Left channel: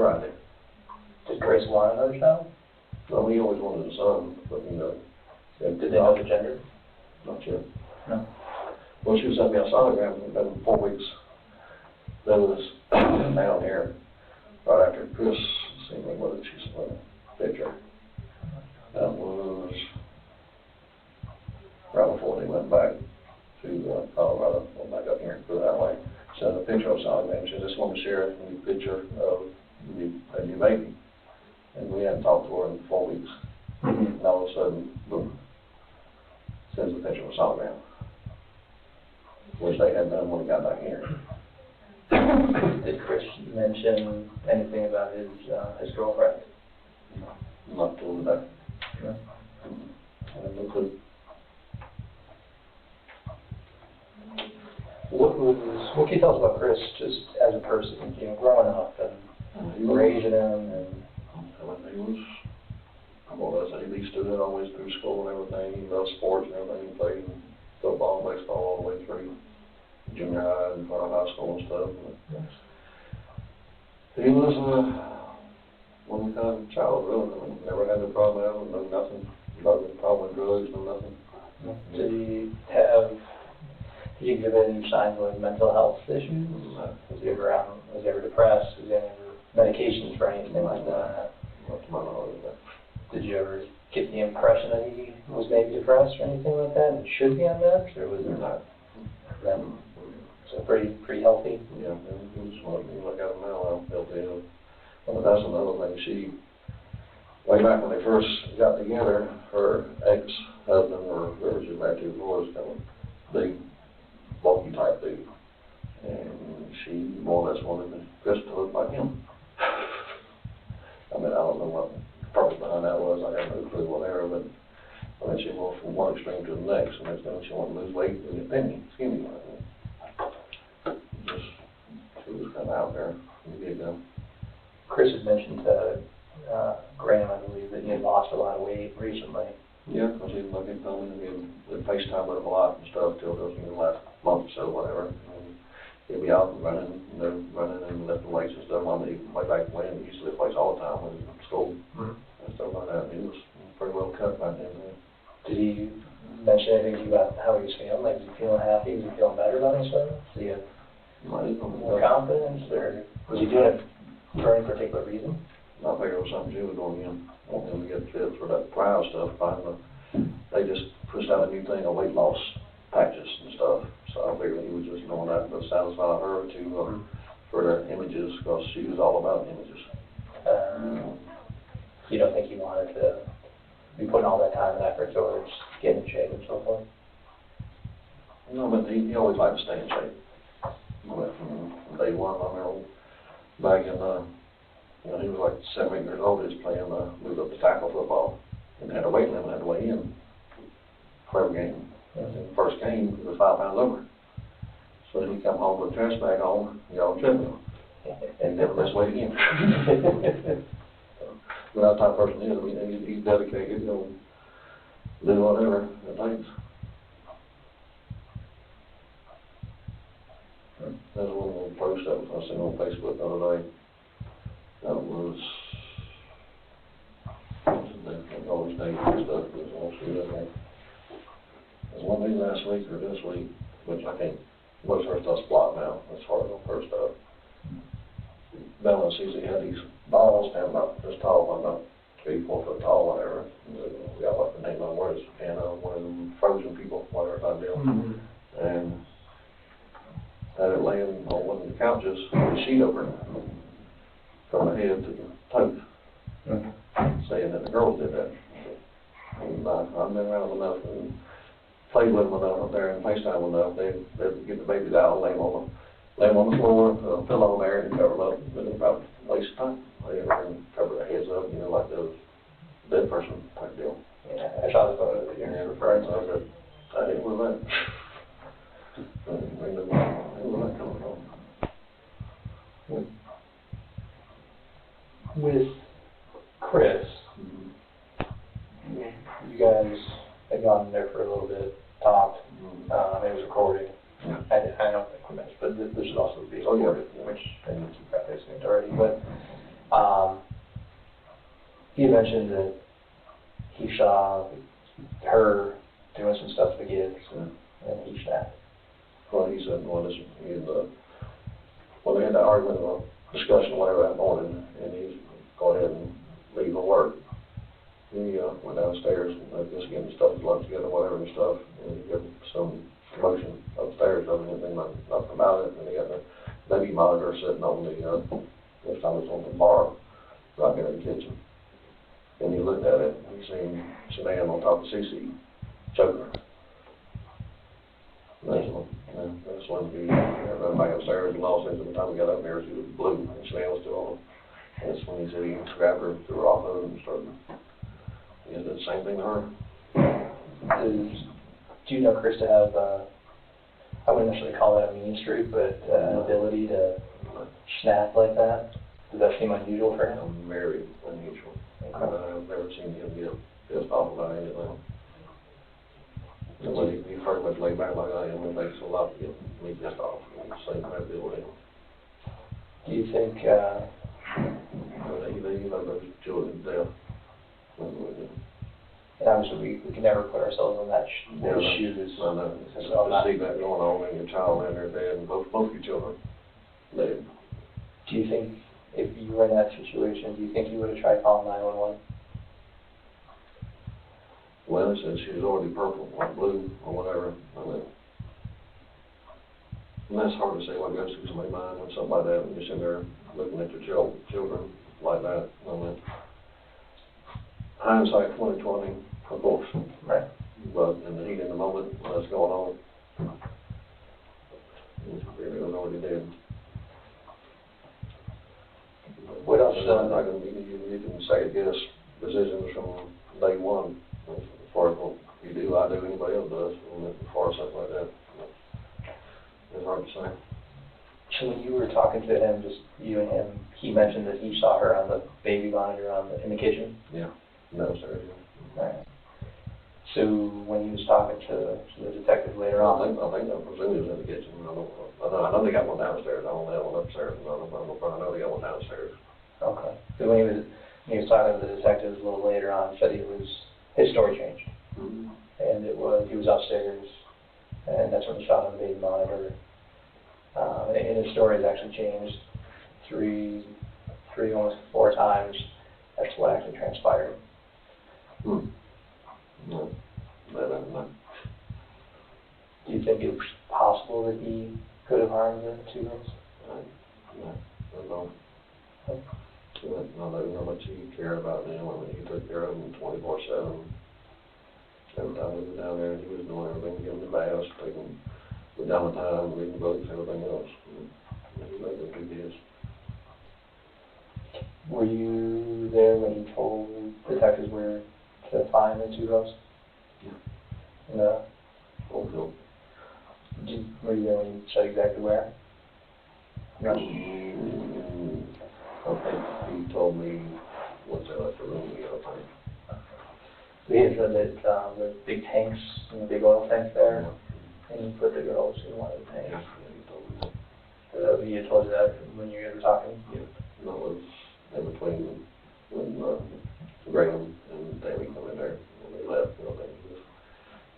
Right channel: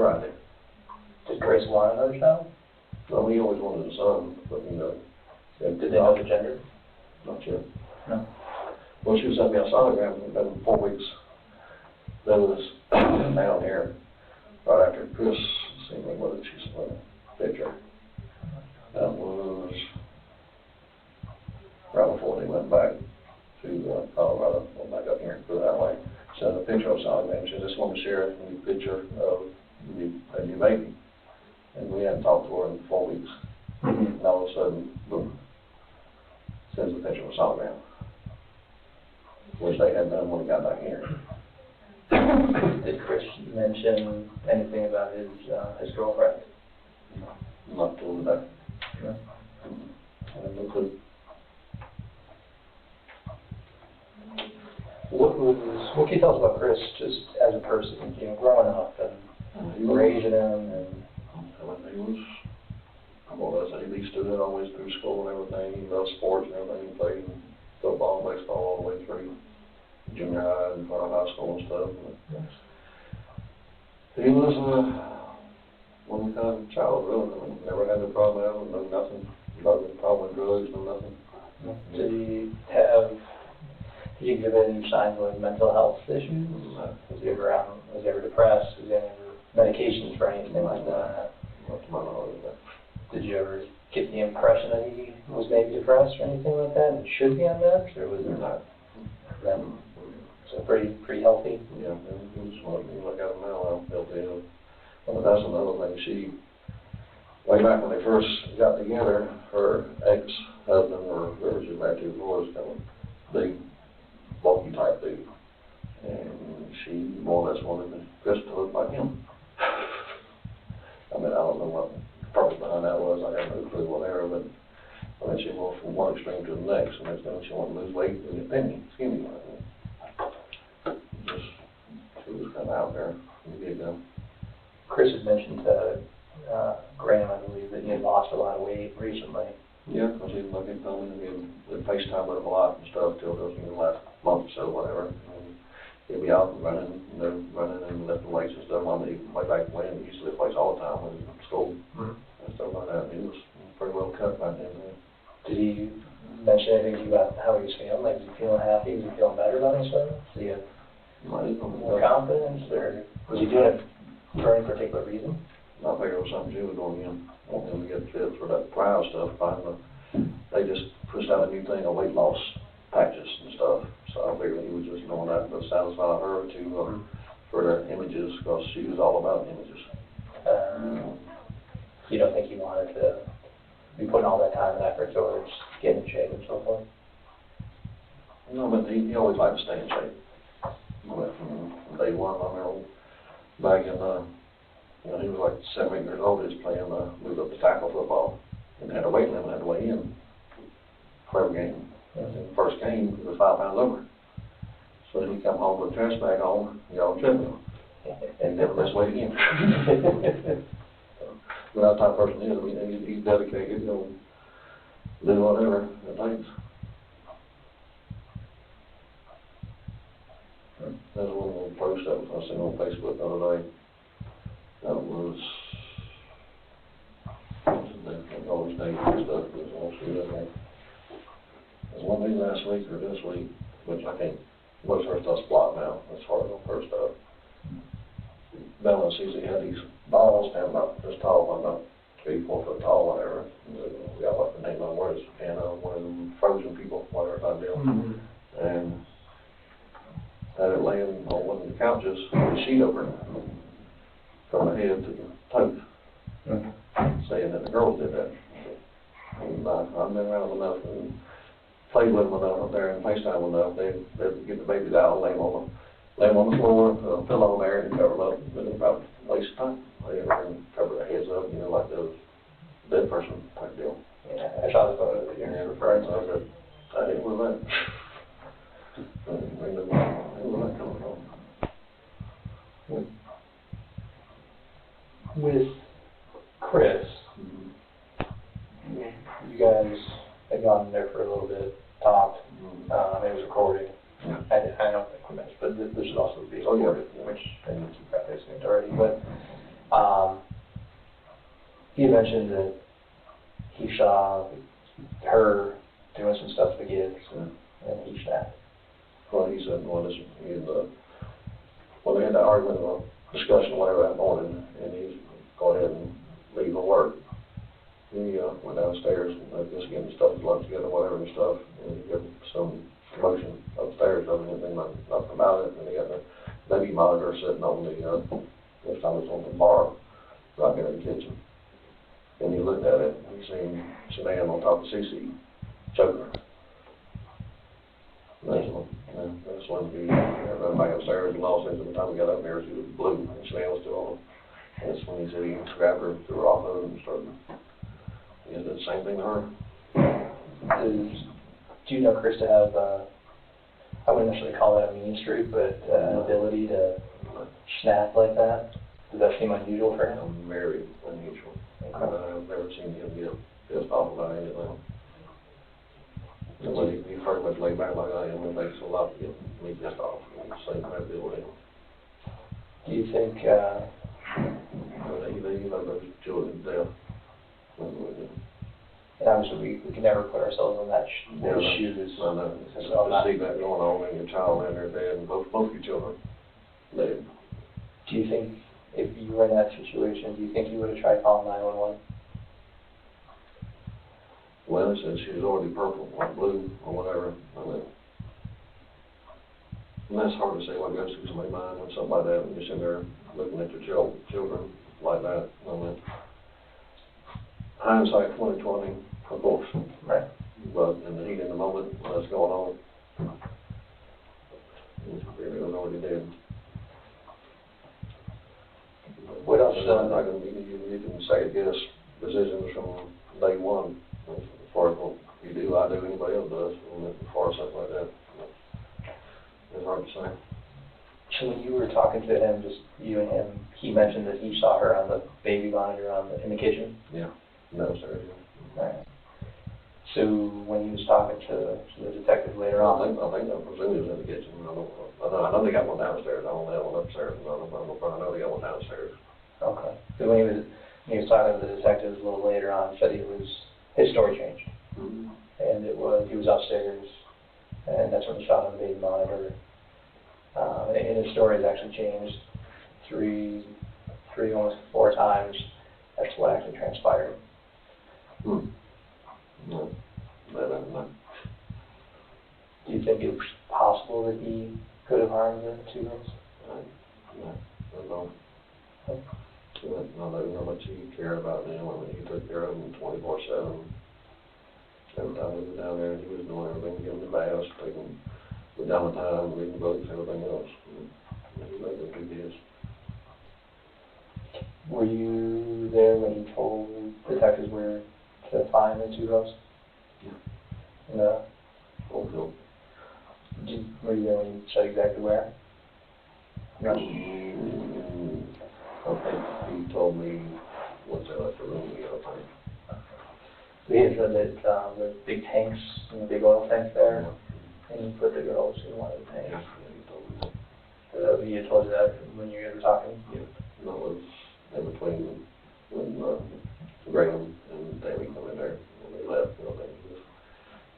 right there. Did Chris want another child? No, he always wanted a son, but Did they know the gender? Not yet. No. Well, she was sending me a sonogram, it's been 4 weeks. That was down here, right after Chris, see what did she send a picture. That was right before they went back to Colorado, went back up here, put it that way. Sent a picture of sonogram, she just wanted to share a new picture of a new baby. And we hadn't talked to her in 4 weeks. And all of a sudden, boom, sends a picture of a sonogram, which they had done when we got back here. Did Chris mention anything about his girlfriend? Not till today. No. I have no clue. What can you tell us about Chris just as a person, growing up and raising him and He was, well, as a elite student all the way through school and everything. He loved sports and everything. He played football and baseball all the way through junior high and part of high school and stuff. He was one kind of child, really. I mean, never had a problem, no nothing, no problem with drugs, no nothing. Did he exhibit any signs of mental health issues? Was he ever depressed? Was he ever medications for anything like that? Not to my knowledge. Did you ever get the impression that he was maybe depressed or anything like that and should be on meds, or was there not? So pretty healthy? Yeah, he was smart. You look at him now, I'm healthy. But that's another thing. Way back when they first got together, her ex-husband, or whoever she was married to before, was kind of big, bulky type dude. And she more or less wanted Chris to look like him. I mean, I don't know what the purpose behind that was. I have no clue whatever, but I mean, she went from one extreme to the next. And next thing she wanted to lose weight and get skinny like that. She was kind of out there from the get-go. Chris had mentioned to Graham, I believe, that he had lost a lot of weight recently. Yeah, because he was looking at me and we'd FaceTime with him a lot and stuff till those the last month or so, whatever. And he'd be out and running, and lifting weights and stuff. I mean, way back when, he used to lift weights all the time when he was in school and stuff like that. And he was pretty well cut by then. Did he mention anything about how he was feeling? Like, was he feeling happy? Was he feeling better about himself? Did he have more confidence, or was he doing it for any particular reason? I figured it was something she was doing in. Want him to get fit for that trial stuff. They just pushed out a new thing of weight loss patches and stuff. So I figured he was just doing that to satisfy her for their images, because she was all about images. You don't think he wanted to be putting all that time and effort towards getting in shape and so forth? No, but he always liked to stay in shape. From day one, I remember back in, he was like 7 or 8 years old, he was playing, moved up to tackle football, and had a weight limit, had to weigh in for every game. And the first game, he was 5 pounds over. So then he come home with a trash bag on, on treadmill, and never missed weight again. But that type of person is, I mean, he's dedicated, do whatever it takes. There's a little post that I seen on Facebook the other day. That was, all his names and stuff, it was all screwed up there. It was one day last week or this week, which I can't, most of her stuff's blocked now, as far as on her stuff. Bella sees he had these balls down about this tall, about 3-4 foot tall, whatever. We got like the name on where it's one of them frozen people, whatever type deal. And had it laying on one of the couches with a sheet over it, from the head to the toes, saying that the girls did that. And I've been around enough and played with them enough up there and FaceTime enough, they'd get the babies out and lay them on the floor, pillow there and cover them up with about waist time. Lay there and cover their heads up, like those dead person type deal. Yeah, I saw the photo that you're referring to. I said, I didn't know that. Where did that come from? With Chris, you guys had gone there for a little bit, talked, it was recorded. Yeah. I don't think we mentioned, but this should also be recorded, which I think you probably assumed already. But he mentioned that he saw her doing some stuff to the kids, and he snapped. Well, he said, well, they had that argument or discussion, whatever, that morning, and he's go ahead and leave for work. He went downstairs and just getting stuff, lunch together, whatever and stuff, and he got some commotion upstairs, doesn't anything nothing about it, and he got the baby monitor sitting on the, this time it was on the bar, right there in the kitchen. And he looked at it, and he seen Shanann on top of Cece, choking her. That's when he ran back upstairs and lost it. By the time we got up there, she was blue, and Shanann was still on. And that's when he said he grabbed her, threw her off of it, and started. He did the same thing to her. Do you know Chris to have, I wouldn't necessarily call it a mean streak, but an ability to snap like that? Does that seem unusual for him? Very unusual. I've never seen him get pissed off about anything. And when he pretty much laid back like I am, it takes a lot to get me pissed off. Same kind of deal with him. Do you think, They love those children to death. and obviously we can never put ourselves in that their shoes. I know. To see that going on and your child and their dad, and both your children dead. Do you think, if you were in that situation, do you think you would have tried calling 911? Well, it said she was already purple or blue or whatever. And that's hard to say what goes through somebody's mind when something like that, when you're sitting there looking at your children like that. Hindsight 2020, of course. Right. But in the heat of the moment, when that's going on, it was already dead. What else? You can second guess decisions from day one. As far as what you do, I do, anybody else does. As far as something like that, it's hard to say. So when you were talking to him, just you and him, he mentioned that he saw her on the baby monitor in the kitchen? Yeah, downstairs. Right. So when he was talking to the detective later on? I think I presume he was in the kitchen. I know they got one downstairs. I don't know that one upstairs. I know they got one downstairs. Okay. So when he was talking to the detectives a little later on, he said his story changed. Mm-hmm. And he was upstairs, and that's when he shot on the baby monitor. And his story has actually changed three, almost 4 times. That's what actually transpired. No. Do you think it's possible that he could have harmed the 2 girls? No. I don't know how much he cared about them. I mean, he took care of them 24/7. Every time we were down there, he was doing everything, giving them baths, taking them down the time, reading books, everything else. He made them 2 kids. Were you there when he told detectives where to find the 2 girls? Yeah. No. Fulfilled. Were you there when he said exactly where? No. I think he told me once I left the room the other time. We had said that there's big tanks, and big oil tanks there, and you put the girls in one of the tanks. Yeah, he told me that. So he had told you that when you guys were talking? Yeah. No, it was in between when Graham and Davey come in there, when they left,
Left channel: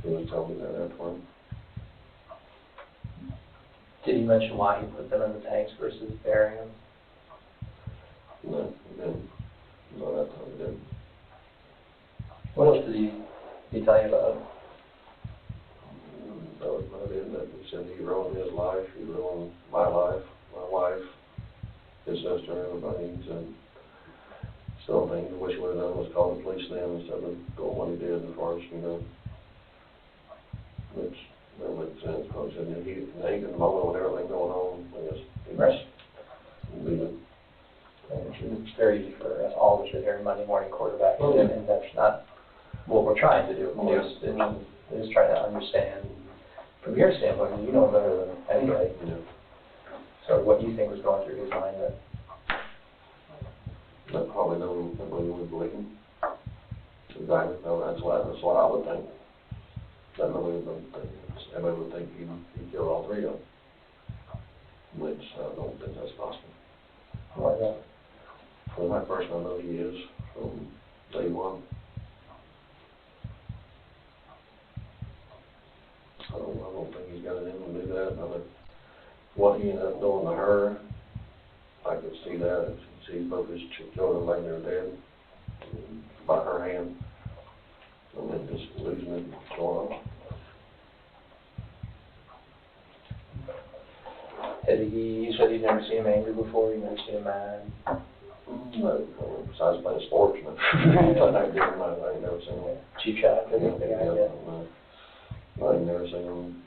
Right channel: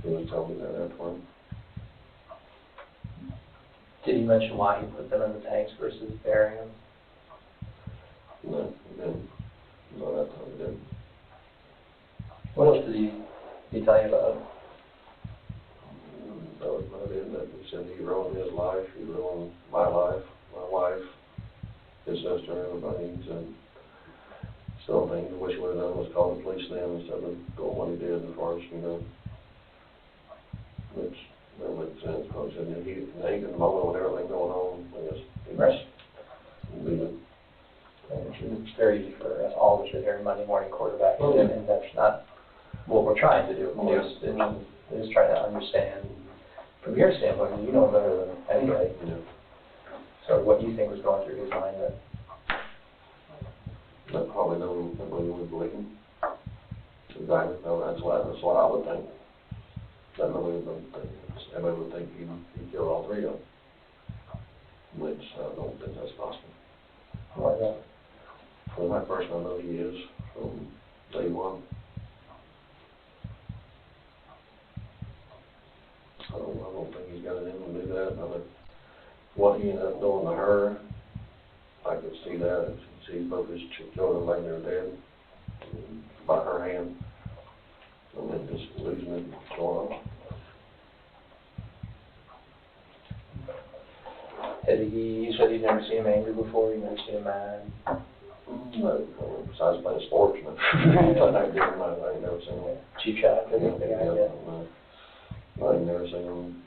he was telling me that afterward. Did he mention why he put them in the tanks versus burying them? No, he didn't. No, that time he didn't. What else did he tell you about? That was about it. That he said he ruined his life, he ruined my life, my wife, his sister, everybody. He said, still things I wish he would have done was call the police then instead of doing what he did as far as, which that makes sense, because in the heat of the moment with everything going on, I guess he Right. leave it. It's very easy for us all to sit here Monday morning quarterback, and that's not what we're trying to do. Is trying to understand from your standpoint, you know him better than anybody. Yeah. So what you think was going through his mind that? I probably know what he was believing. Exactly. No, that's what I would think. Everybody would think he killed all 3 of them, which I don't think that's possible. Why not? From my person, I know he is. day one. I don't think he's got it in him to do that. I mean, what he ended up doing to her, I could see that. See both his children laying there dead by her hand. And then just losing it, going on. You said you'd never seen him angry before, you've never seen him mad? No, besides playing sports, no. I ain't never seen him. Cheap shot, I guess. I ain't never seen him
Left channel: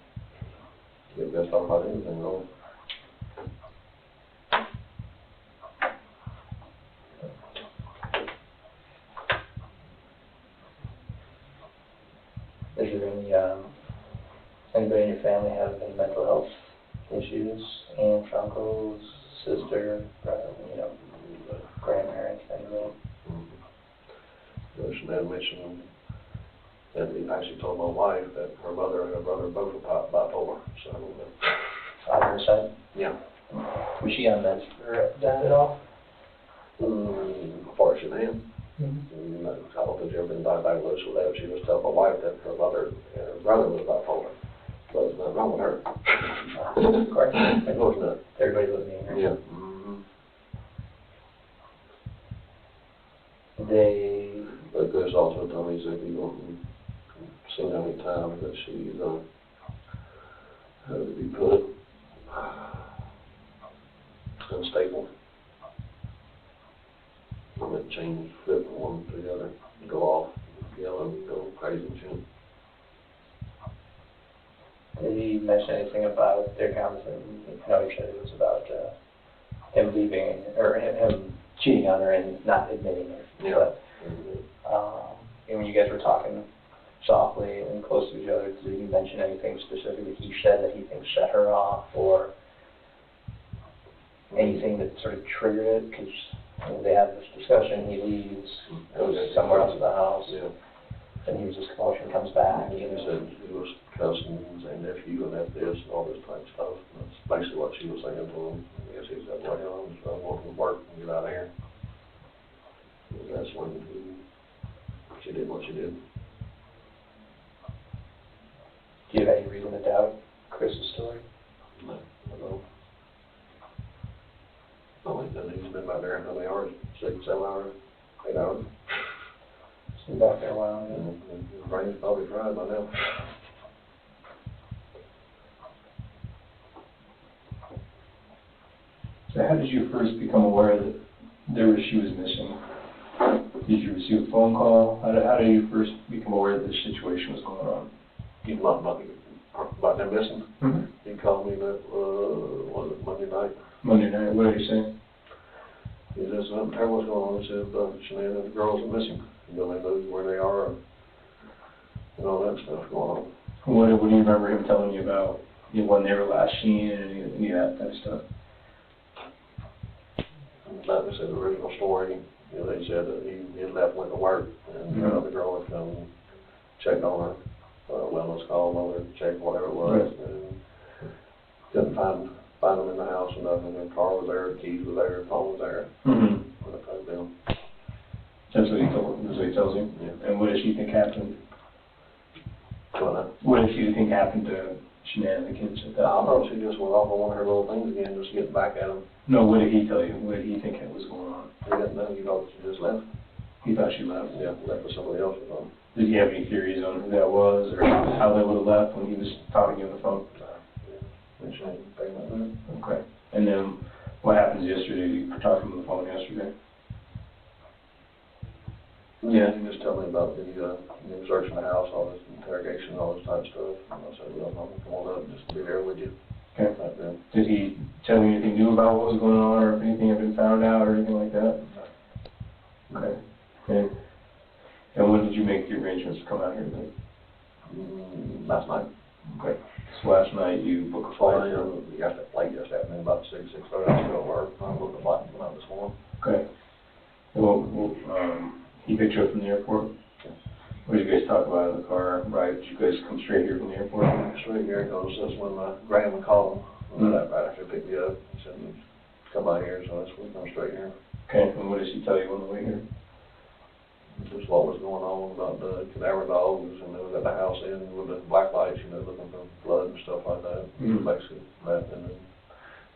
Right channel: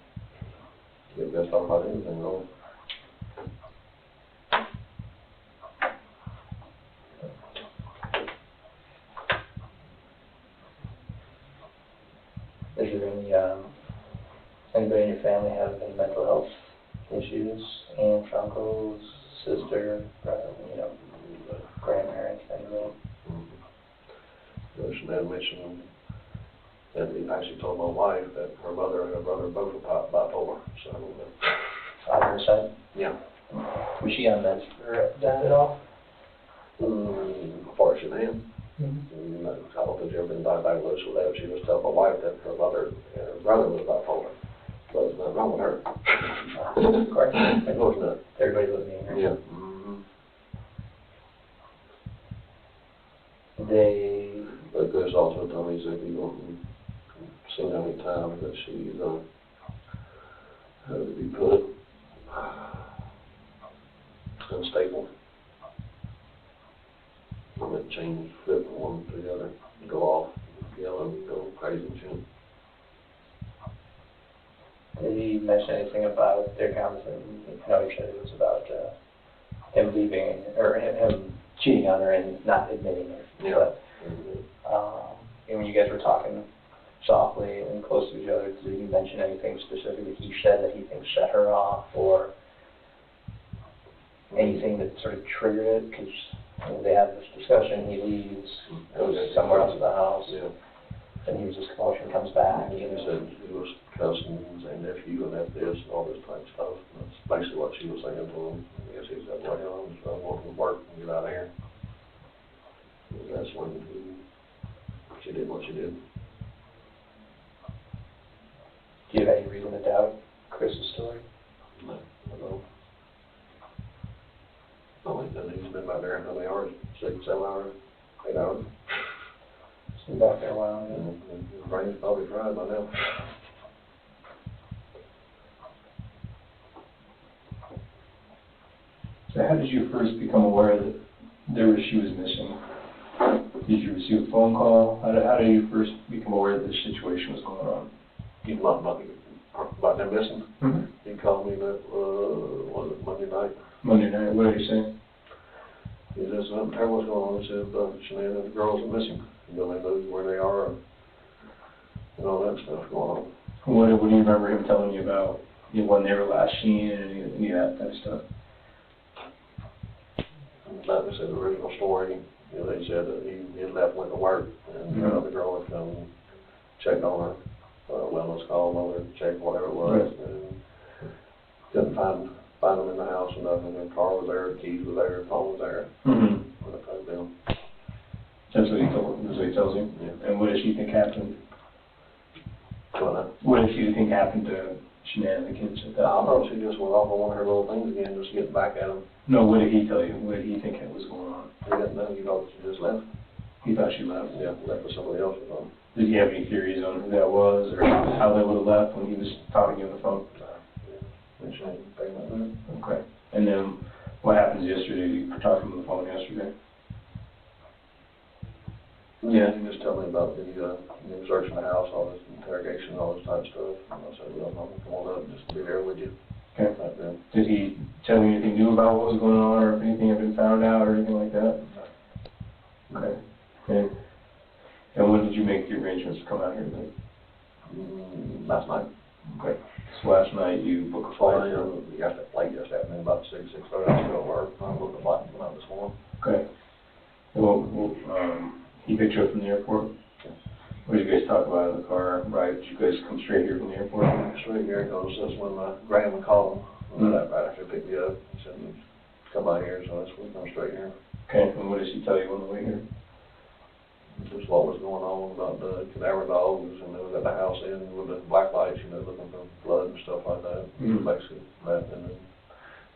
get pissed off about anything, really. Is there anybody in your family have any mental health issues? Aunts, uncles, sister, grandparents, anybody? She had mentioned that he actually told my wife that her mother and her brother both were bipolar, so. On her side? Yeah. Was she on meds for that at all? Before she did. I don't think she ever been diagnosed with that. She was telling my wife that her mother and her brother was bipolar. But there's nothing wrong with her. Of course. Of course not. Everybody living in her. Yeah. But Chris also told me, he said, you don't see how many times that she's, how to be put, unstable. I'm going to change, flip from one to the other, go off, yell, go crazy and shit. Did he mention anything about their conversation? I know he said it was about him leaving, or him cheating on her and not admitting it. Yeah. But, and when you guys were talking softly and close to each other, did he mention anything specific that he said that he thinks set her off, or anything that sort of triggered it? Because they have this discussion, he leaves, goes somewhere else in the house, and he was just commotion, comes back. He said he was cousins and nephew and that this and all this type of stuff. That's basically what she was saying to him. I guess he said, well, I'm going to work and get out of here. And that's when she did what she did. Do you have any reason to doubt Chris's story? No, I don't. I think that he's been back there how many hours? 6, 7 hours, 8 hours. He's been back there a while, yeah. And his brain's probably fried by now. So how did you first become aware that she was missing? Did you receive a phone call? How did you first become aware that this situation was going on? He's not about them missing. Mm-hmm. He called me that, was it Monday night? Monday night, what did he say? He says, I don't care what's going on. He said, Shanann and the girls are missing. They know where they are and all that stuff going on. What do you remember him telling you about when they were last seen and any of that type of stuff? Like I said, the original story, they said that he had left, went to work, and the girl had come and checked on her, wellness call, mother check, whatever it was, and couldn't find them in the house or nothing. Their car was there, the keys were there, the phone was there. That type of deal. That's what he told. That's what he tells you. Yeah. And what does she think happened? What does she think happened to Shanann and the kids at that? I thought she just went off on one of her little things again, just getting back at him. No, what did he tell you? What did he think was going on? He didn't know. He thought she just left. He thought she left. Yeah, left with somebody else or something. Did he have any theories on who that was or how they would have left when he was talking to you on the phone? Okay. And then what happened yesterday? You were talking on the phone yesterday? Yeah, he just told me about the searching the house, all this interrogation, all this type of stuff. And I said, well, I'm going to come on up and just be there with you. Okay. Like that. Did he tell you anything new about what was going on or if anything had been found out or anything like that? Okay. Okay. And when did you make the arrangements to come out here today? Last night. Okay. So last night you booked a flight? Late yesterday afternoon, about 6:30, I was still at work. I booked a flight and went out this morning. Okay. Well, he picked you up from the airport? Yeah. What did you guys talk about in the car? Right, did you guys come straight here from the airport? Straight here, because that's when my grandma called him. Right after he picked me up, he said, come by here, so that's when we come straight here. Okay, and what did she tell you on the way here? just what was going on about the cadaver dogs, and they was at the house in with the black lights, you know, looking for blood and stuff like that. Mhm. Basically, that, and then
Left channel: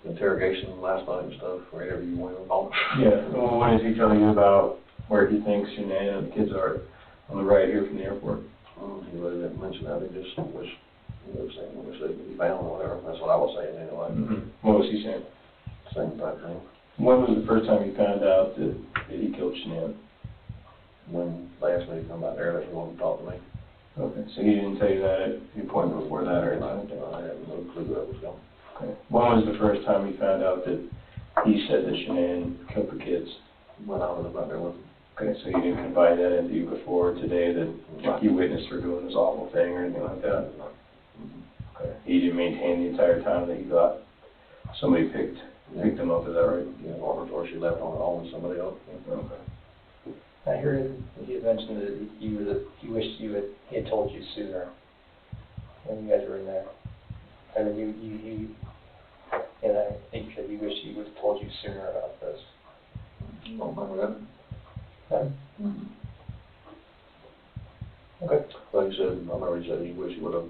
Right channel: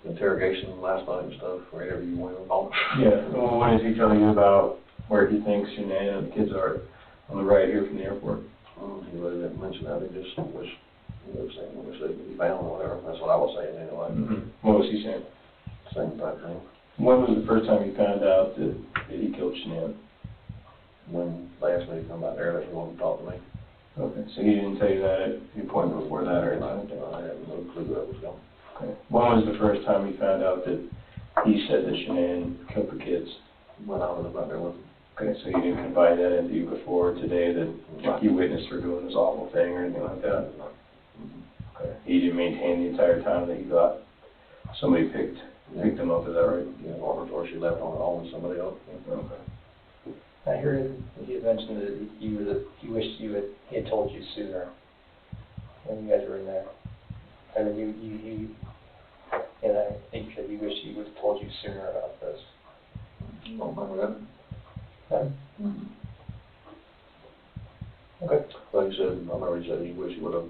interrogation last night and stuff, wherever you went on. Yeah, well, what is he telling you about where he thinks Shanann and the kids are on the right here from the airport? He really didn't mention that, he just was, he was saying, when he found or whatever, that's what I was saying anyway. Mm-hmm. What was he saying? Same type thing. When was the first time you found out that he killed Shanann? When they asked me to come back there, they wanted to talk to me. Okay, so he didn't tell you that at the appointment before that or anything? I had no clue where it was going. Okay. When was the first time you found out that he said that Shanann killed the kids? When I was about there with him. Okay, so he didn't confide that into you before today that like, you witnessed her doing this awful thing or anything like that? Okay. He didn't maintain the entire time that you thought somebody picked him up, is that right? Yeah, or before she left on her own with somebody else. Okay. I heard you mentioned that you wished he had told you sooner when you guys were in there. I mean, and I think you said you wished he would have told you sooner about this. Don't remember that. No? Mm-hmm. Okay. Like you said, I remember he said he wished he would have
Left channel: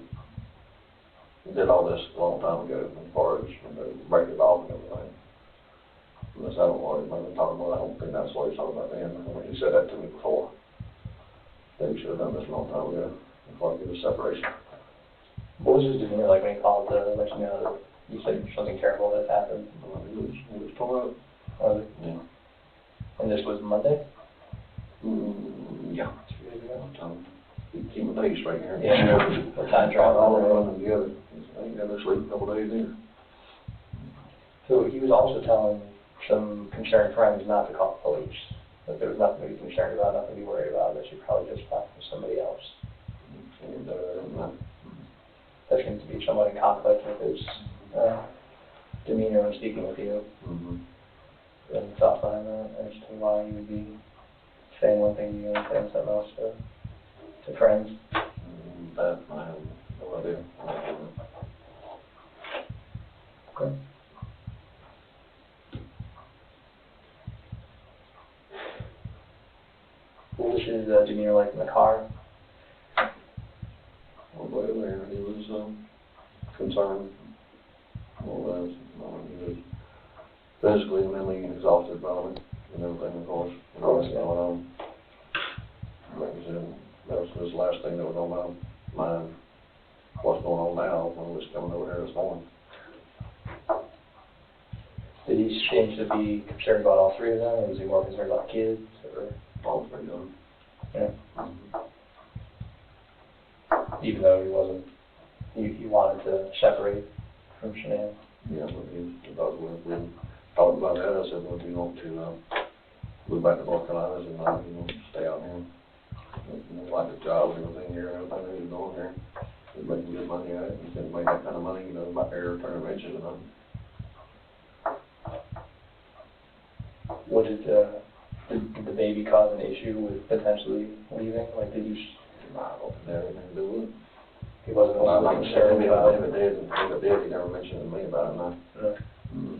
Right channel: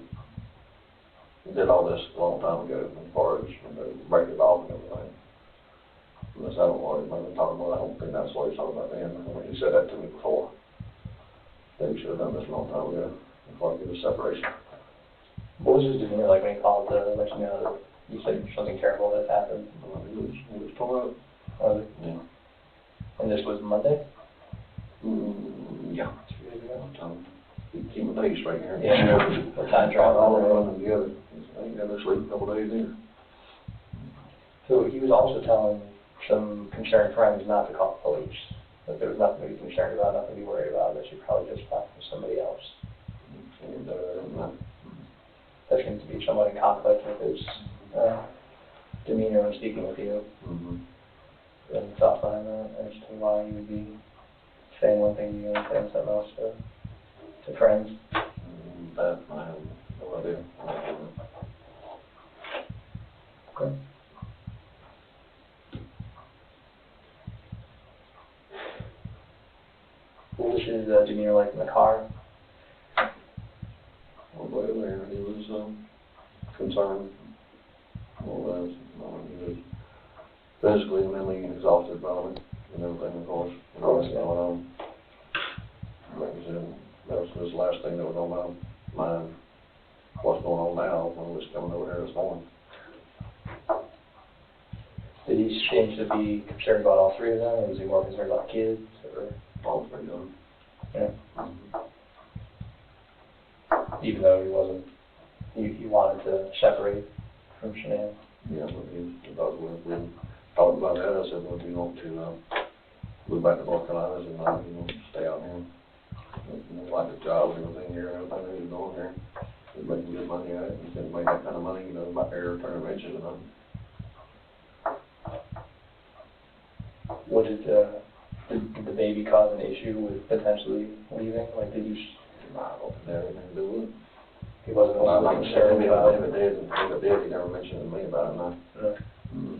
did all this a long time ago, as far as, you know, break it off and everything. Unless I don't know what he's talking about, I don't think that's what he's talking about then. I mean, he said that to me before. That he should have done this a long time ago, before I get a separation. What was his demeanor like when he called to let you know that you said something terrible had happened? He was tore up. Yeah. And this was Monday? Yeah. 2 days ago? Keep my days straight here. Yeah. What time travel? All running together. I ain't got no sleep a couple days either. So he was also telling some concerned friends not to call the police. That there was nothing to be concerned about, nothing to be worried about, that you probably just got from somebody else. And, That seems to be somewhat in conflict with his demeanor when speaking with you. mm-hmm. And thoughts behind that as to why he would be saying one thing to you and saying something else to friends. That I have no idea. Okay. What was his demeanor like in the car? All the way there, he was concerned. All that, he was physically and mentally exhausted probably, and everything, of course, and all that's going on. Like I said, that was his last thing that was on my mind. What's going on now when we was coming over here this morning. Did he seem to be concerned about all three of them, or was he more concerned about kids? Or? All three of them. Yeah. Mm-hmm. Even though he wasn't, he wanted to separate from Shanann. Yeah, but he thought we talked about that. I said, well, do you want to move back to North Carolina? And you want to stay out here? You like the job and everything here, everything that he's doing here. He's making good money at it. He's going to make that kind of money, you know, back there turning wrenches and nothing. What did the baby cause an issue with potentially leaving? Like, did you? I don't think that had anything to do with it. He wasn't Well, I'm not concerned about if it did, he never mentioned to me about it, no. No. Mm-hmm.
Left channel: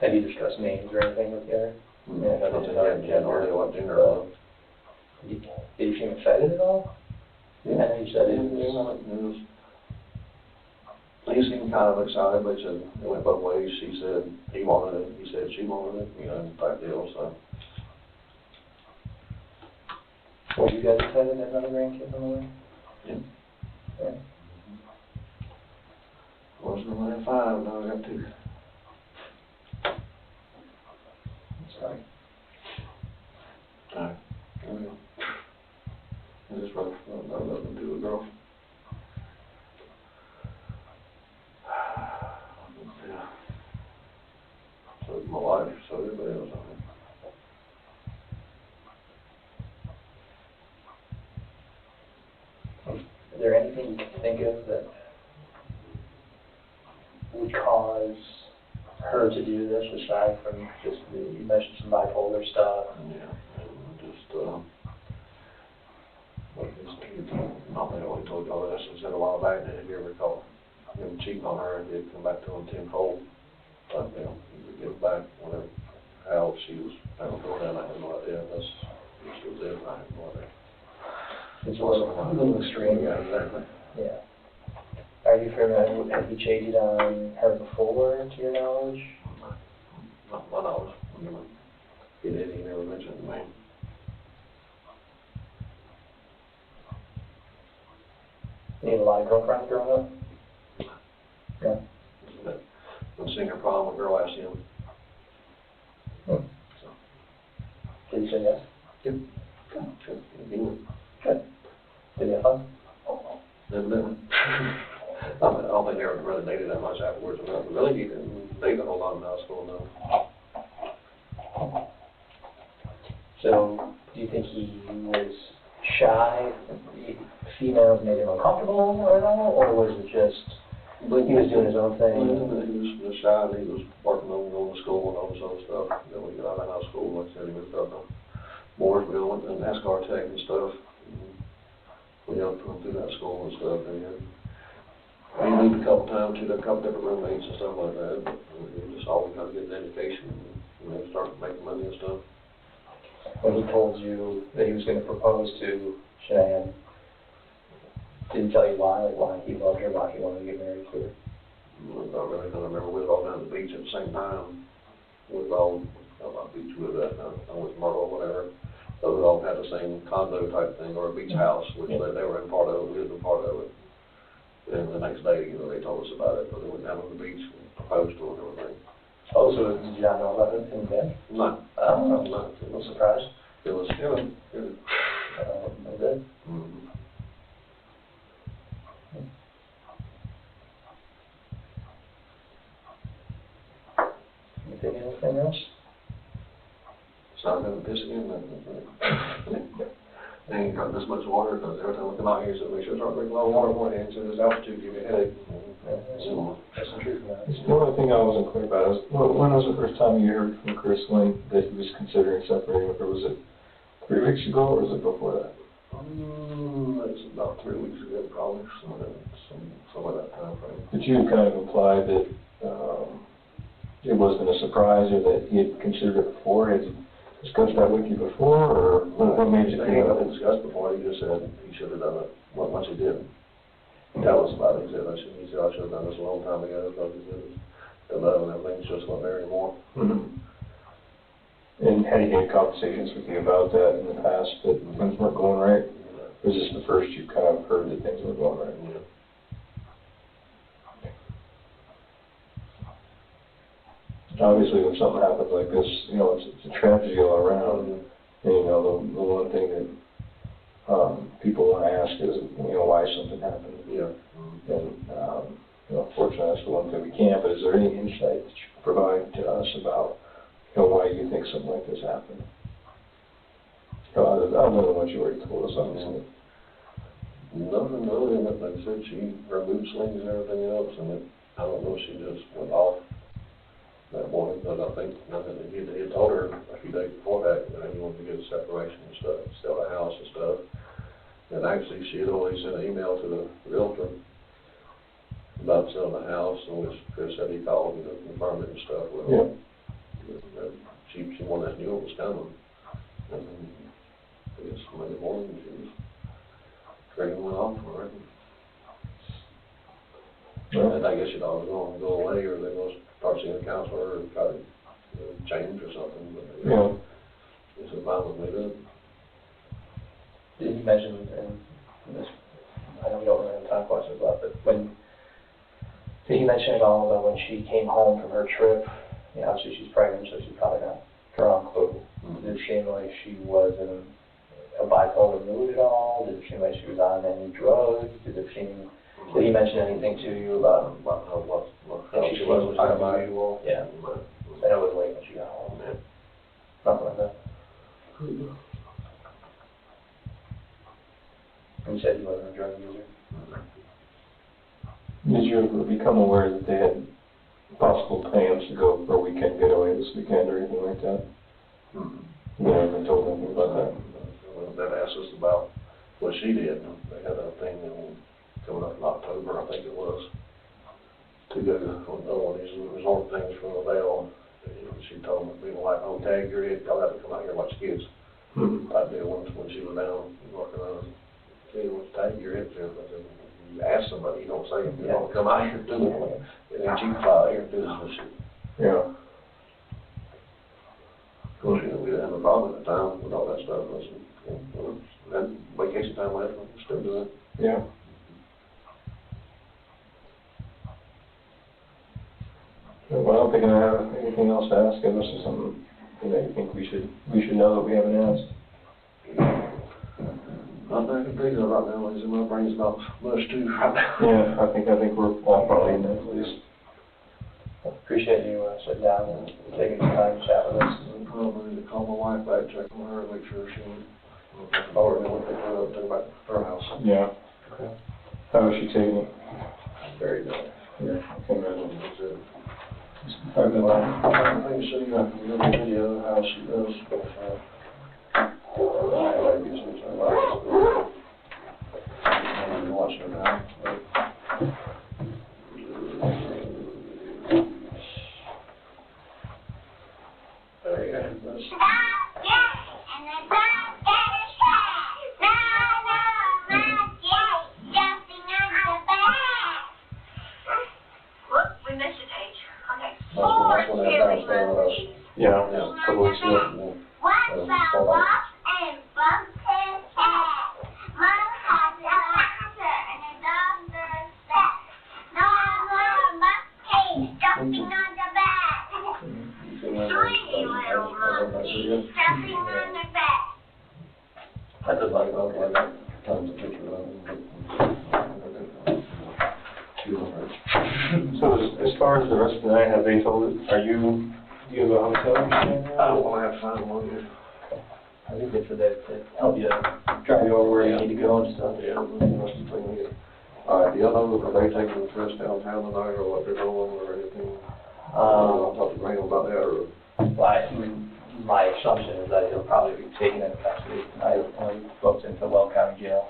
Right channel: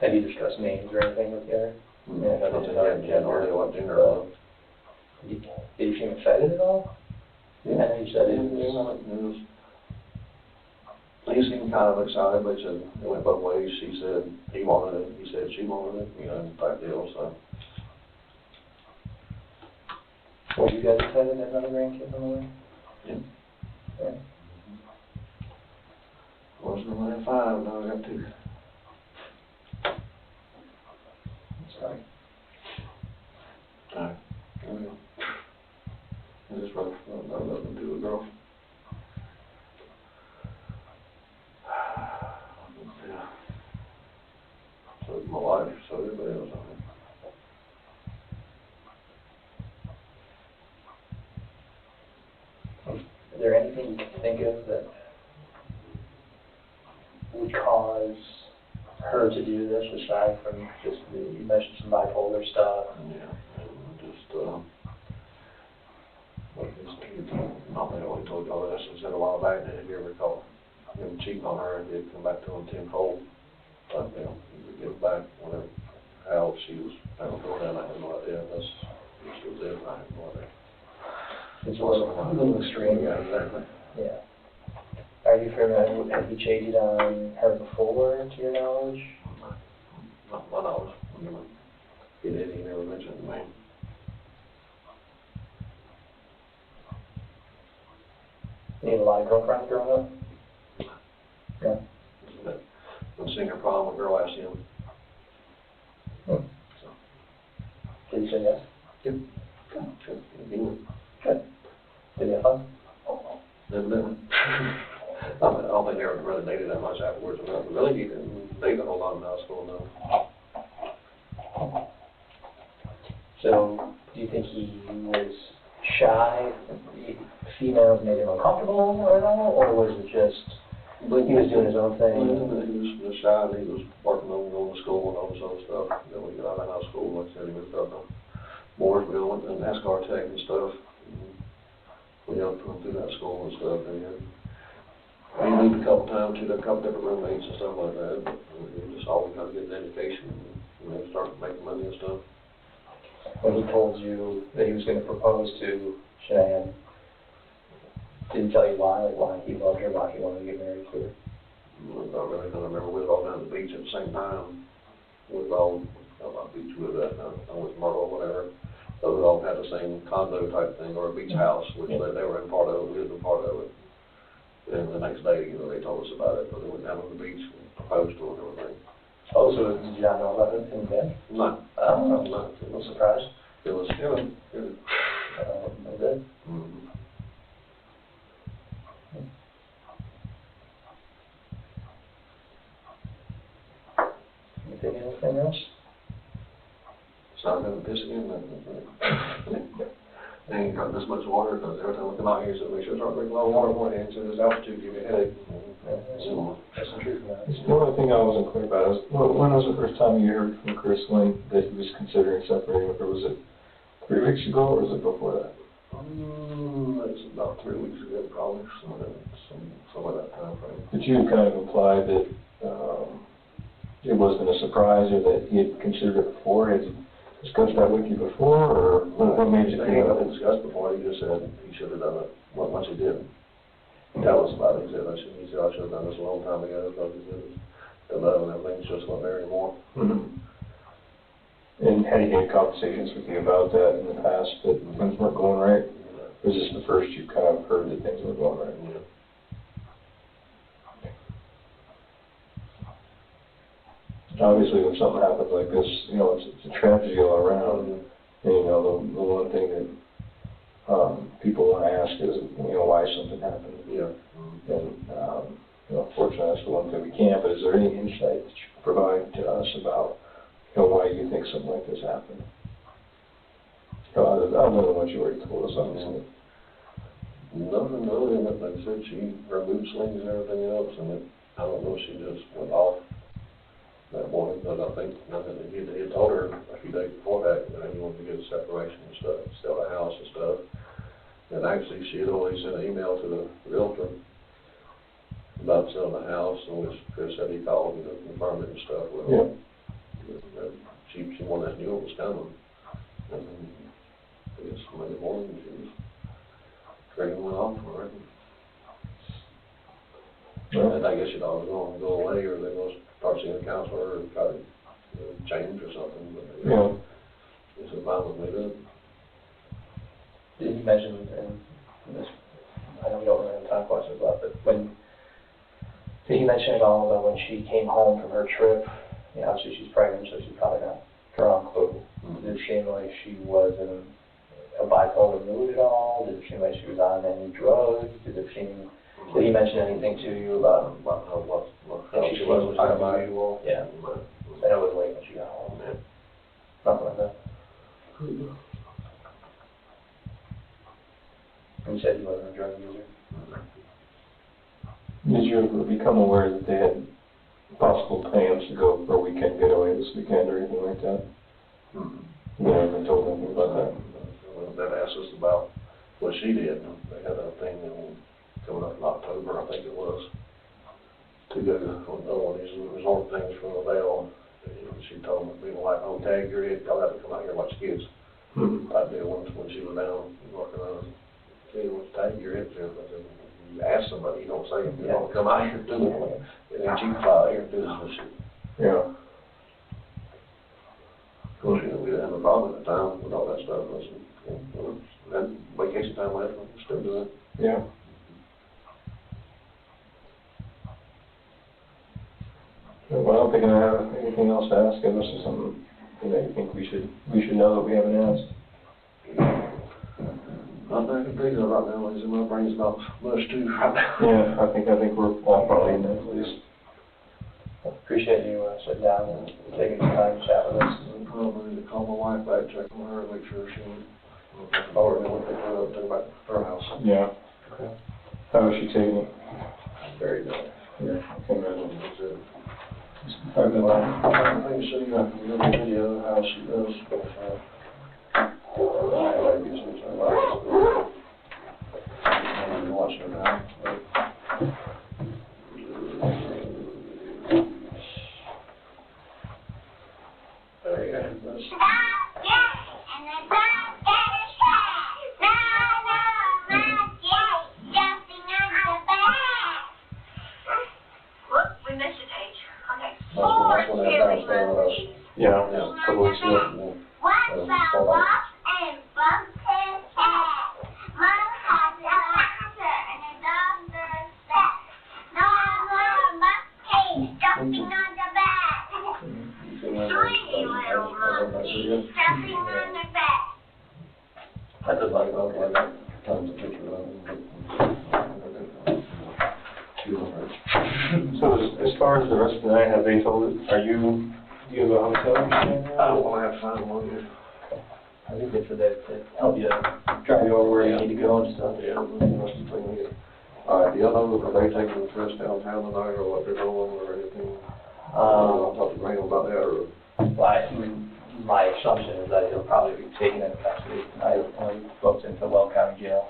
Had he discussed names or anything with the other? Yeah, I think he had no idea what gender it was. Did he seem excited at all? Yeah. I know you said it. He seemed kind of excited, but he said it went both ways. She said he wanted it, he said she wanted it, you know, type deal, so. Were you guys excited to have another grandkid on the way? Yeah. Yeah. Wasn't only 5, now I got 2. Sorry. Alright. Okay. I just wrote nothing to do with girl. Yeah. So my wife, so everybody else on it. Is there anything you can think of that would cause her to do this, aside from just you mentioned some bipolar stuff? Yeah, and just, what is it? I think I already told you all this, I said a while back, that if you ever caught him cheating on her, he'd come back to him tenfold. But, he would give back whatever, how she was, I don't know, I have no idea, that's It's a little extreme. Yeah, exactly. Yeah. Are you familiar, have you cheated on her before, to your knowledge? Not my knowledge. He did, he never mentioned the name. You had a lot of girlfriends growing up? Yeah. When seeing her prom, a girl asked him. So. Did he say yes? Good. Good. He would. Good. Did you have fun? Evidently. I don't think they ever really dated that much afterwards. I mean, really, he didn't date a whole lot in high school, no. So, do you think he was shy? Females made him uncomfortable at all? Or was it just, he was doing his own thing? He was just shy, and he was working on going to school and all this other stuff. Then when he got out of school, like I said, he moved up to Mooresville, went to NASCAR tech and stuff. We helped him through that school and stuff. And he moved a couple times, to a couple different roommates and stuff like that. But he just always got to get an education and start making money and stuff. When he told you that he was going to propose to Shanann, did he tell you why? Like why he loved her, why he wanted to get married to her? Not really, because I remember we was all down at the beach at the same time. We was all, not beach with that, I was Myrtle or whatever. So we all had the same condo type thing, or a beach house, which they were in part of it, we was in part of it. And the next day, they told us about it, because they went down on the beach and proposed to her and everything. Oh, so did you not know about it in bed? No. No. No surprise? It was, good. Good. Mm-hmm. You think anything else? So I'm going to piss again. And you got this much water, because every time we come out here, so make sure to start drinking a lot of water more, and so this altitude give you a headache. That's the truth, man. The only thing I wasn't clear about is, when was the first time you heard from Chris Lynn that he was considering separating with her? Was it 3 weeks ago, or was it before that? It's about 3 weeks ago, probably, somewhere that time frame. But you kind of implied that it wasn't a surprise, or that he had considered it before. Had he discussed that with you before, or what made you They think had of it? discussed before, he just said he should have done it, once he did. Tell us about it, he said, I should have done this a long time ago, because he said the love and everything's just not there anymore. Mm-hmm. And had he had conversations with you about that in the past, that things weren't going right? Or is this the first you kind of heard that things were going right? Yeah. Obviously, when something happens like this, it's a tragedy all around. And, the one thing that people want to ask is, why something happened. Yeah. And, unfortunately, that's the one thing we can't. But is there any insight that you can provide to us about, why you think something like this happened? Other than what you already told us, obviously. Nothing really, like I said, her mood swings and everything else, and I don't know, she just went off that morning, but I think he had told her a few days before that he wanted to get a separation and stuff, sell the house and stuff. And actually, she had already sent an email to the realtor about selling the house, and which Chris said he called and confirmed it and stuff. Well, yeah. She wanted to knew it was coming. And I guess Monday morning, she was training went off for it. Yeah. And I guess she thought it was going to go away, or they was start seeing a counselor or try to change or something. But it's a violent way to. Did you mention, and this, I know we don't really have time questions left, but did he mention at all about when she came home from her trip? Obviously she's pregnant, so she's probably not drunk, but did it seem like she was in a bipolar mood at all? Did it seem like she was on any drugs? Did he mention anything to you about How she was unusual? Yeah. I know it was late when she got home. Yeah. Something like that. And you said you wasn't a drug user? Did you ever become aware that they had possible plans to go for a weekend getaway this weekend or anything like that? You never told anything about that? They asked us about what she did. They had a thing coming up in October, I think it was, to go to one of these resort things for the Vale. She told me, we were like, oh, tag your head, y'all have to come out here and watch kids. Mm-hmm. I did once when she was down, walking around, see what tag you're into, but then you ask somebody, you don't say, you don't come out here and do it, and then you fly out here and do this shit. Yeah. Of course, you know, we didn't have a problem at the time with all that stuff, then vacation time left, we still do it. Yeah. Well, I don't think I have anything else to ask, unless there's something that you think we should know that we haven't asked. I'm not thinking about now, Lisa, my brain's not much too right now. Yeah, I think we're all probably in that place. Appreciate you sitting down and taking some time to chat with us. I'm probably to call my wife back, check on her, make sure she, or then we'll pick her up, take her back to her house. Yeah. Okay. How is she taking it? Very good. Yeah, I can imagine. That's it. I've been I think she, the video, how she does, but, I guess it's a lot. I'm watching her now. There you go. That's- That's when that bounce down, Yeah, yeah. a couple weeks ago. I just like, I got tons of pictures of them. So as far as the rest of the night, have they told it, do you have a hotel? I don't wanna have to find one here. I think it's for that to help you drive you over where you need to go and stuff. Yeah, that's the thing here. All right, do y'all know, are they taking the trips downtown tonight, or what they're doing, or anything? I'll talk to Graham about that, or? My assumption is that he'll probably be taking it custody tonight when he booked into Well County Jail,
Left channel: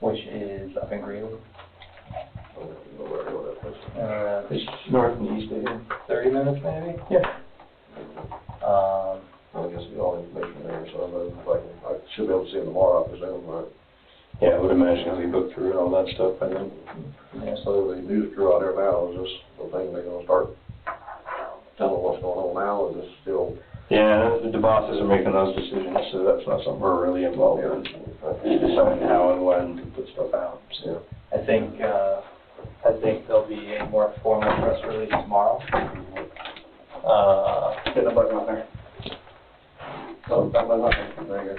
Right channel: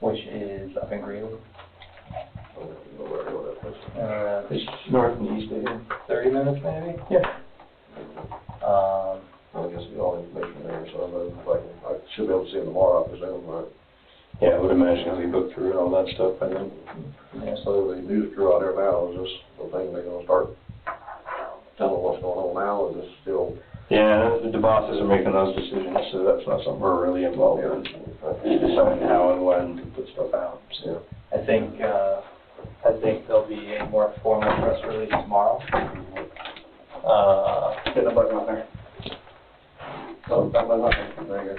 which is up in Greenwood. I don't know where to go with that place. It's North and east of here. 30 minutes maybe? Yeah. I guess we all information there, so I know, like, I should be able to see him tomorrow, I presume, right? Yeah, I would imagine he'll be booked through and all that stuff, I think. Yeah, so the news crew out there now, is this the thing they're gonna start telling what's going on now, is this still? Yeah, the bosses are making those decisions, so that's not something we're really involved in. Deciding how and when to put stuff out, so. I think there'll be a more formal press release tomorrow. Get the button on there. Oh, that might not be very good.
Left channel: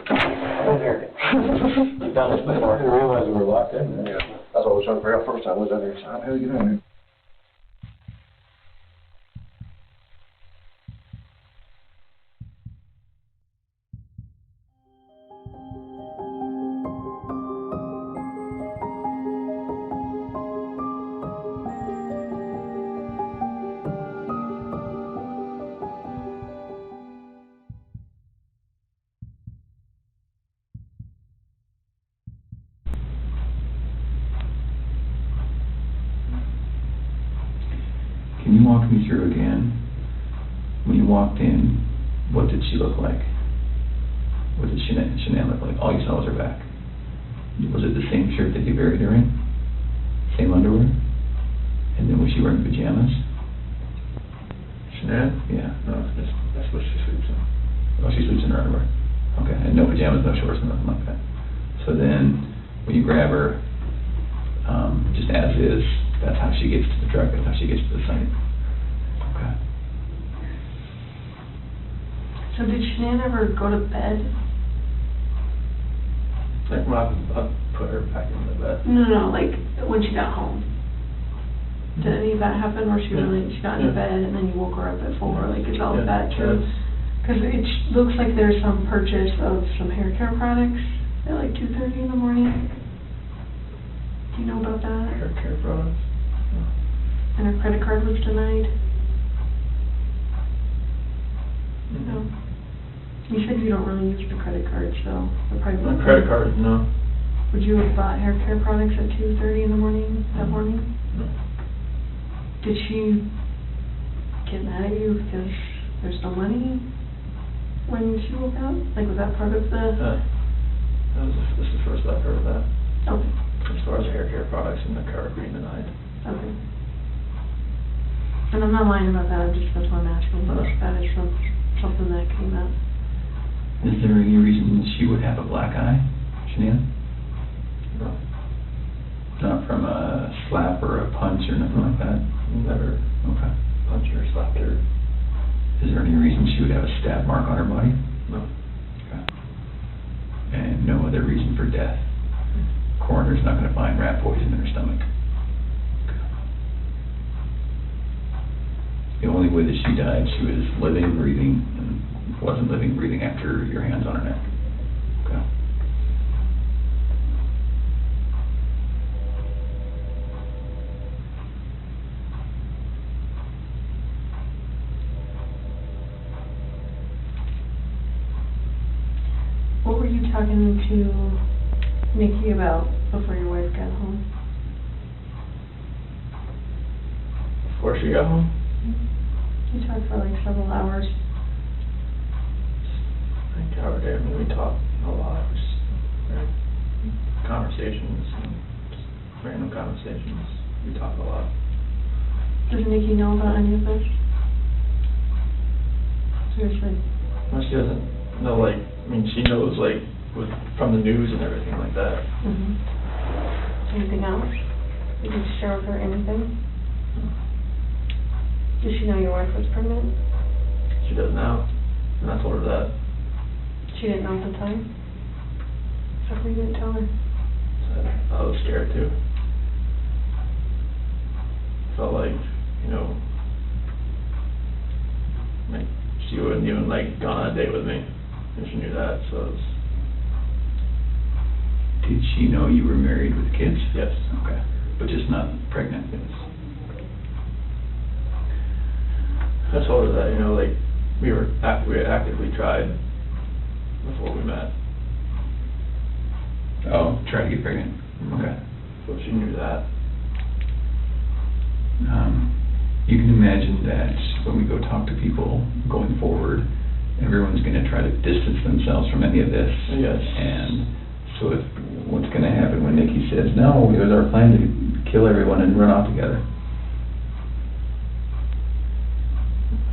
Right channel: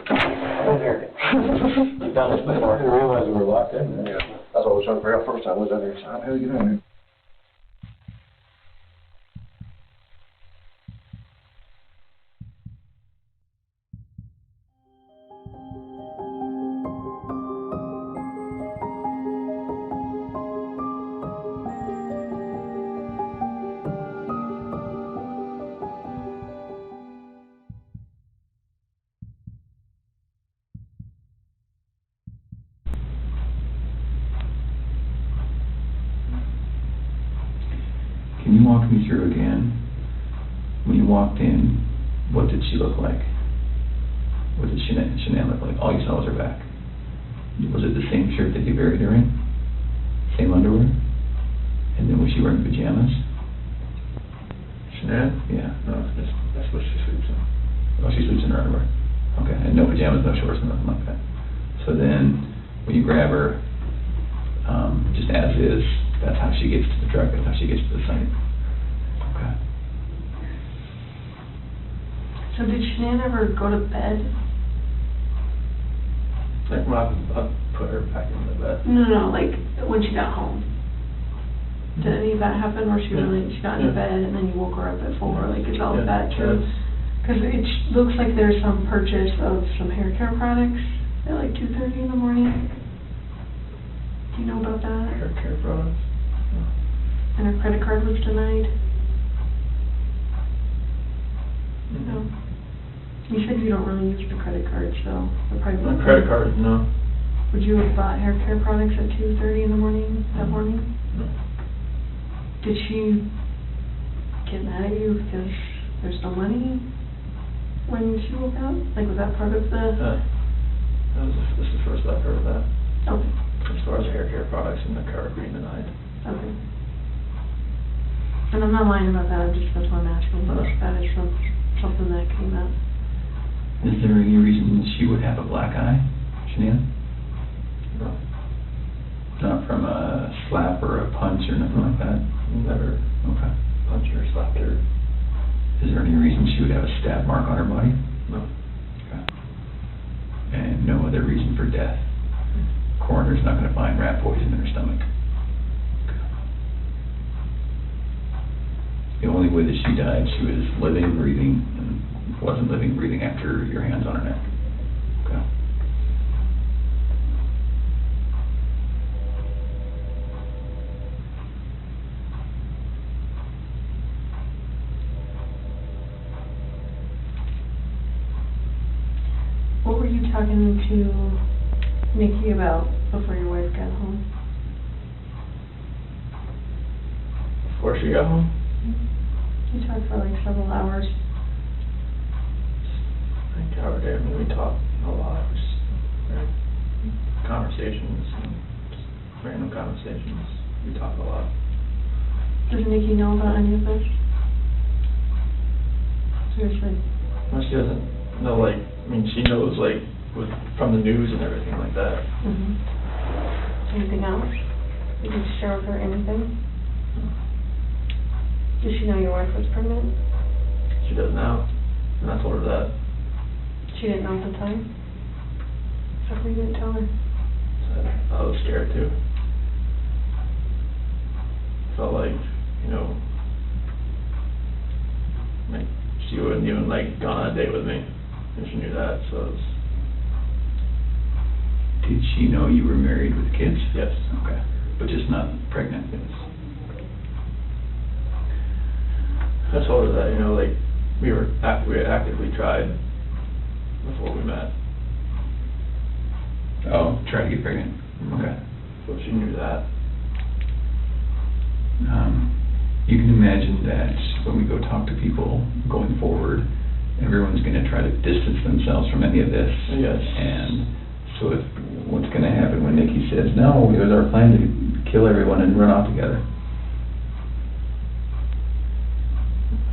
You've done this before. I didn't realize we were locked in there. Yeah, that's what I was trying to figure out first time, was that there, how the hell you get in there? Can you walk me through again, when you walked in, what did she look like? What did Shanann look like? All you saw was her back. Was it the same shirt that you buried her in? Same underwear? And then was she wearing pajamas? Shanann? Yeah. No, that's what she sleeps in. Oh, she sleeps in her underwear. Okay, and no pajamas, no shorts, nothing like that. So then, when you grab her, just as is, that's how she gets to the truck, that's how she gets to the site. Okay. So did Shanann ever go to bed? Like, I'll put her back in the bed. No, like when she got home. Did any of that happen where she got into bed and then you woke her up at 4? Like, is all of that true? Because it looks like there's some purchase of some hair care products at like 2:30 in the morning. Do you know about that? Hair care products? And her credit card was denied? No. You said you don't really use the credit card, so the probably My credit card, no. Would you have bought hair care products at 2:30 in the morning that morning? No. Did she get mad at you because there's no money? when she woke up? Like, was that part of the, This is the first I've heard of that, okay, as far as hair care products in the car being denied. okay. And I'm not lying about that, that's why I'm asking, if that is something that came up. Is there any reason she would have a black eye, Shanann? No, Not from a slap or a punch or nothing like that? never Okay. punched her, slapped her. Is there any reason she would have a stab mark on her body? No. Okay. And no other reason for death? Coroner's not gonna find rat poison in her stomach? The only way that she died, she was living, breathing, and wasn't living, breathing after your hands on her neck. Okay. What were you talking to Nikki about before your wife got home? Before she got home, You talked for like several hours. I think our day, we talked a lot, just conversations, and just random conversations. We talk a lot. Does Nikki know about any of this? Seriously? Well, she doesn't know, like, I mean, she knows, like, from the news and everything like that. Mm-hmm. Anything else? Did you share with her anything? Did she know your wife was pregnant? She does now, and I told her that. She didn't know at the time? How come you didn't tell her? So I was scared too. Felt like, you know, like she wouldn't even like gone on a date with me if she knew that, so it was, Did she know you were married with kids? yes. Okay. But just not pregnant? Yes. I told her that, you know, like, we had actively tried before we met. Oh, try to get pregnant. Okay. So she knew that. You can imagine that when we go talk to people going forward, everyone's gonna try to distance themselves from any of this. Yes. And so if, what's gonna happen when Nikki says, no, it was our plan to kill everyone and run off together?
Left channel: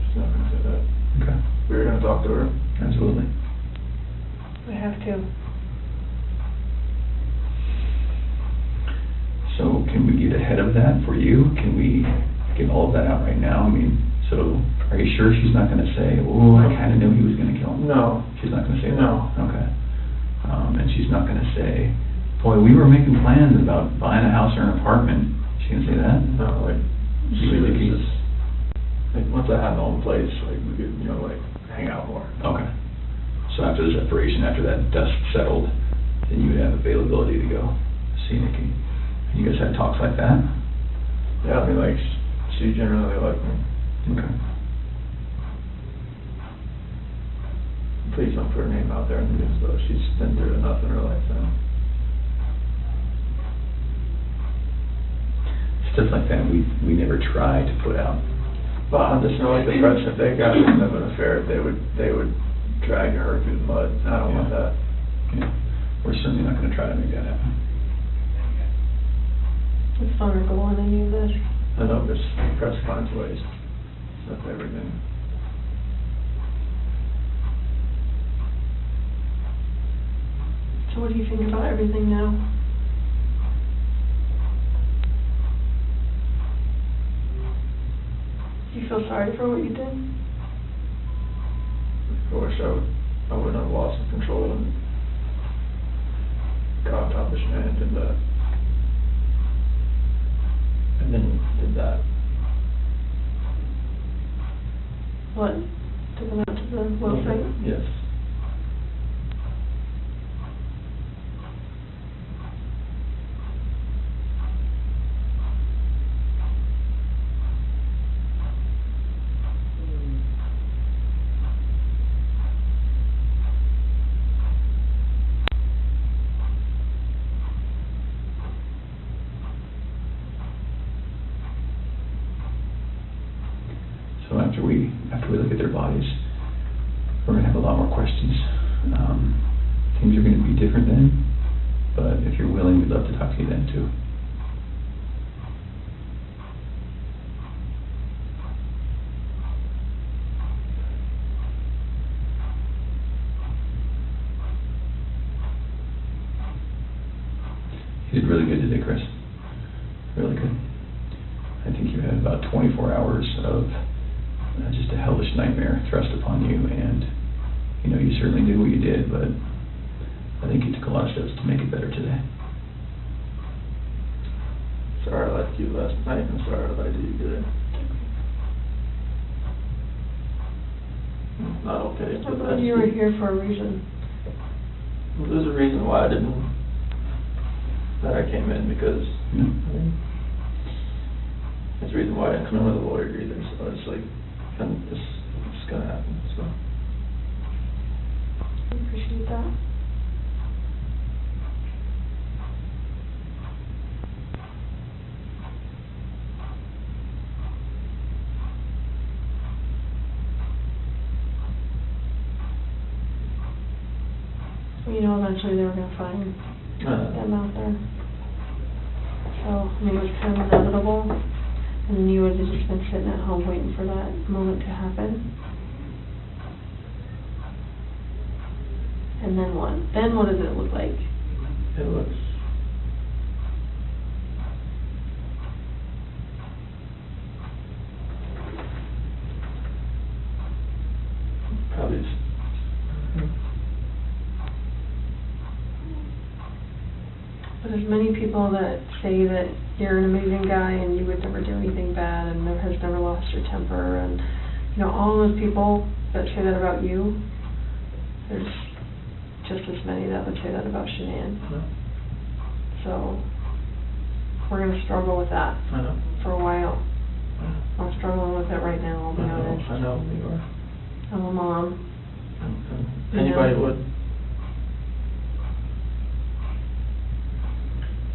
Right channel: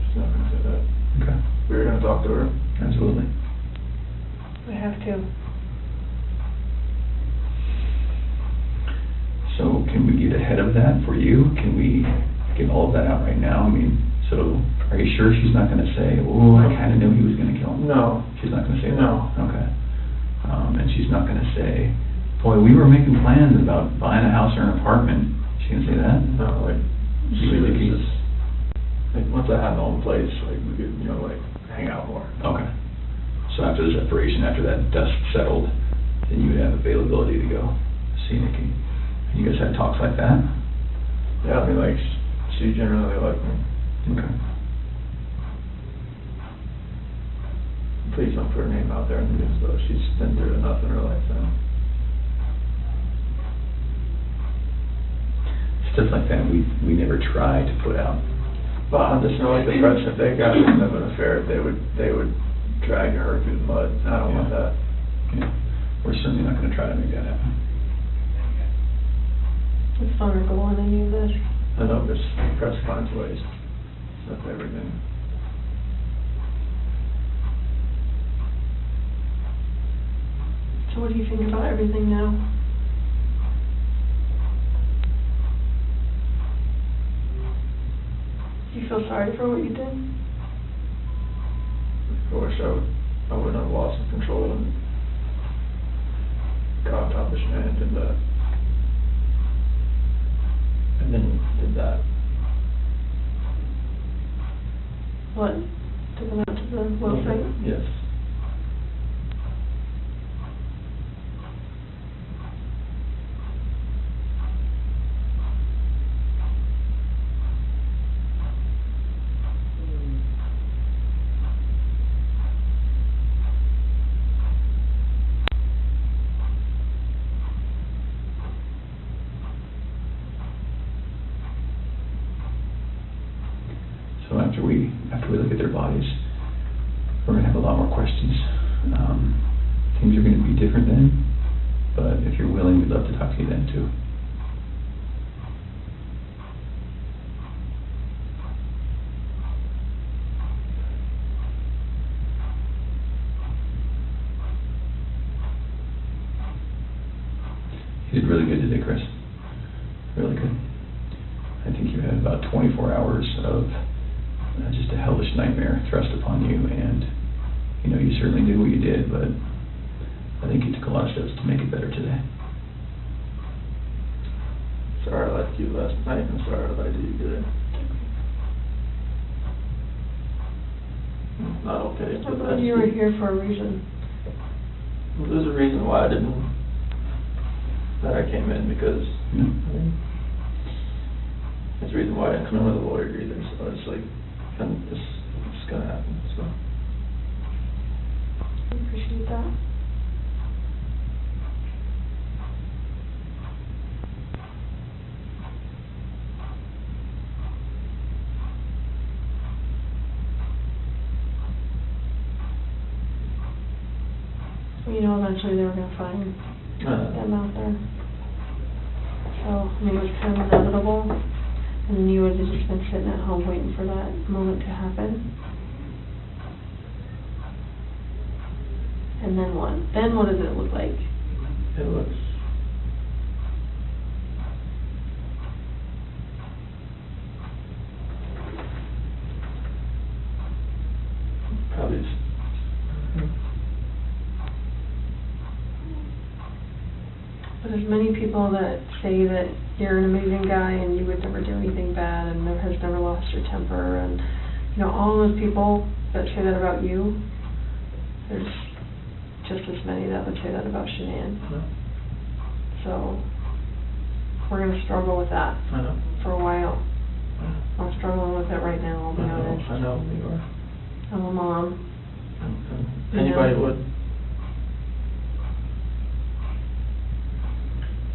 She's not gonna say that. Okay, We were gonna talk to her. absolutely. I have to. So can we get ahead of that for you? Can we get all of that out right now? I mean, so are you sure she's not gonna say, oh, I kinda knew he was gonna kill him? No. She's not gonna say that? No. Okay. And she's not gonna say, boy, we were making plans about buying a house or an apartment. She gonna say that? No, like, she You was think he's- just, like, once I had my own place, like, we could, you know, like, hang out more. Okay. So after the separation, after that dust settled, then you would have availability to go see Nikki. You guys had talks like that? Yeah, I mean, like, she generally liked me. Okay. Please don't put her name out there in the news, though. She's been through enough in her life now. Stuff like that, we never try to put out. But I just know, like, the press, if they got wind of an affair, they would drag her through the mud. I don't want that. Yeah. We're certainly not gonna try to make that happen. It's vulnerable on any of this. I know, this press finds ways. That's everything. So what do you think about everything now? Do you feel sorry for what you did? I wish I wouldn't have lost control and got on top of Shanann and did that. And then did that. What? Took them out to the well site? Yes. So after we look at their bodies, we're gonna have a lot more questions. Things are gonna be different then, but if you're willing, we'd love to talk to you then too. You did really good today, Chris. Really good. I think you had about 24 hours of just a hellish nightmare thrust upon you, and you know, you certainly did what you did, but I think you took a lot of steps to make it better today. Sorry I left you last night, and sorry I lied to you today. Not okay, but that's... You were here for a reason. There's a reason why that I came in, because, Yeah. there's a reason why I didn't come in with a lawyer either, so it's like, and it's gonna happen, so. I appreciate that. You know, eventually they were gonna find them out there. So, I mean, it was kind of inevitable, and then you would have just been sitting at home waiting for that moment to happen. And then what? Then what does it look like? It looks... probably... But there's many people that say that you're an amazing guy and you would never do anything bad and has never lost your temper, and, you know, all those people that say that about you, there's just as many that would say that about Shanann. No. So, we're gonna struggle with that I know. for a while. I know. I'm struggling with it right now, I'll be honest. I know, you are. I'm a mom. And anybody Yeah. would.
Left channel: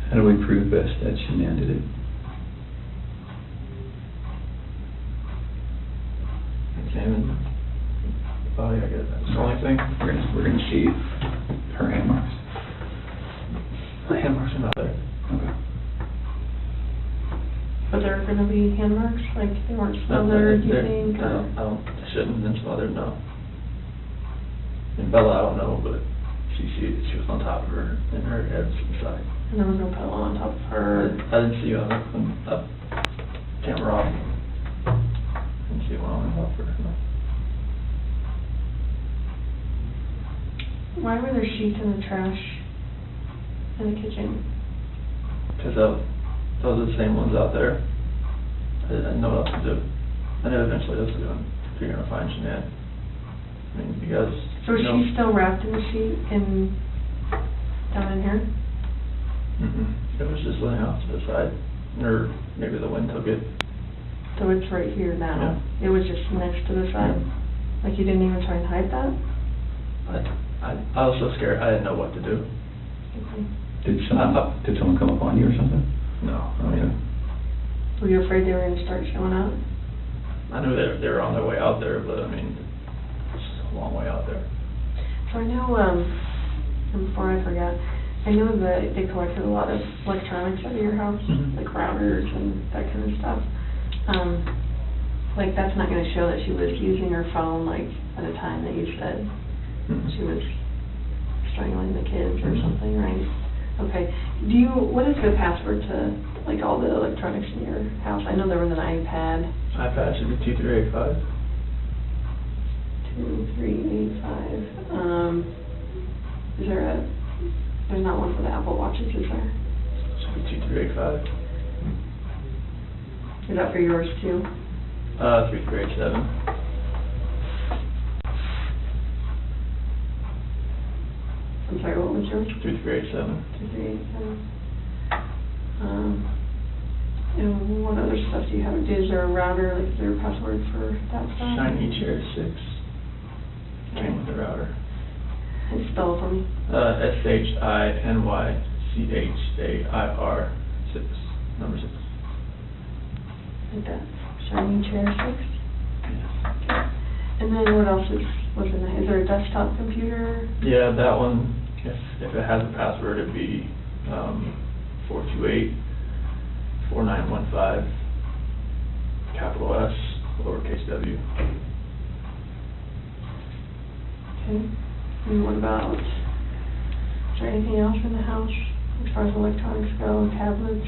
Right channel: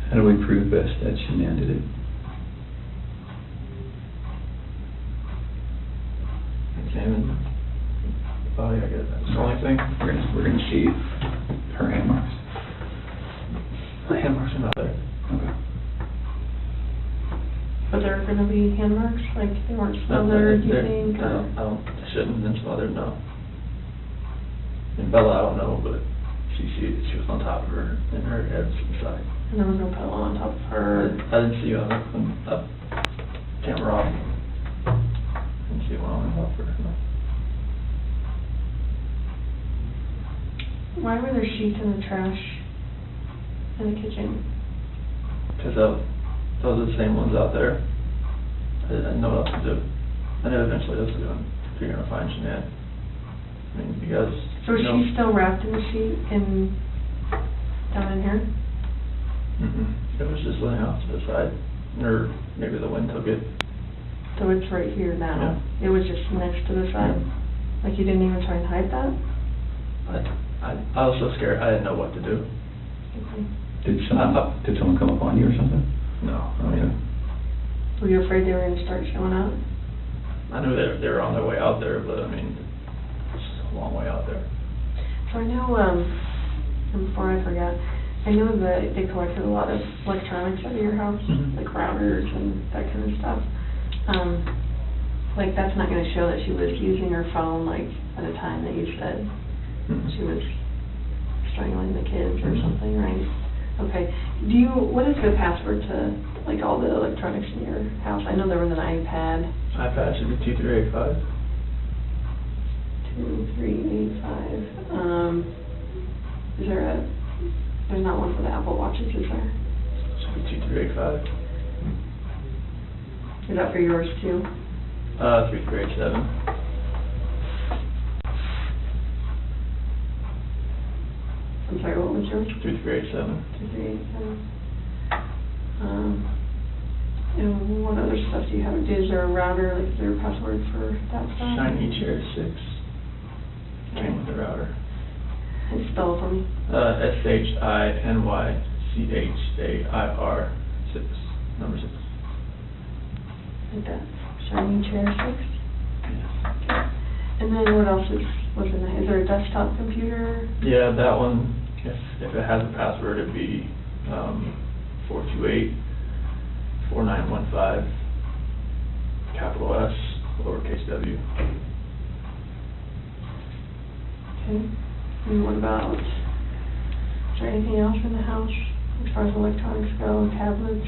How do we prove best that Shanann did it? Examine the body, I guess, that's the only thing. We're gonna see her hand marks. The hand marks are not there. Okay. But there are gonna be hand marks, like they weren't smothered, you think? I don't, they shouldn't have been smothered, no. And Bella, I don't know, but she was on top of her, and her head was to the side. And there was no pillow on top of her. I didn't see you on the camera off. Didn't see one on top of her, no. Why were there sheets in the trash in the kitchen? Because those are the same ones out there. I didn't know what else to do. I knew eventually what to do, if you're gonna find Shanann. I mean, you guys... So is she still wrapped in the sheet down in here? It was just laying off to the side, or maybe the wind took it. So it's right here now? It was just next to the side? Like you didn't even try and hide that? I was so scared, I didn't know what to do. Okay. Did someone come upon you or something? No, I mean, Were you afraid they were gonna start showing up? I knew they were on their way out there, but I mean, it's a long way out there. So I know, and before I forget, I know that they collected a lot of electronics out of your house, Mhm. like routers and that kind of stuff. Like that's not gonna show that she was using her phone, like, at a time that you said she was strangling the kids or something, right? Okay. What is the password to, like, all the electronics in your house? I know there was an iPad. iPad should be 2385. 2385. There's not one for the Apple Watches, is there? Should be 2385. Is that for yours too? 3387. I'm sorry, what was yours? 3387. 2387. And what other stuff do you have? Is there a router, like, is there a password for that stuff? Shiny Chair 6. Came with the router. And spell it for me. SHINYCHAIR 6. Number 6. Like that. Shiny Chair 6? Yes. And then what else was in there? Is there a desktop computer? Yeah, that one, if it has a password, it'd be, 428-4915, capital S, lowercase w. Okay. And what about, is there anything else in the house as far as electronics go, tablets?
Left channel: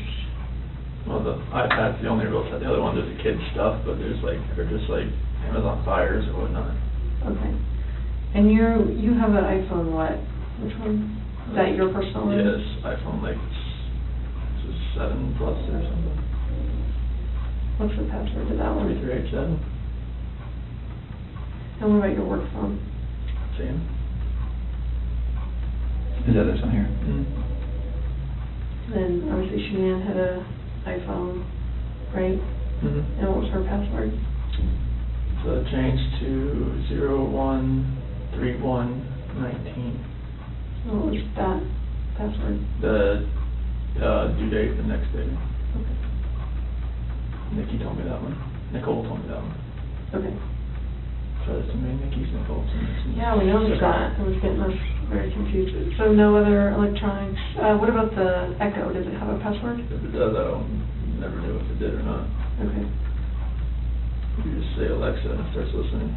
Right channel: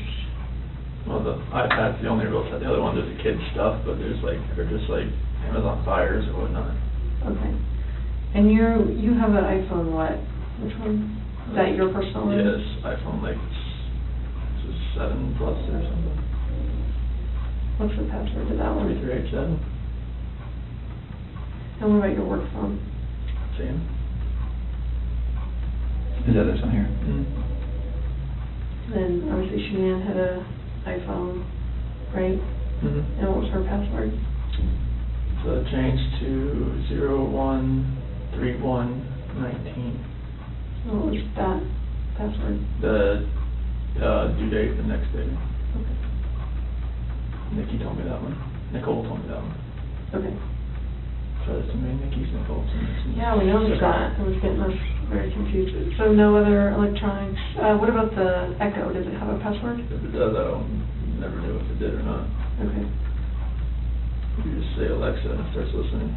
Well, the iPad's the only real set. The other ones are the kids' stuff, but they're just like Amazon Fires or whatnot. Okay. And you have an iPhone, what? Which one? Is that your personal one? Yes, iPhone, like, it's 7 Plus or something. What's the password to that one? 3387. And what about your work phone? Same. Is that this on here? Then obviously Shanann had a iPhone, right? Mm-hmm. And what was her password? So it changed to 013119. What was that password? The due date the next day. Okay. Nikki told me that one. Nicole told me that one. Okay. So there's too many Nickis, Nicoles. Yeah, we noticed that. It was getting us very confused. So no other electronics. What about the Echo? Does it have a password? If it does, I never knew if it did or not. Okay. You just say Alexa and it starts listening.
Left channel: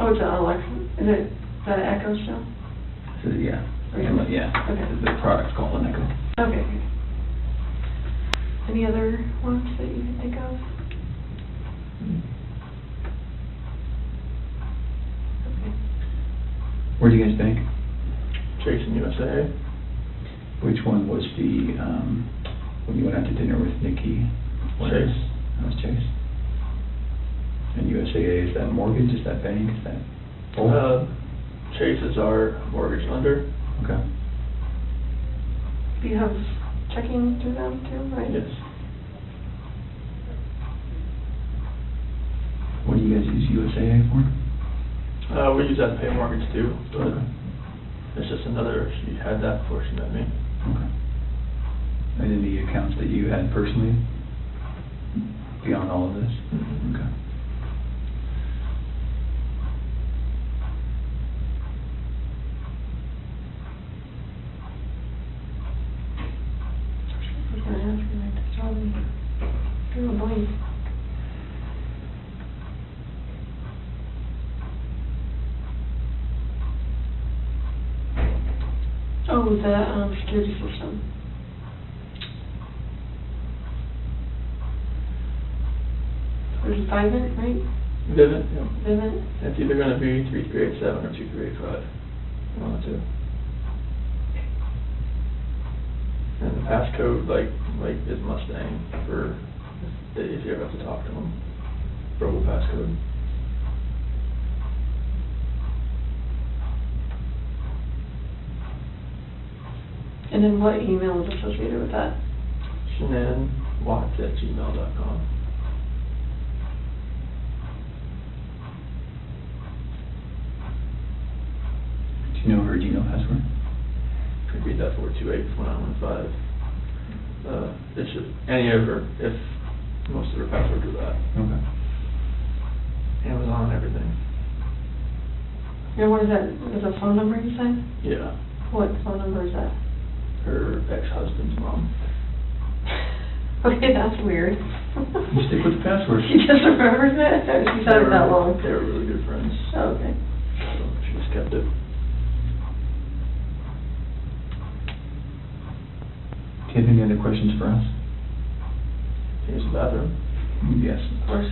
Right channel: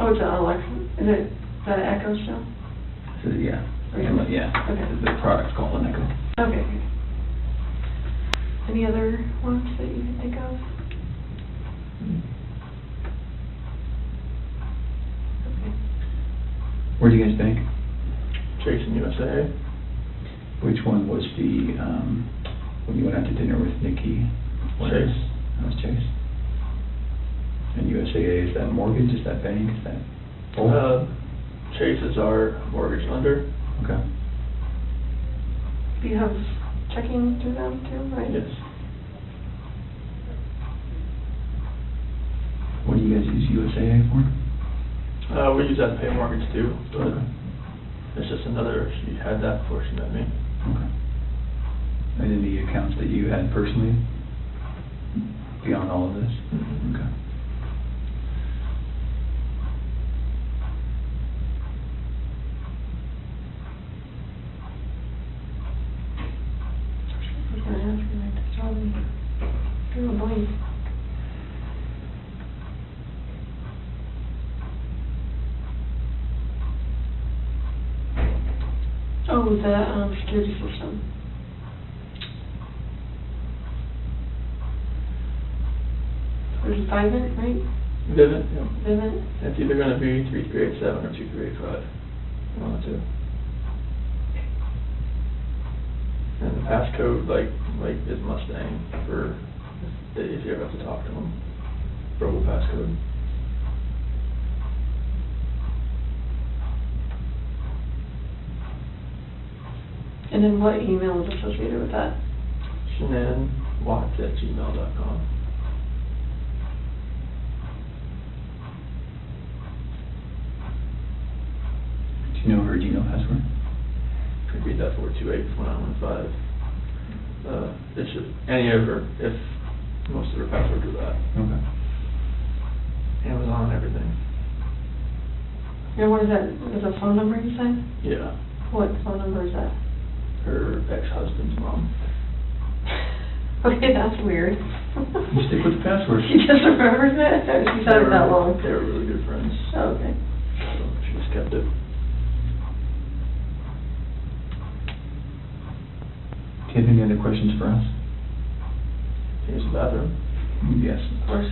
Oh, it's an Alexa. Is it that an Echo still? So, yeah. Okay. Yeah. Okay. The product's called an Echo. Okay. Any other ones that you can think of? Okay. Where do you guys bank? Chase in USA. Which one was the, when you went out to dinner with Nikki? Chase. That was Chase. And USAA, is that mortgage, is that bank, is that both? Chase is our mortgage lender. Okay. Do you have checking through them too, right? Yes. What do you guys use USAA for? We use that to pay mortgage too, but Okay. it's just another, she had that before she met me. Okay. And any accounts that you had personally beyond all of this? Mhm. Okay. I was gonna ask you, I just saw them. Drew a blank. Oh, the security system. There's a Vivint, right? Vivint, yeah. Vivint. It's either gonna be 3387 or 2385. One of the two. And the passcode, like is Mustang for if you ever have to talk to them. Robo passcode. And then what email is associated with that? ShanannWatts@gmail.com. Do you know her Gmail password? Could read that 428-4915. It's just any of her, if most of her passwords are that. Okay. Amazon, everything. And what is that? Is a phone number you said? Yeah. What phone number is that? Her ex-husband's mom. Okay, that's weird. You stick with the password. She just remembers it? Or she's had it that long? They were really good friends. Oh, okay. So she just kept it. Do you have any other questions for us? Use the bathroom. Yes. Of course.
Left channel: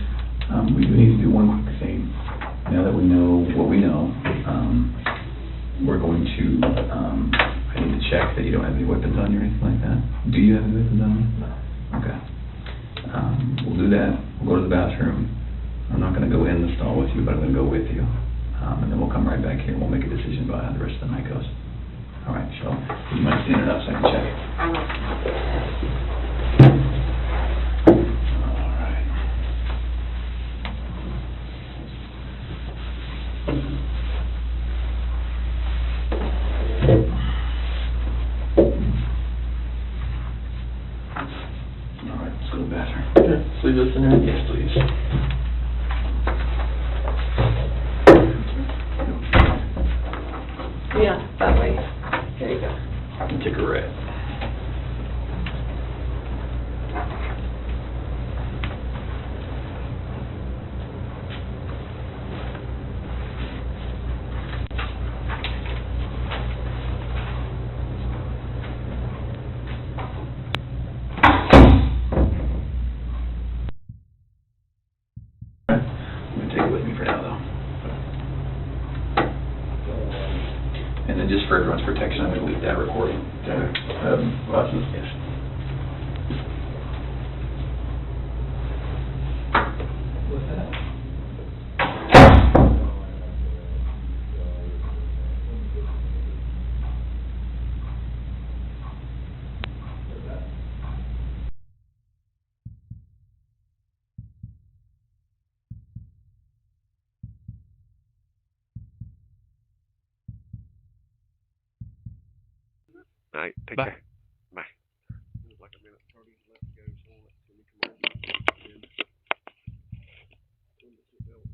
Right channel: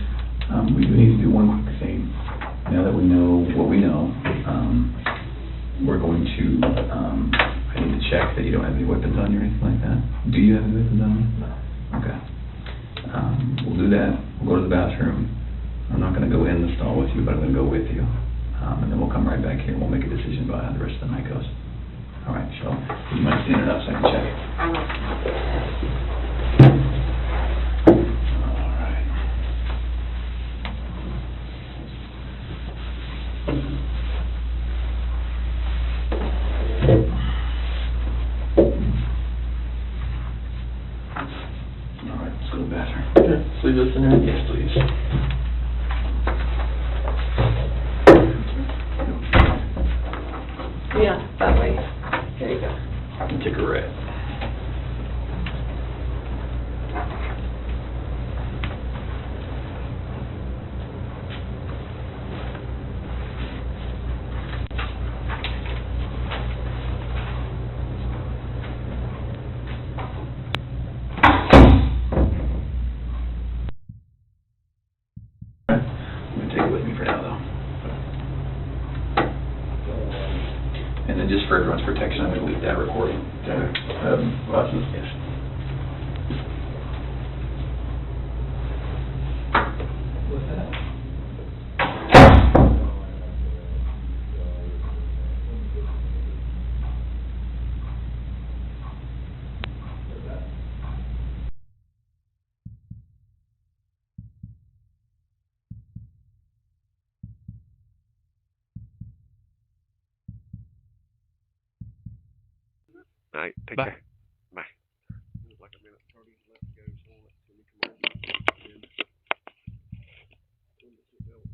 We do need to do one quick thing. Now that we know what we know, we're going to, I need to check that you don't have any weapons on you or anything like that. Do you have any weapons on you? No. Okay. We'll do that. We'll go to the bathroom. I'm not going to go in the stall with you, but I'm going to go with you. And then we'll come right back here and we'll make a decision about how the rest of the night goes. All right, Cheryl, would you mind standing up so I can check? All right. All right, let's go to the bathroom. Okay, so leave this in there? Yes, please. Yeah, that way. There you go. Take a red. I'm gonna take it with me for now, though. And then just for everyone's protection, I'm gonna leave that recording. Watch this. Yes. What's that? All right, take Bye. care. Bye. There's like a minute 30 left to go, so I'll let Timmy come on.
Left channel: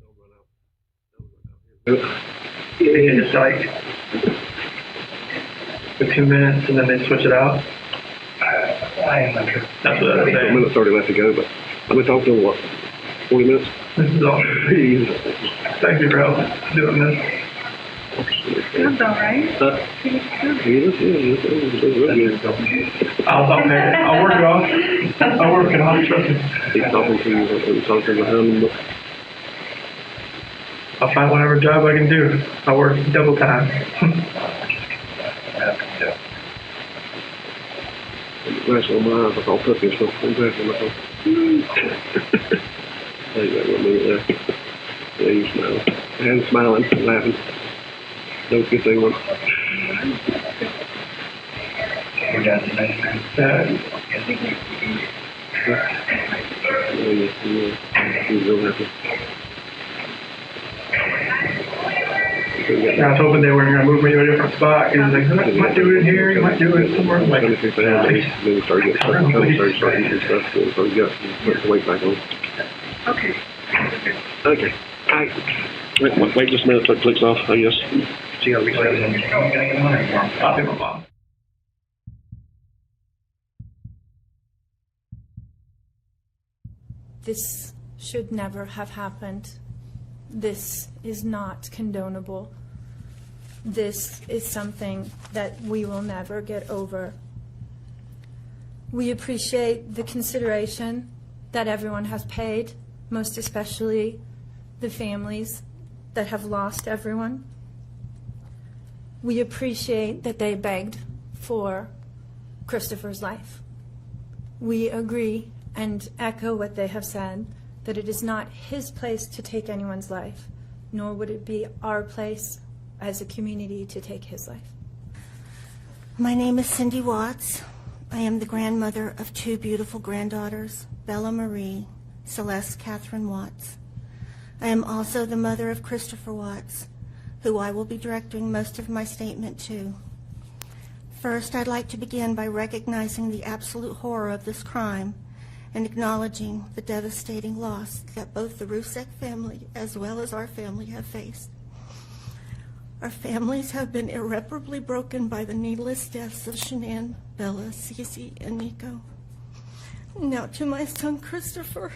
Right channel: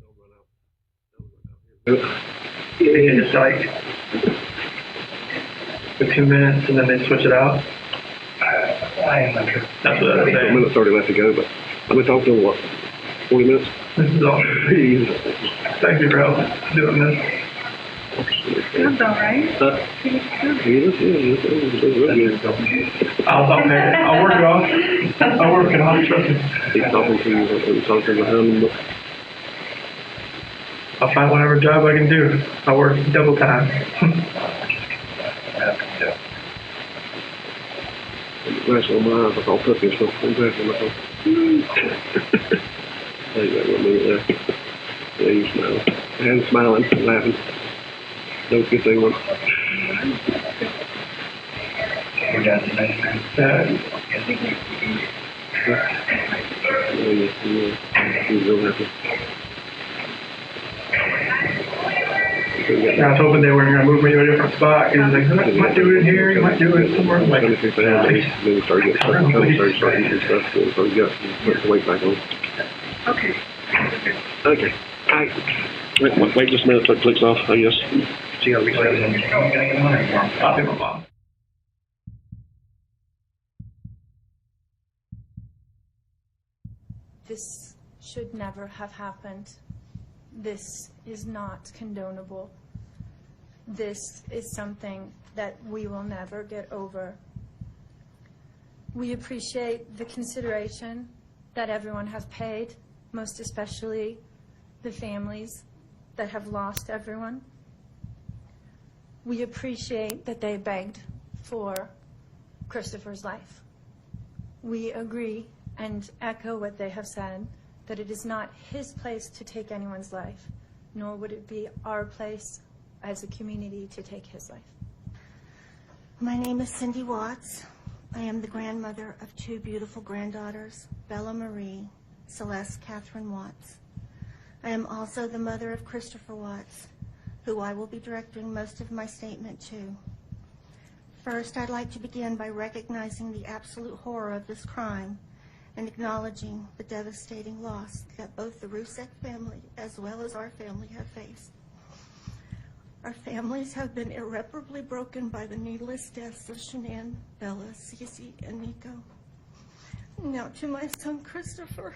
They'll run out. They'll run out here. They just like for 2 minutes and then they switch it out. I am not sure. That's what I was A saying. minute 30 left to go, but I've been talking to what, 40 minutes? This is all. Thank you for helping doing this. That's all right. I'll pay it. I'll work it off. I'll work it off, trust me. He's talking to you, I'm talking behind him, but I'll find whatever job I can do. I'll work double time. that's on my eyes, like all puppy and stuff. I'm back on my phone. Hey, that one minute there. Yeah, you smile. And smiling, laughing. That was a good thing, one. He's real happy. I was hoping they weren't going to move me to a different spot. He was like, you might do it here, you might do it somewhere. I'm like, Then we started getting stuff, and stuff, so we got put the weight back on. Okay. Okay. All right. Wait just a minute till it clicks off, I guess. see how we play it. I'll do my mom. This should never have happened. This is not condonable. This is something that we will never get over. We appreciate the consideration that everyone has paid, most especially the families that have lost everyone. We appreciate that they begged for Christopher's life. We agree and echo what they have said, that it is not his place to take anyone's life, nor would it be our place as a community to take his life. My name is Cindy Watts. I am the grandmother of two beautiful granddaughters, Bella Marie, Celeste Catherine Watts. I am also the mother of Christopher Watts, who I will be directing most of my statement to. First, I'd like to begin by recognizing the absolute horror of this crime and acknowledging the devastating loss that both the Rusek family as well as our family have faced. Our families have been irreparably broken by the needless deaths of Shanann, Bella, Cece, and Nico. Now to my son Christopher,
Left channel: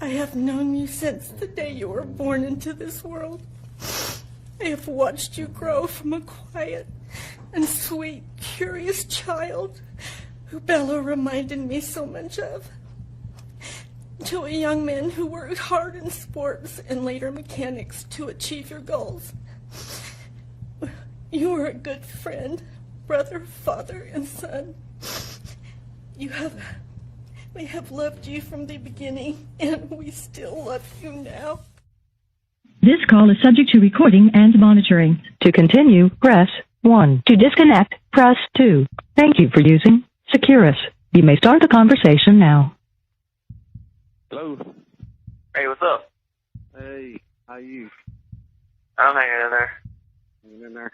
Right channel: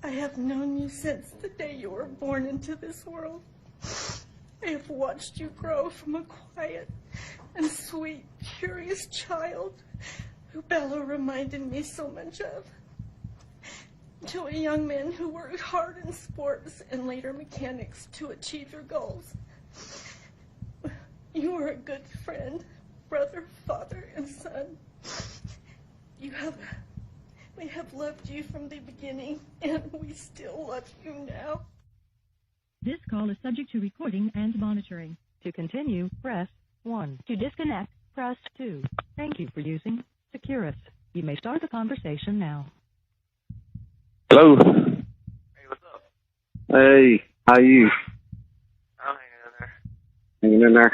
I have known you since the day you were born into this world. I have watched you grow from a quiet and sweet, curious child who Bella reminded me so much of, to a young man who worked hard in sports and later mechanics to achieve your goals. You are a good friend, brother, father, and son. We have loved you from the beginning, and we still love you now. This call is subject to recording and monitoring. To continue, press 1. To disconnect, press 2. Thank you for using Securus. You may start the conversation now. Hello. Hey, what's up? Hey, how you? I'm hanging in there. Hanging in there?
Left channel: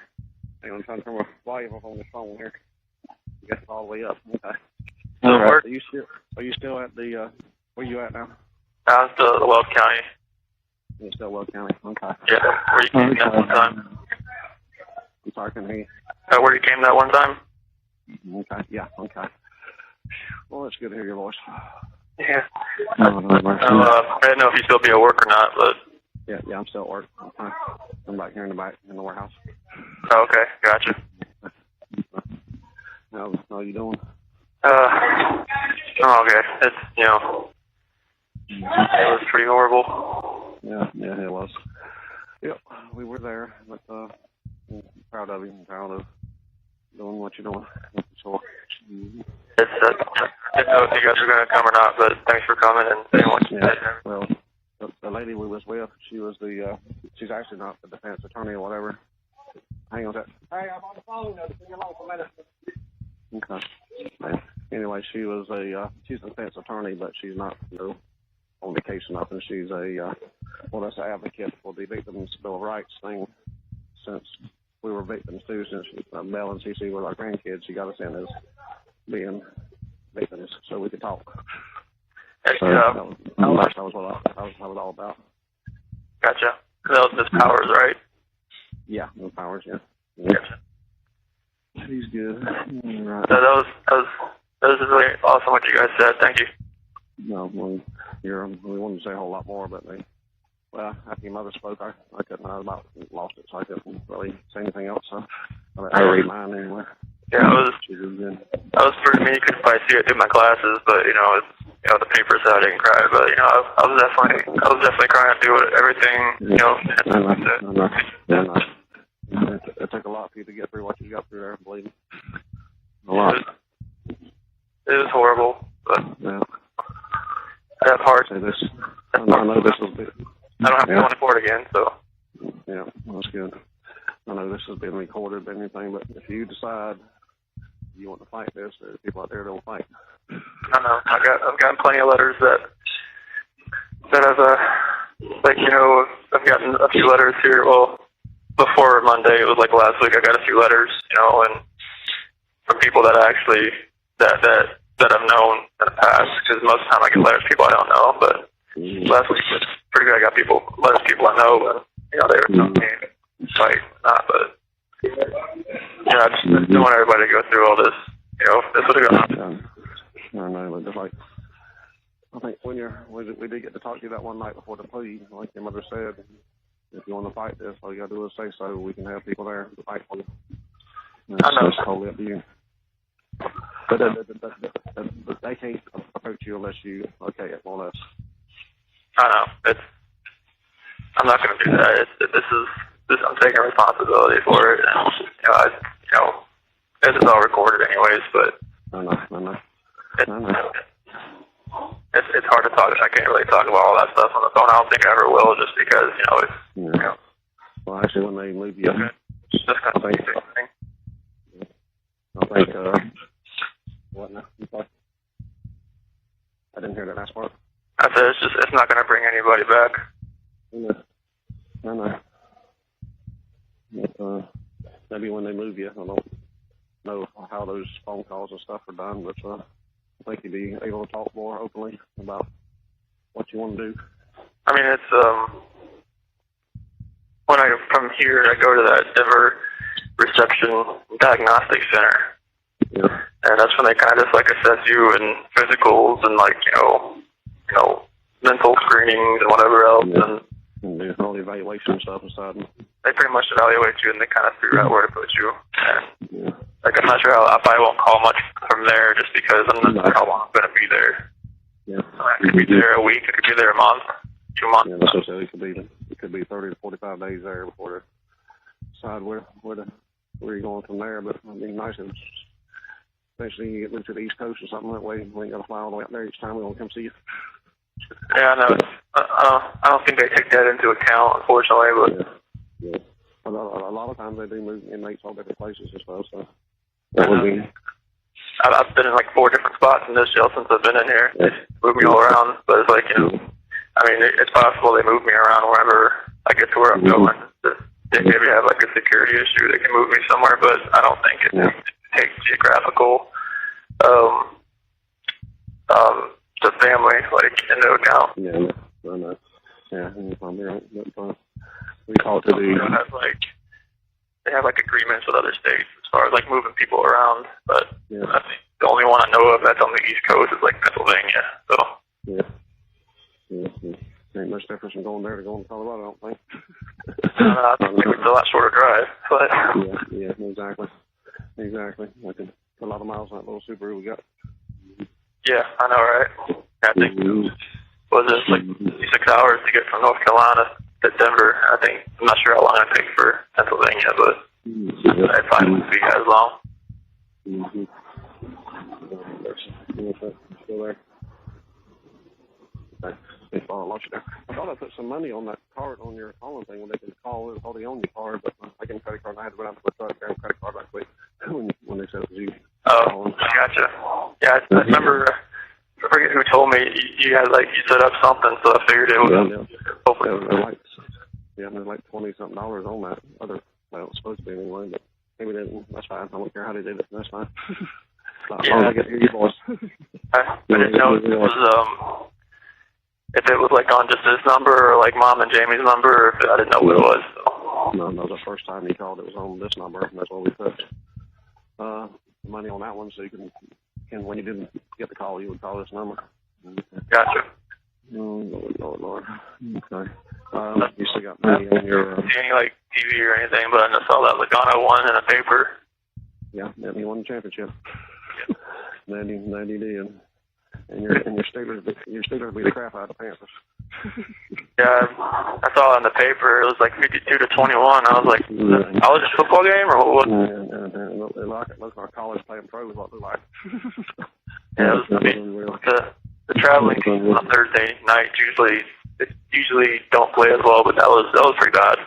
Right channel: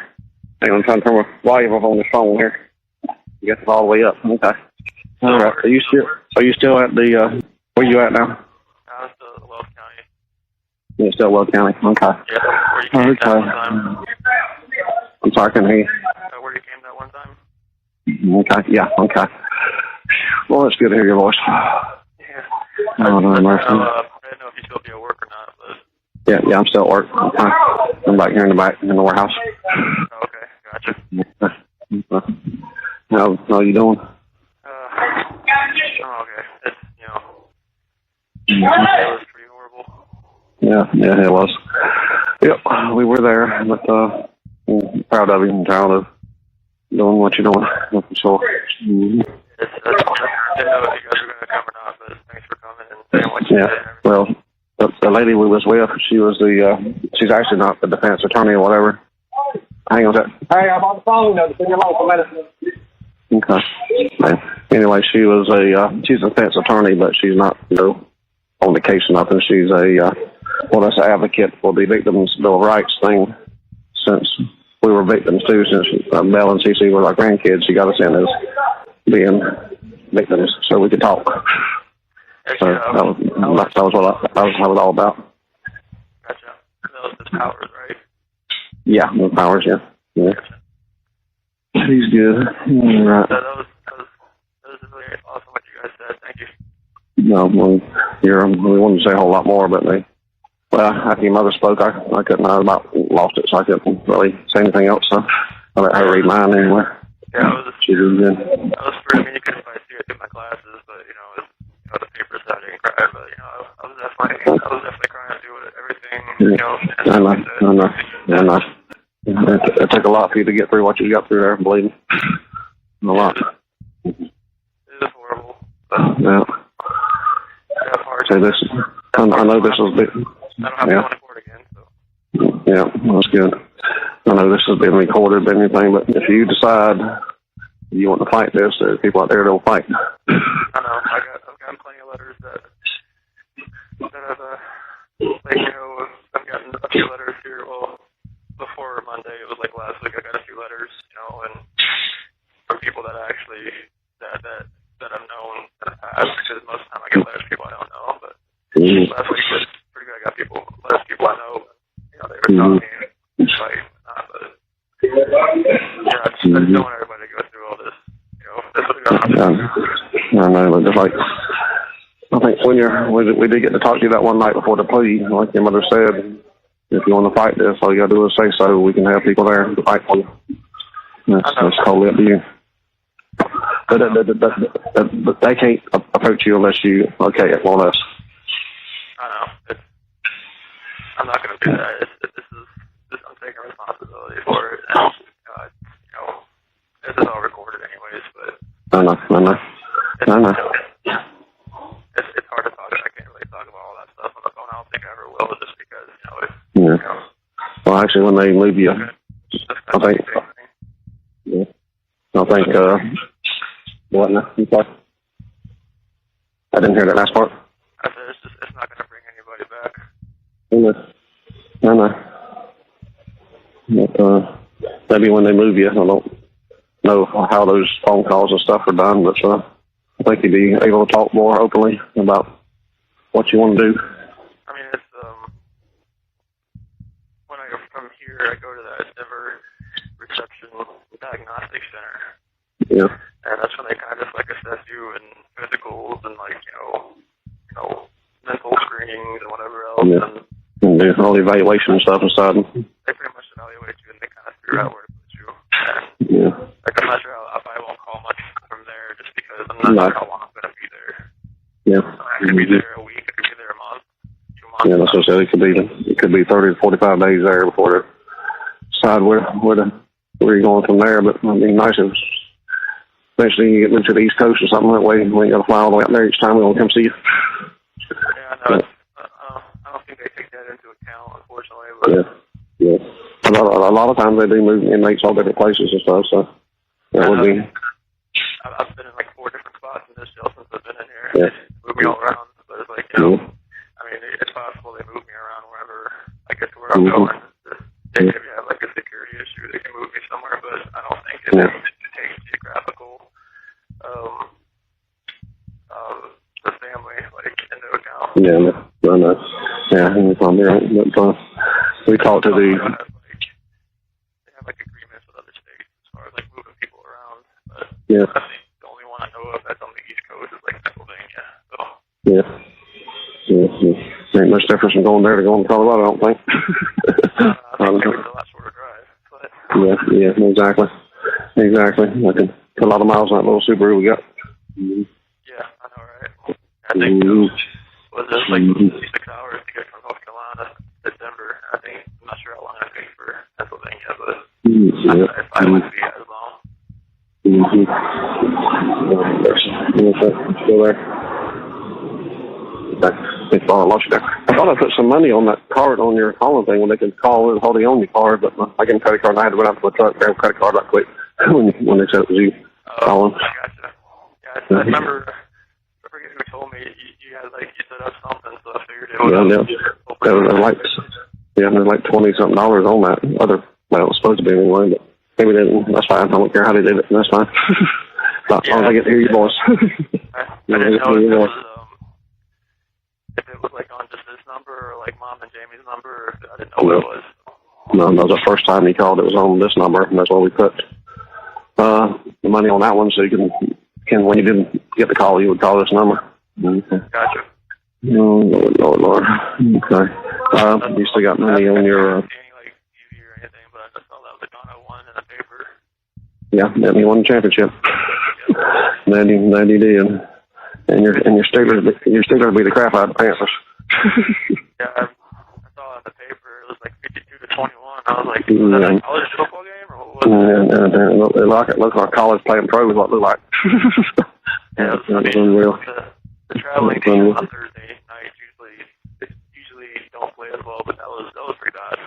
Hang on, I'm trying to turn my volume off on this phone here. I guess it's all the way up. Okay. All right. Are you still at the, where you at now? I'm still at Weld County. Yeah, still Weld County. Okay. Yeah, where you came down one time. I'm sorry, I couldn't hear you. Where you came that one time? Okay, yeah, okay. Well, it's good to hear your voice. Yeah. No, mercy. I didn't know if you still be at work or not, but... Yeah, I'm still at work. I'm back here in the warehouse. Oh, okay, gotcha. How you doing? Oh, okay. It's, you know, it was pretty horrible. Yeah, it was. Yep, we were there, but I'm proud of you and proud of doing what you're doing. So, I didn't know if you guys were going to come or not, but thanks for coming and saying what you did. Well, the lady we was with, she was she's actually not the defense attorney or whatever. Hang on a sec. Hey, I'm on the phone. Now, just leave me alone for a minute. Okay. Anyway, she's a defense attorney, but she's not, on the case or nothing. She's that's an advocate for the Victims' Bill of Rights thing. Since we were victims too, since Belle and Cece were our grandkids, she got us in as being victims, so we could talk. So that was what I was all about. Gotcha. That was Miss Powers, right? Yeah, Miss Powers, yeah. Gotcha. She's good. Right. So that was really awesome what you guys said. Thank you. No, we wanted to say a whole lot more, but after your mother spoke, I couldn't. I about lost it, so I couldn't really say anything else. So I let her read mine anyway. Yeah, she was good. I was pretty. I mean, you couldn't probably see it through my glasses, but the paper said I didn't cry, but I was definitely crying through it. Everything, I know. It took a lot for you to get through what you got through there, believe me. A lot. It was horrible. But yeah. That part. I know this was big. I don't have to go into court again, so. Yeah, that's good. I know this has been recorded or anything, but if you decide you want to fight this, there's people out there that'll fight. I know. I've gotten plenty of letters that I've gotten a few letters here. Well, before Monday, it was like last week. I got a few letters, and from people that I've known in the past. Because most of the time I get letters from people I don't know, but last week was pretty good. I got letters from people I know, but they were telling me to fight, not. But I just don't want everybody to go through all this. This would have gone on. I know, but just like I think we did get to talk to you that one night before the plea, like your mother said. If you want to fight this, all you got to do is say so. We can have people there to fight for you. That's totally up to you. But they can't approach you unless you okay it, more or less. I know. I'm not going to do that. I'm taking responsibility for it. And, this is all recorded anyways, but... I know. It's hard to talk. I can't really talk about all that stuff on the phone. I don't think I ever will, just because, Well, actually, when they move you, I think... What now? I didn't hear that last part. I said it's not going to bring anybody back. I know. But, maybe when they move you, I don't know how those phone calls and stuff are done, but I think you'd be able to talk more openly about what you want to do. I mean, it's when from here I go to that Denver Reception Diagnostic Center. Yeah. And that's when they kind of just assess you and physicals and mental screenings and whatever else. Yeah. And do all the evaluation stuff inside. They pretty much evaluate you and they kind of figure out where to put you. And yeah. I'm not sure I probably won't call much from there just because I'm not sure how long I'm going to be there. Yeah. I could be there a week. I could be there a month, 2 months. Yeah, that's what I said. It could be 30 to 45 days there before they decide where you're going from there. But it'd be nice if eventually you get moved to the East Coast or something. That way we ain't got to fly all the way up there each time we want to come see you. Yeah, no, I don't think they take that into account, unfortunately. But yeah. A lot of times they do move inmates all different places and stuff. So that would be. I've been in 4 different spots in this jail since I've been in here. Yeah. They move me all around, but it's I mean, it's possible they move me around wherever I get to where I'm going. They maybe have a security issue. They can move me somewhere, but I don't think it takes geographical the family into account. Yeah, I know. Yeah, you're probably right. But we talked to the. They have like agreements with other states as far as like moving people around, but Yeah. I think the only one I know of that's on the East Coast is like Pennsylvania. So Yeah. Ain't much difference from going there to going to Colorado, I don't think. I think maybe it's a lot shorter drive, but Yeah, exactly. I can put a lot of miles on that little Subaru we got. yeah, I know, right? I think was it like 6 hours to get from North Carolina to Denver? I think I'm not sure how long it takes for Pennsylvania, but it probably wouldn't be as long. Still there. I lost you there. I thought I put some money on that card on your calling thing when they could call and hold the only card, but I got a credit card and I had to run out to the truck, grab a credit card right quick when they said it was you calling. I gotcha. Yeah, I remember. I forget who told me you had you set up something, so I figured it was hopefully. There's like $20-something on that other. Well, it was supposed to be anyway, but maybe they didn't. That's fine. I don't care how they did it. That's fine. As long as I get to hear your voice. I didn't know if it was like on just this number or like Mom and Jamie's number, or if I didn't know what it was. So. No, that was the first time he called. It was on this number, and that's why we put the money on that one, so you can when you didn't get the call, you would call this number. Okay. Gotcha. Oh, Lord. Okay. You still got money on your... see any like TV or anything, but I just saw that Logano won in a paper. Yeah, he won the championship. 90 did. And your Steelers beat the crap out of the Panthers. Yeah, I saw it in the paper. It was like 52-21. I was like, is that a college football game or what was it? It looked like college playing pro is what it looked like. Yeah, it was unreal. The traveling team on Thursday night usually don't play as well, but that was pretty bad.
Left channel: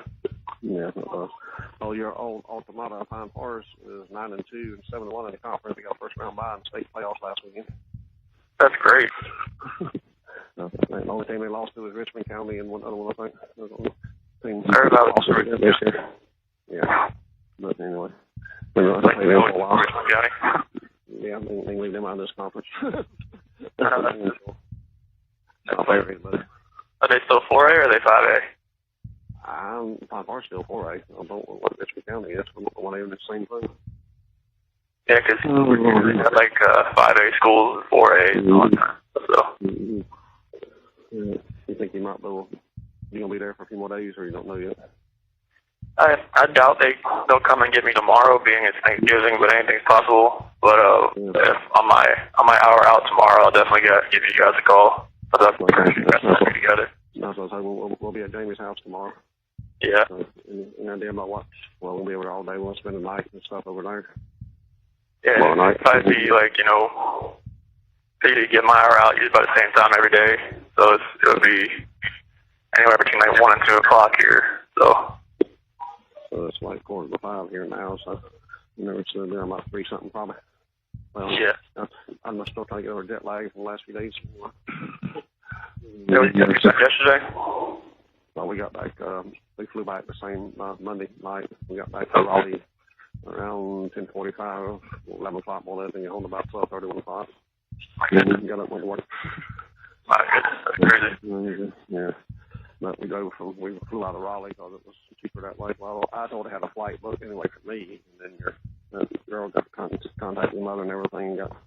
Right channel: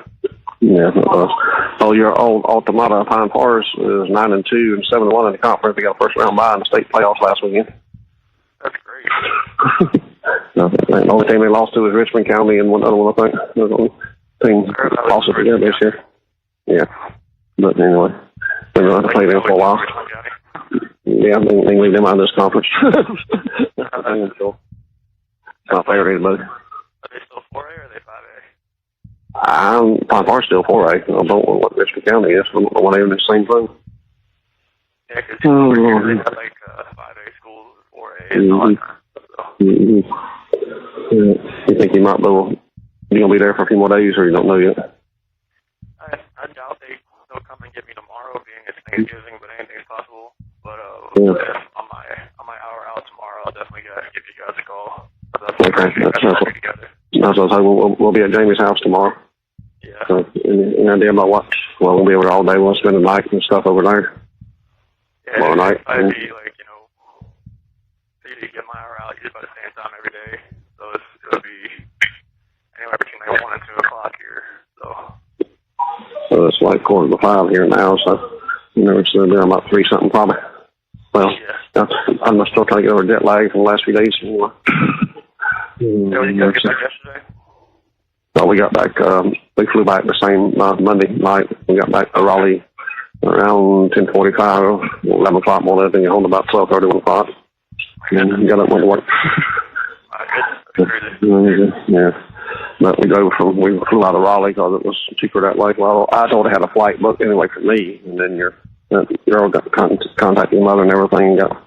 Yeah, it was. Oh, your old Automata Pine Forest is 9-2 and 7-1 in the conference. They got a first round bye in the state playoffs last weekend. That's great. The only team they lost to was Richmond County and one other one, I think. The only team lost it together this year. Yeah. But anyway, they're going to have to play them for a while. Yeah, they can leave them out of this conference. It's not fair to anybody. Are they still 4A or are they 5A? Pine Forest still 4A. I don't know what Richmond County is. I don't know why they're in the same thing. Yeah, because they had like 5A schools and 4A and all that time. So. You think you might be going to be there for a few more days, or you don't know yet? I doubt they'll come and get me tomorrow, being it's Thanksgiving, but anything's possible. But if on my hour out tomorrow, I'll definitely give you guys a call. That's together. That's what I was we'll be at Jamie's house tomorrow. Yeah. So, any idea about what? Well, we'll be over there all day. We'll spend the night and stuff over there. Yeah, tomorrow night. It'd probably be like, for you to get my hour out, usually about the same time every day. So it would be anywhere between like 1 and 2 o'clock here. So it's like 4:45 here now. So it's there about 3 something probably. Well, yeah. I'm still trying to get over jet lag from the last few days. You guys get back yesterday? No, we got back. We flew back the same Monday night. We got back to Raleigh around 10:45, 11 o'clock more than anything. Home about 12:30, 1 o'clock. And got up and went to work. My goodness, that's crazy. Yeah. But we flew out of Raleigh because it was cheaper that way. Well, I told I had a flight booked anyway for me, and then your girl got contacted your mother and everything, and got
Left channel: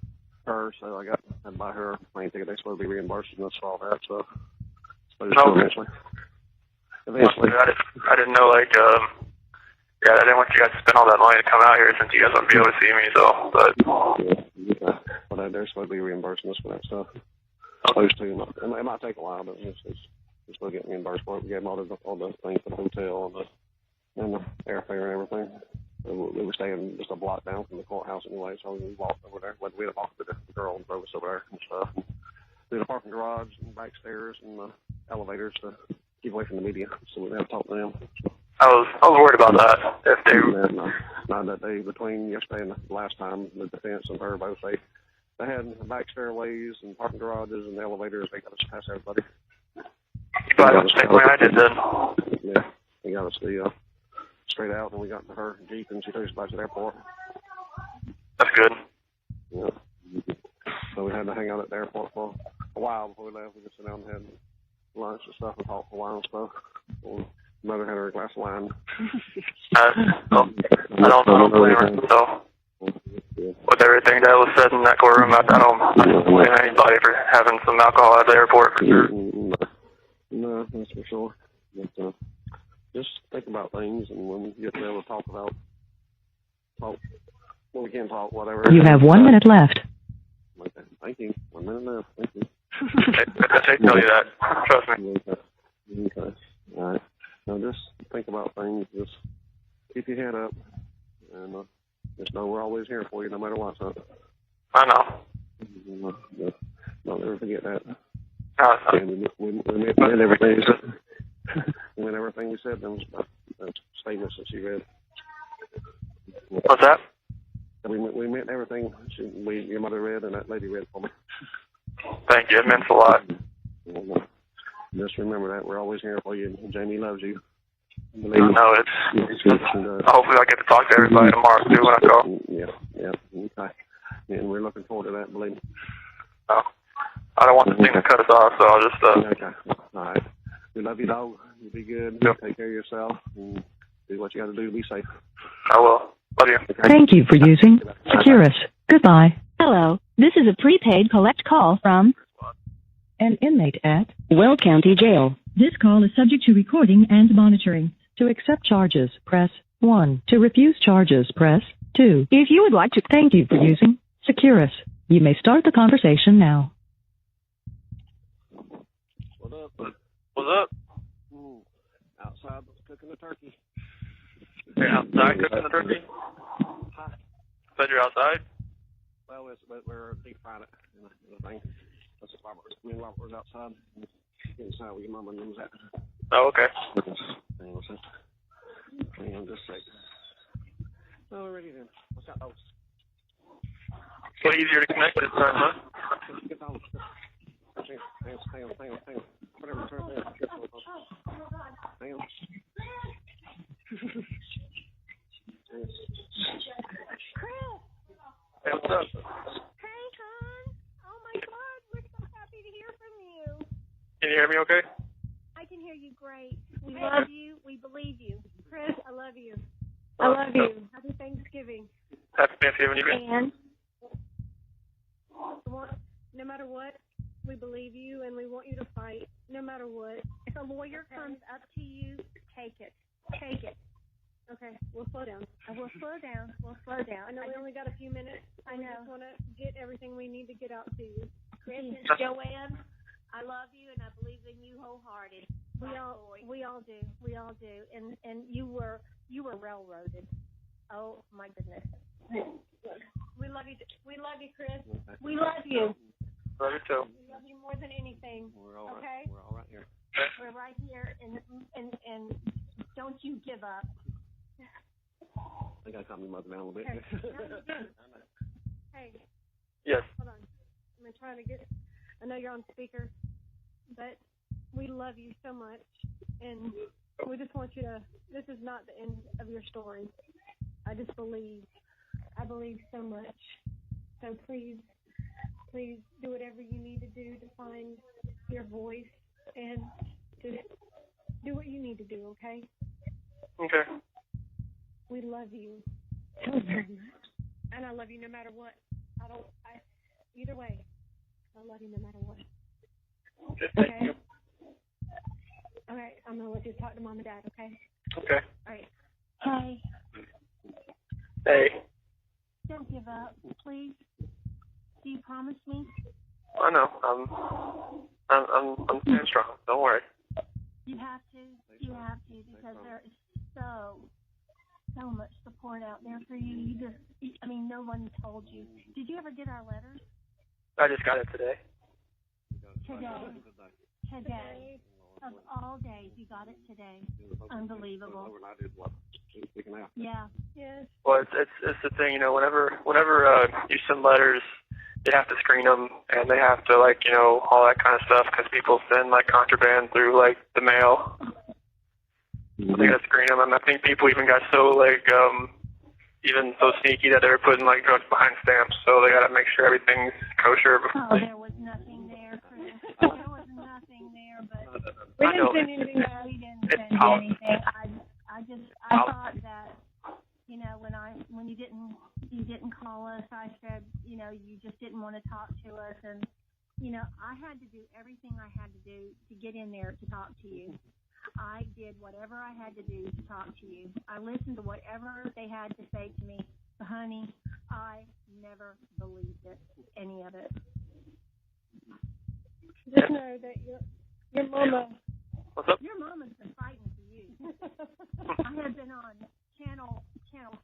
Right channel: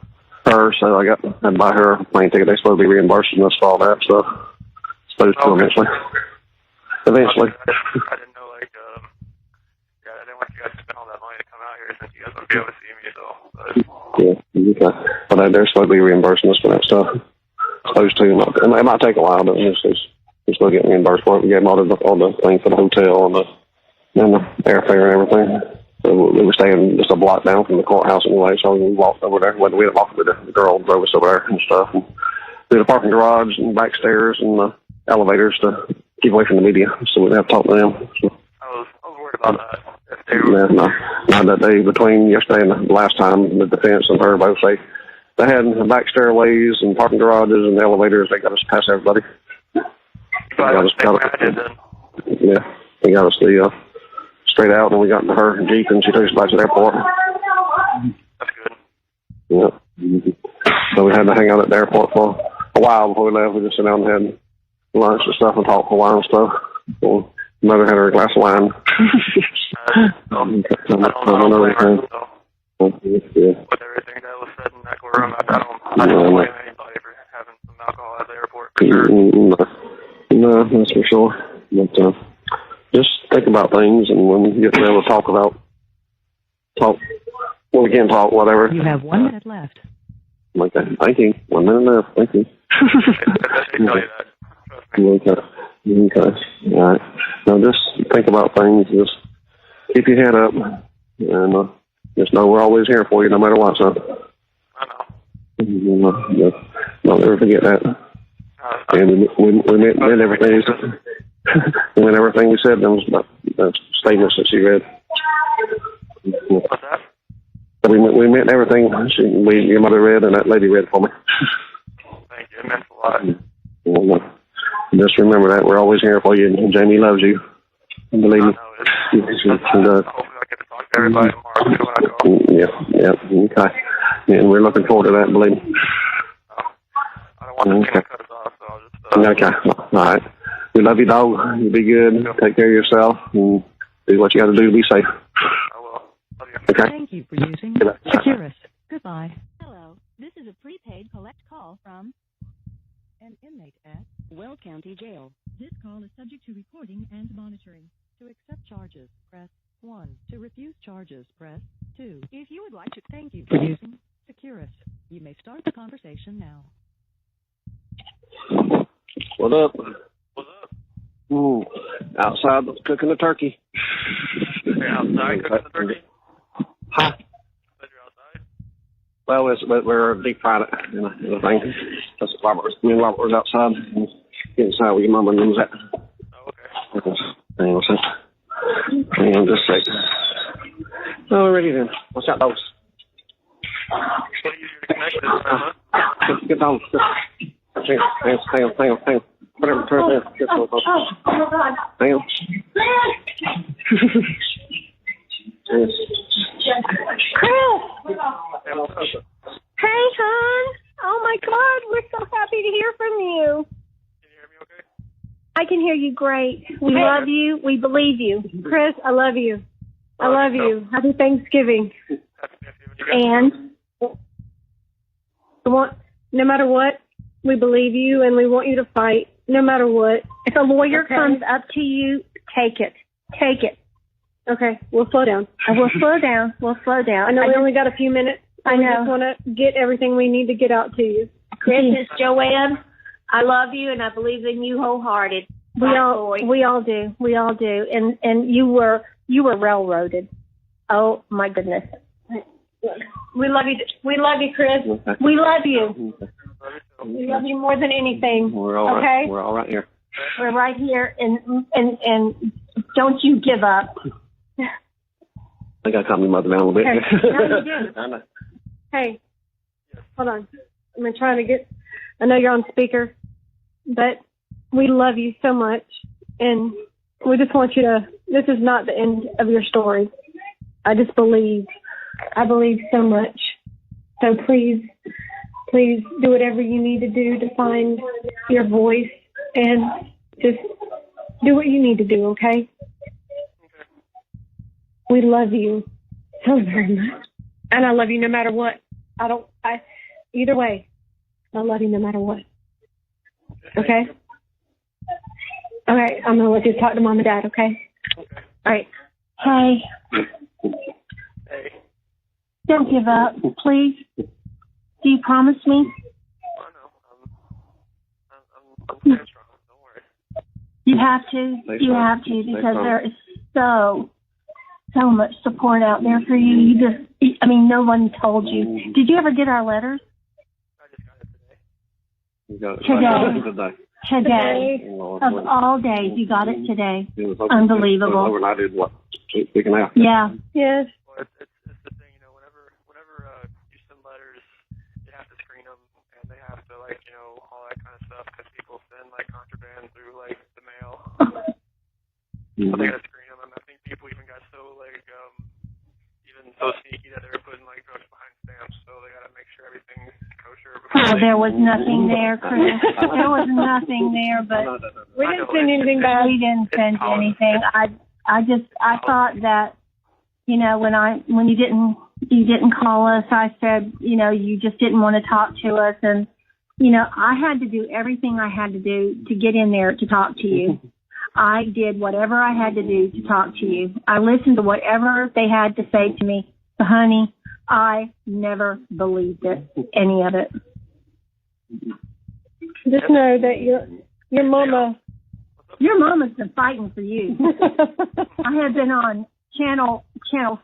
her, so I had to buy her a plane ticket. They're supposed to be reimbursing us for all that stuff. Supposed to eventually. I didn't know, I didn't want you guys to spend all that money to come out here since you guys wouldn't be able to see me, so, but. Yeah, okay. But they're supposed to be reimbursing us for that stuff. Supposed to. It might take a while, but we're still getting reimbursed for it. We gave them all the things for the hotel and the airfare and everything. So we were staying just a block down from the courthouse anyway, so we walked over there. We didn't walk with the girl drove us over there and stuff. And through the parking garage and back stairs and the elevators to keep away from the media, so we didn't have to talk to them. So. I was worried about that. If they not that day between yesterday and the last time, the defense and her both say they had back stairways and parking garages and elevators. They got us past everybody. You probably the same way I did then. Yeah, they got us straight out, and we got into her Jeep, and she took us back to the airport. That's good. Yeah. So we had to hang out at the airport for a while before we left. We just sat down and had lunch and stuff and talked for a while and stuff. So Mother had her a glass of wine. I don't blame her, so. With everything that was said in that courtroom, I don't blame anybody for having some alcohol at the airport, for sure. No, that's for sure. But just think about things, and when we get to be able to talk, when we can talk, whatever. You have 1 minute left. Okay, thank you. 1 minute left, thank you. I should tell you that, trust me. Okay, all right. Now just think about things, just keep your head up, and just know we're always here for you, no matter what, son. I know. Don't ever forget that. And we meant everything you said. We meant everything we said, those statements that she read. What's that? We meant everything your mother read and that lady read for me. Thank you, it meant a lot. Just remember that we're always here for you, and Jamie loves you. Believe me. I know it. Hopefully I'll get to talk to everybody tomorrow too when I call. Yeah, okay. And we're looking forward to that, believe me. Oh, I don't want this thing to cut us off, so I'll just... Okay, all right. We love you, dog. You be good. Take care of yourself, and do what you got to do to be safe. I will. Love you. Okay. Thank you for using Securus. Goodbye. Hello, this is a prepaid collect call from An inmate at Will County Jail. This call is subject to recording and monitoring. To accept charges, press 1. To refuse charges, press 2. If you would like to... Thank you for using Securus. You may start the conversation now. What up? What's up? Outside cooking the turkey. You're outside cooking the turkey? Huh? Said you're outside? Well, we're deep fried it in a thing. That's what me and Robert was outside. Inside where your mama and them was at. Oh, okay. Hang on a second. Hang on just a second. Oh, ready then. What's that, dogs? It's a little easier to connect this time, huh? Get down. Hang on. Whatever, turn it down. Oh, my God. Hang on. Yes. Chris! Hey, what's up? Hey, hon. Oh, my God. We're so happy to hear from you. Can you hear me okay? I can hear you great. We love you. We believe you. Chris, I love you. I love you. Happy Thanksgiving. Happy Thanksgiving, you guys. And no matter what, we believe you and we want you to fight, no matter what. If a lawyer comes up to you, take it. Take it. Okay, we'll slow down. We'll slow down. I know we only got a few minutes. I know. We just want to get everything we need to get out to you. Chris, it's Joanne. I love you and I believe in you wholehearted. We all do. And you were railroaded. Oh my goodness. We love you. We love you, Chris. We love you. Love you too. We love you more than anything. We're all right. We're all right here. We're right here, and don't you give up. I think I calmed my mother down a little bit. Okay. No, you did. Hey. Yes. Hold on. I'm trying to get. I know you're on speaker, but we love you so much, and we just want you to. This is not the end of your story. I believe so much. So please do whatever you need to do to find your voice, and just do what you need to do. Okay. Okay. We love you so very much, and I love you no matter what. Either way, I love you no matter what. Okay? All right, I'm going to let you talk to Mom and Dad, okay? Okay. All right. Hey. Hey. Don't give up, please. Do you promise me? I know. I'm staying strong. Don't worry. You have to. You have to, because there is so much support out there for you. No one told you. Did you ever get our letters? I just got it today. Today. Of all days, you got it today. Unbelievable. Overnight is what? Speaking out. Yeah. Yes. Well, it's the thing, whenever you send letters, they have to screen them, and they have to, all that kind of stuff, because people send, contraband through, the mail. So they got to screen them, and I think people even got so, even so sneaky that they were putting, drugs behind stamps, so they got to make sure everything's kosher before there was nothing there, Chris. There was nothing there, but we didn't send anything back. We didn't send anything. I thought that, when you didn't call us, I said, you just didn't want to talk to us. And, I had to do everything I had to do to get in there to talk to you. I did whatever I had to do to talk to you. I listened to whatever they had to say to me. But honey, I never believed it, any of it. Just know that your mama's been fighting for you. I have been on Channel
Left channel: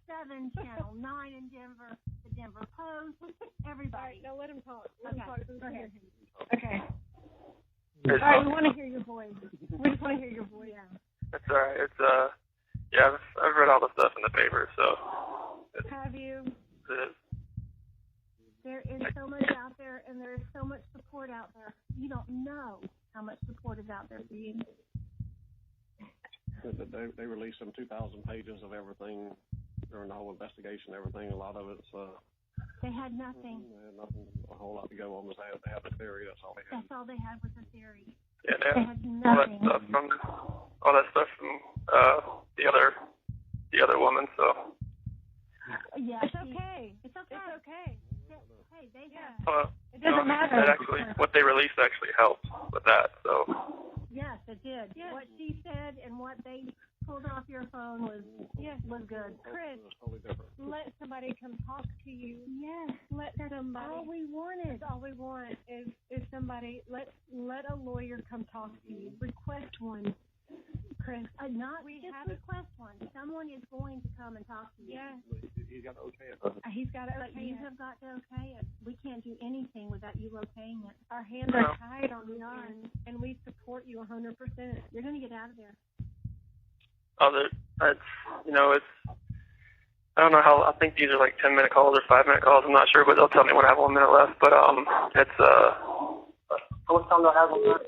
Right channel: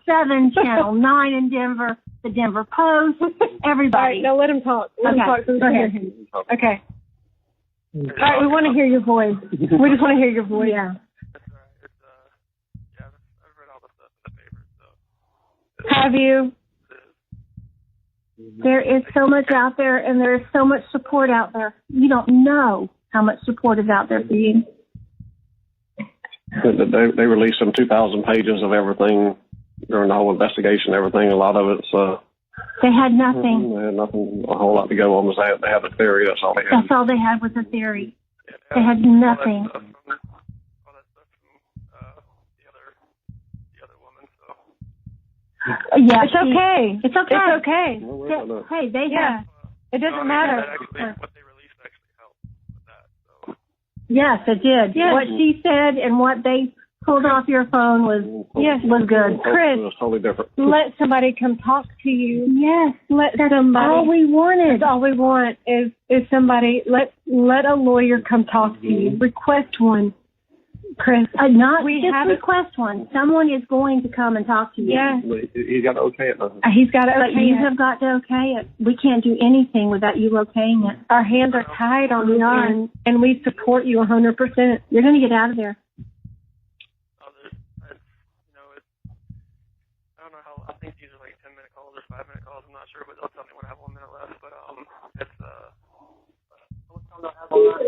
7, Channel 9 in Denver, the Denver Post, everybody. All right, now let him talk. Let him talk so we go can hear ahead. him. Okay. All right, we want to hear your voice. We just want to hear your voice. Yeah. That's all right. It's yeah, I've read all the stuff in the paper, so. Have you? There is so much out there, and there is so much support out there. You don't know how much support is out there for you. They released some 2,000 pages of everything during the whole investigation. Everything, a lot of it's. They had nothing. They had nothing, a whole lot to go on. Was they had the theory. That's all they had. That's all they had was a theory. Yeah, they had nothing. All that stuff from the other woman. So. Yeah, it's okay. It's okay. It's okay. Hey, they have. It doesn't matter. That actually, what they released actually helped with that. So. Yes, it did. Yes. What she said and what they pulled off your phone was good. Chris, it was totally different. Let somebody come talk to you. Yes, that's all we wanted. That's all we want is somebody. Let a lawyer come talk to you. Request one. Chris, request one. Someone is going to come and talk to you. Yeah. He's got to okay it, though. He's got to okay it. But you have got to okay it. We can't do anything without you okaying it. Our hands are tied on this, and we support you 100%. You're going to get out of there. It's I don't know how, I think these are like 10-minute calls or 5-minute calls. I'm not sure, but they'll tell me when I have 1 minute left. But it's how much time do I have on that?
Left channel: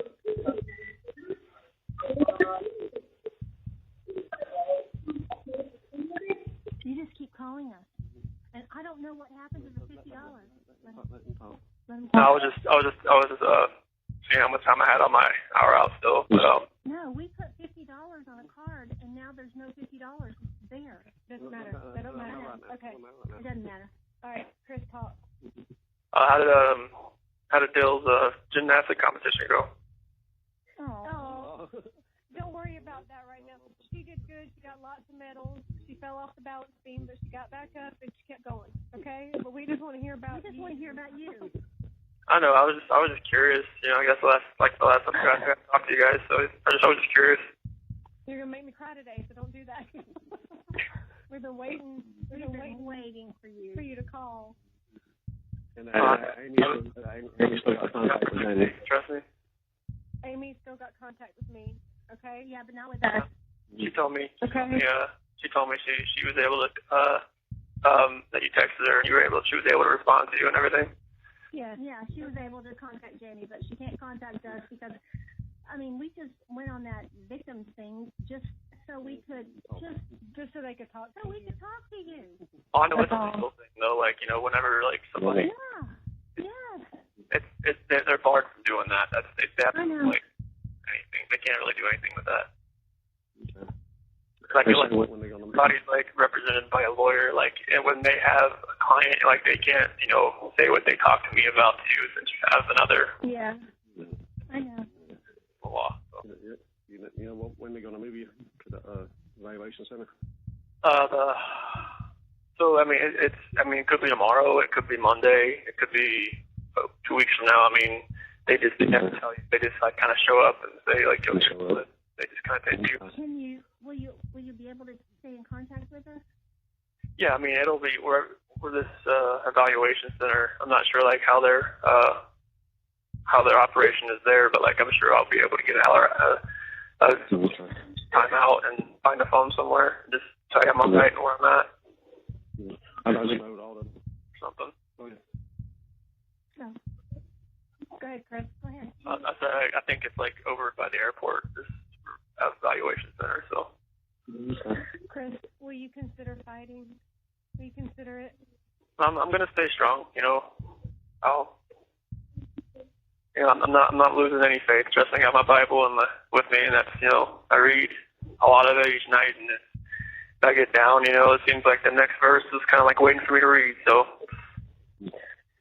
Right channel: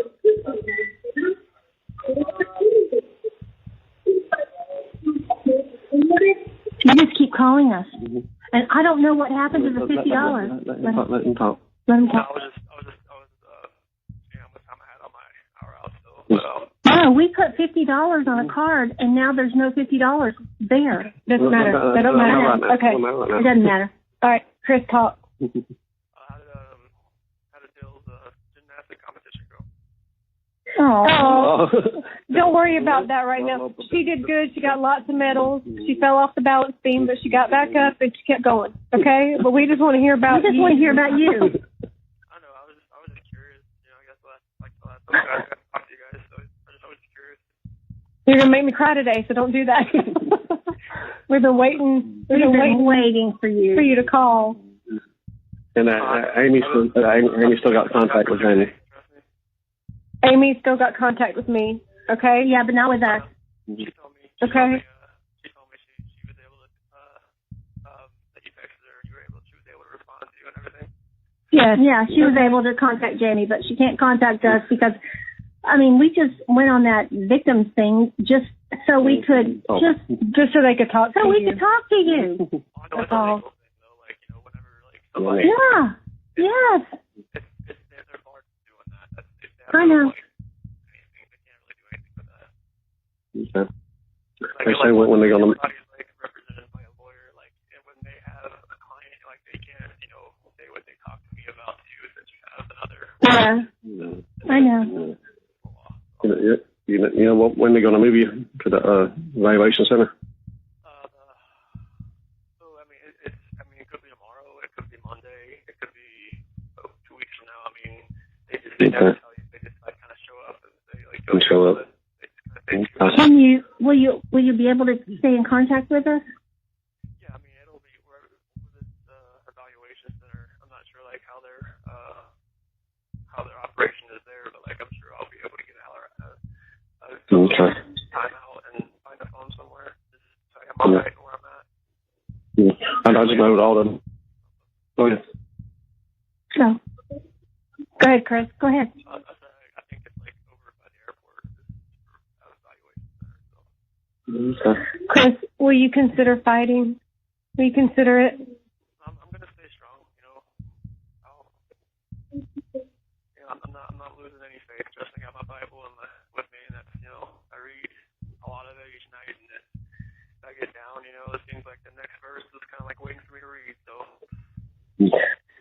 You just keep calling us, and I don't know what happened to the $50. Let him talk. Let him talk. No, I was just seeing how much time I had on my hour out still. But no, we put $50 on a card, and now there's no $50 there. Doesn't matter. That don't matter. Okay, it doesn't matter. All right, Chris, talk. How did Dill's gymnastic competition go? Oh, don't worry about that right now. She did good. She got lots of medals. She fell off the balance beam, but she got back up and she kept going. Okay, but we just want to hear about you. I know. I was just curious. I guess the last time I got to talk to you guys, so I was just curious. You're gonna make me cry today, so don't do that. We've been waiting. Waiting for you to call. And Amy still got contact with Amy. Trust me. Amy still got contact with me. Okay. Yeah, but not with us. She told me. Okay. She told me she was able to that you texted her and she was able to respond to you and everything. Yes. Yeah, she was able to contact Jamie, but she can't contact us because, we just went on that victims thing just so we could just so they could talk to you. So we could talk to you. I know it's a legal thing though. Whenever somebody. Yeah. Yes. They're barred from doing that. They have I know. Anything. They can't really do anything with that. Okay. They say when they're gonna. Everybody's represented by a lawyer. And when they have a client, they can't say what they talk to me about to you since you have another. Yeah. I know. Law. So. When they're gonna move you to the evaluation center? So it could be tomorrow. It could be Monday. It could be 2 weeks from now. They never tell you. They just kind of show up and say go show up. They just kind of take you. Will you be able to stay in contact with us? Yeah, it'll be we're this evaluation center. I'm not sure how their operation is there, but I'm sure I'll be able to get time out and find a phone somewhere. Just tell you I'm right and where I'm at. I just know all them. Something. Go ahead. No. Go ahead, Chris. Go ahead. I think it's over by the airport, this evaluation center. So. Okay. Chris, will you consider fighting? Will you consider it? I'm gonna stay strong. I'm not losing any faith. Trusting I got my Bible with me, and that's I read. a lot of it each night, and if I get down, you know, it seems like the next verse is kind of like waiting for me to read. So.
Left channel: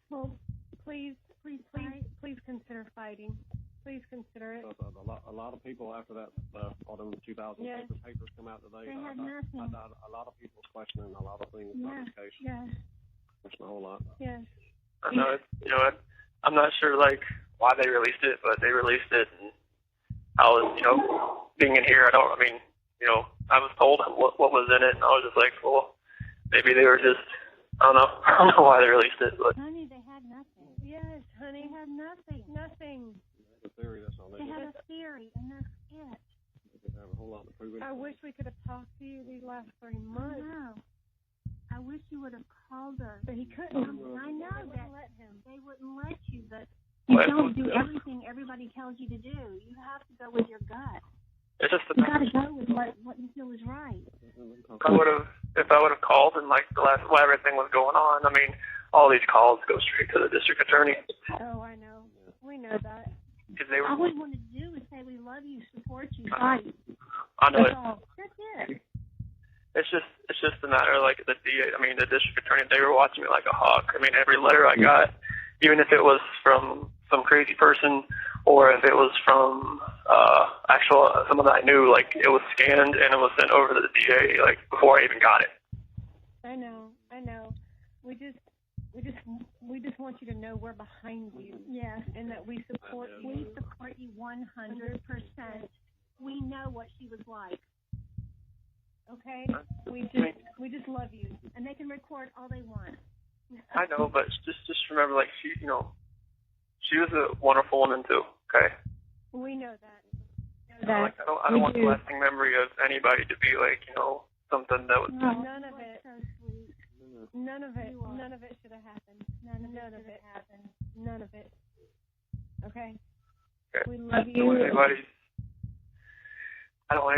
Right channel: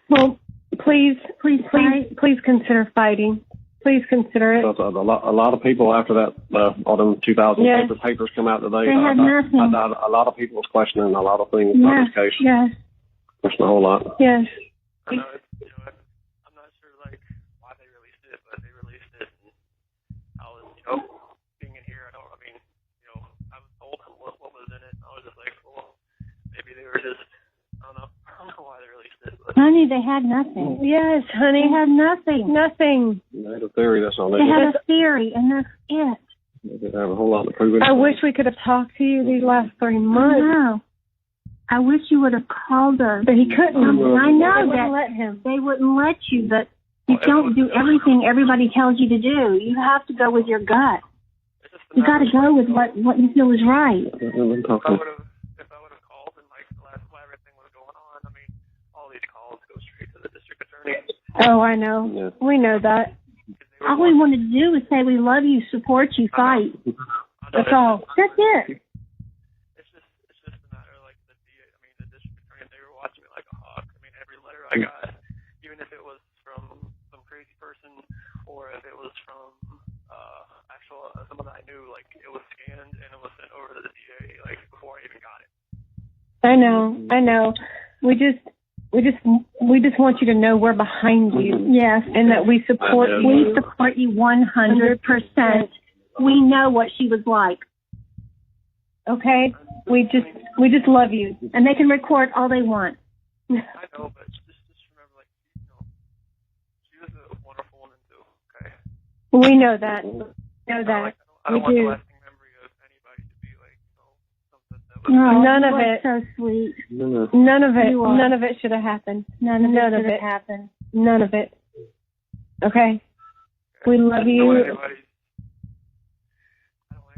Well, please consider fighting. Please consider it. A lot of people after that, all them 2,000 Yes. papers come out today. They had nothing. A lot of people was questioning a lot of things about this case. Yes. Question a whole lot. Yes. I know, you know, I'm not sure like why they released it, but they released it, and I was, you know, being in here, I was told what was in it, and I was just like, well, maybe they were just, I don't know why they released it, but. Honey, they had nothing. Yes, honey. They had nothing. Nothing. They had a theory, that's all they They did. had a theory, and that's it. They didn't have a whole lot to prove it. I wish we could have talked to you these last 3 I months. know. I wish you would have called us. But he couldn't. I know They wouldn't that let him. they wouldn't let you, but you don't do everything everybody tells you to do. You have to go with your gut. It's just You got to go with what you feel is right. If I would have called and like while everything was going on, I mean, all these calls go straight to the district attorney. Oh, I know. Yeah. We know that. All we want to do is say we love you, support you, fight. I know. That's all. That's it. It's just a matter of like the district attorney. They were watching me like a hawk. I mean, every letter I got, even if it was from some crazy person or if it was from someone that I knew, like it was scanned and it was sent over to the DA like before I even got it. I know. We just want you to know we're behind you. Yes. And that we support you. We support you 100%. We know what she was like. Okay? We just love you. And they can record all they want. I know, but just remember, like she was a wonderful woman too. Okay. We know that. I don't want the lasting memory of anybody to be like, you know, something that was. No, none of it. So sweet. None of it should have happened. None of it happened. None of it. Okay. We love I don't you. want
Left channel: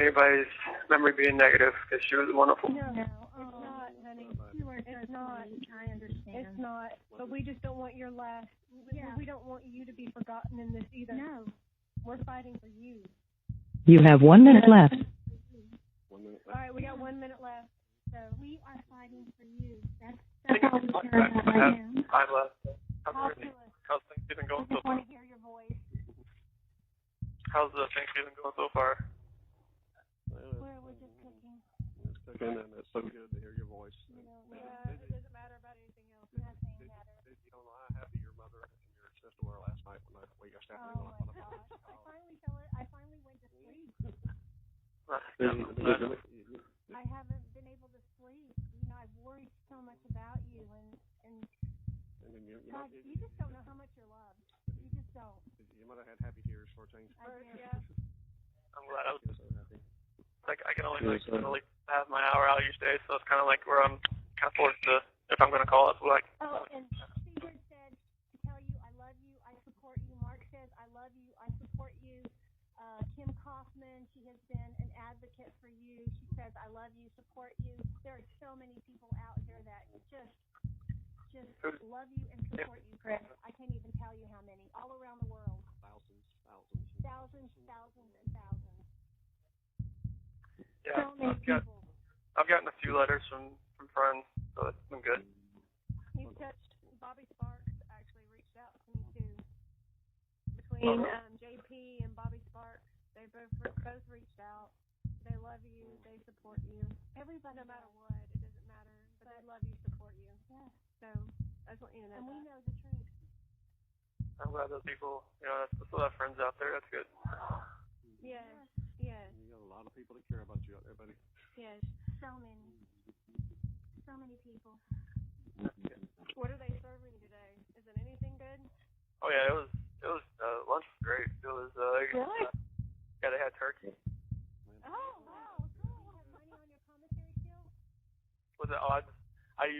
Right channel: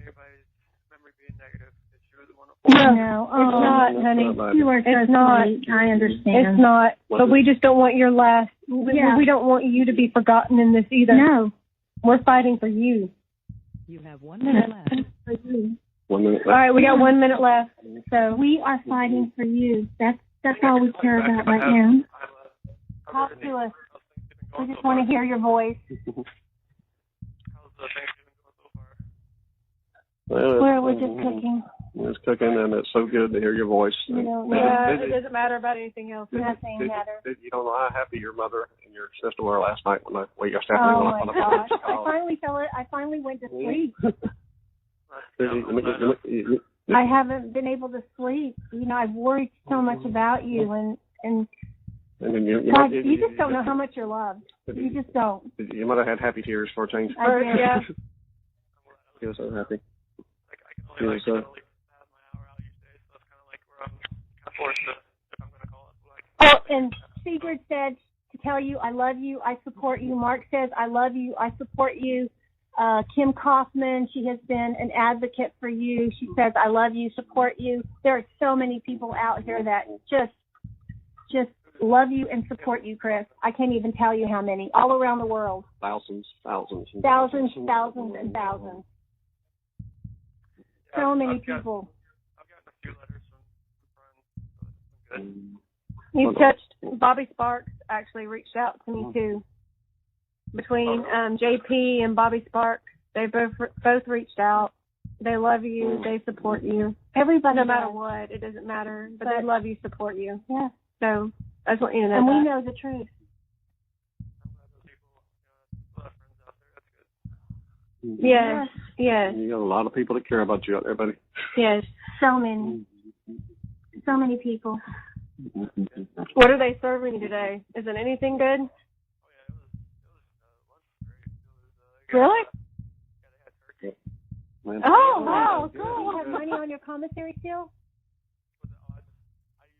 anybody's memory being negative because she was a wonderful. No, it's not, honey. You are so sweet. I understand. It's not. But we just don't want your last. Yeah. We don't want you to be forgotten in this either. No. We're fighting for you. You have 1 minute left. 1 minute All right, we got 1 minute left. So we are fighting for you. That's all we care about right now. Talk to us. How's Thanksgiving We going just so far? want to hear your voice. How's the Thanksgiving going so far? We're just cooking. It's cooking, and it's so good to hear your voice. We don't it doesn't matter about anything else. Nothing matters. You don't know how happy your mother and your sister were last night when your staff Oh went my on the gosh! phone. I finally went to sleep. You I haven't been able to sleep. You know, I've worried so much about you, and God, you just don't know how much you're loved. You just don't. You might have had happy tears for a change. I did. Yeah. I'm glad I was. You're so happy. Like I can only have my hour out each day, so it's kind of like where I'm kind of forced to, if I'm going to call it, like. Oh, and Sigrid said to tell you, I love you, I support you. Mark says, I love you, I support you. Kim Kaufman, she has been an advocate for you. She says, I love you, support you. There are so many people out here that just love you and support you, Chris. I can't even tell you how many, all around the world. Thousands. Thousands, and thousands. Yeah, So many people. I've gotten a few letters from friends, so it's been good. You've touched. Bobby Sparks actually reached out to me too. Between JP and Bobby Sparks, they both reached out. They love you. They support you. Everybody, no matter what, it doesn't matter. But they love you, support you. Yeah. So I just want you to know and that. we know the truth. I'm glad those people, you know, there's still have friends out there. That's good. Yes. You got a lot of people that care about you out there, buddy. Yes. So many people. What are they serving you today? Is it anything good? Oh yeah, it was lunch was great. It was really? Yeah, they had turkey. Oh wow, cool. Do you have money on your commissary still? Was it? Oh, I've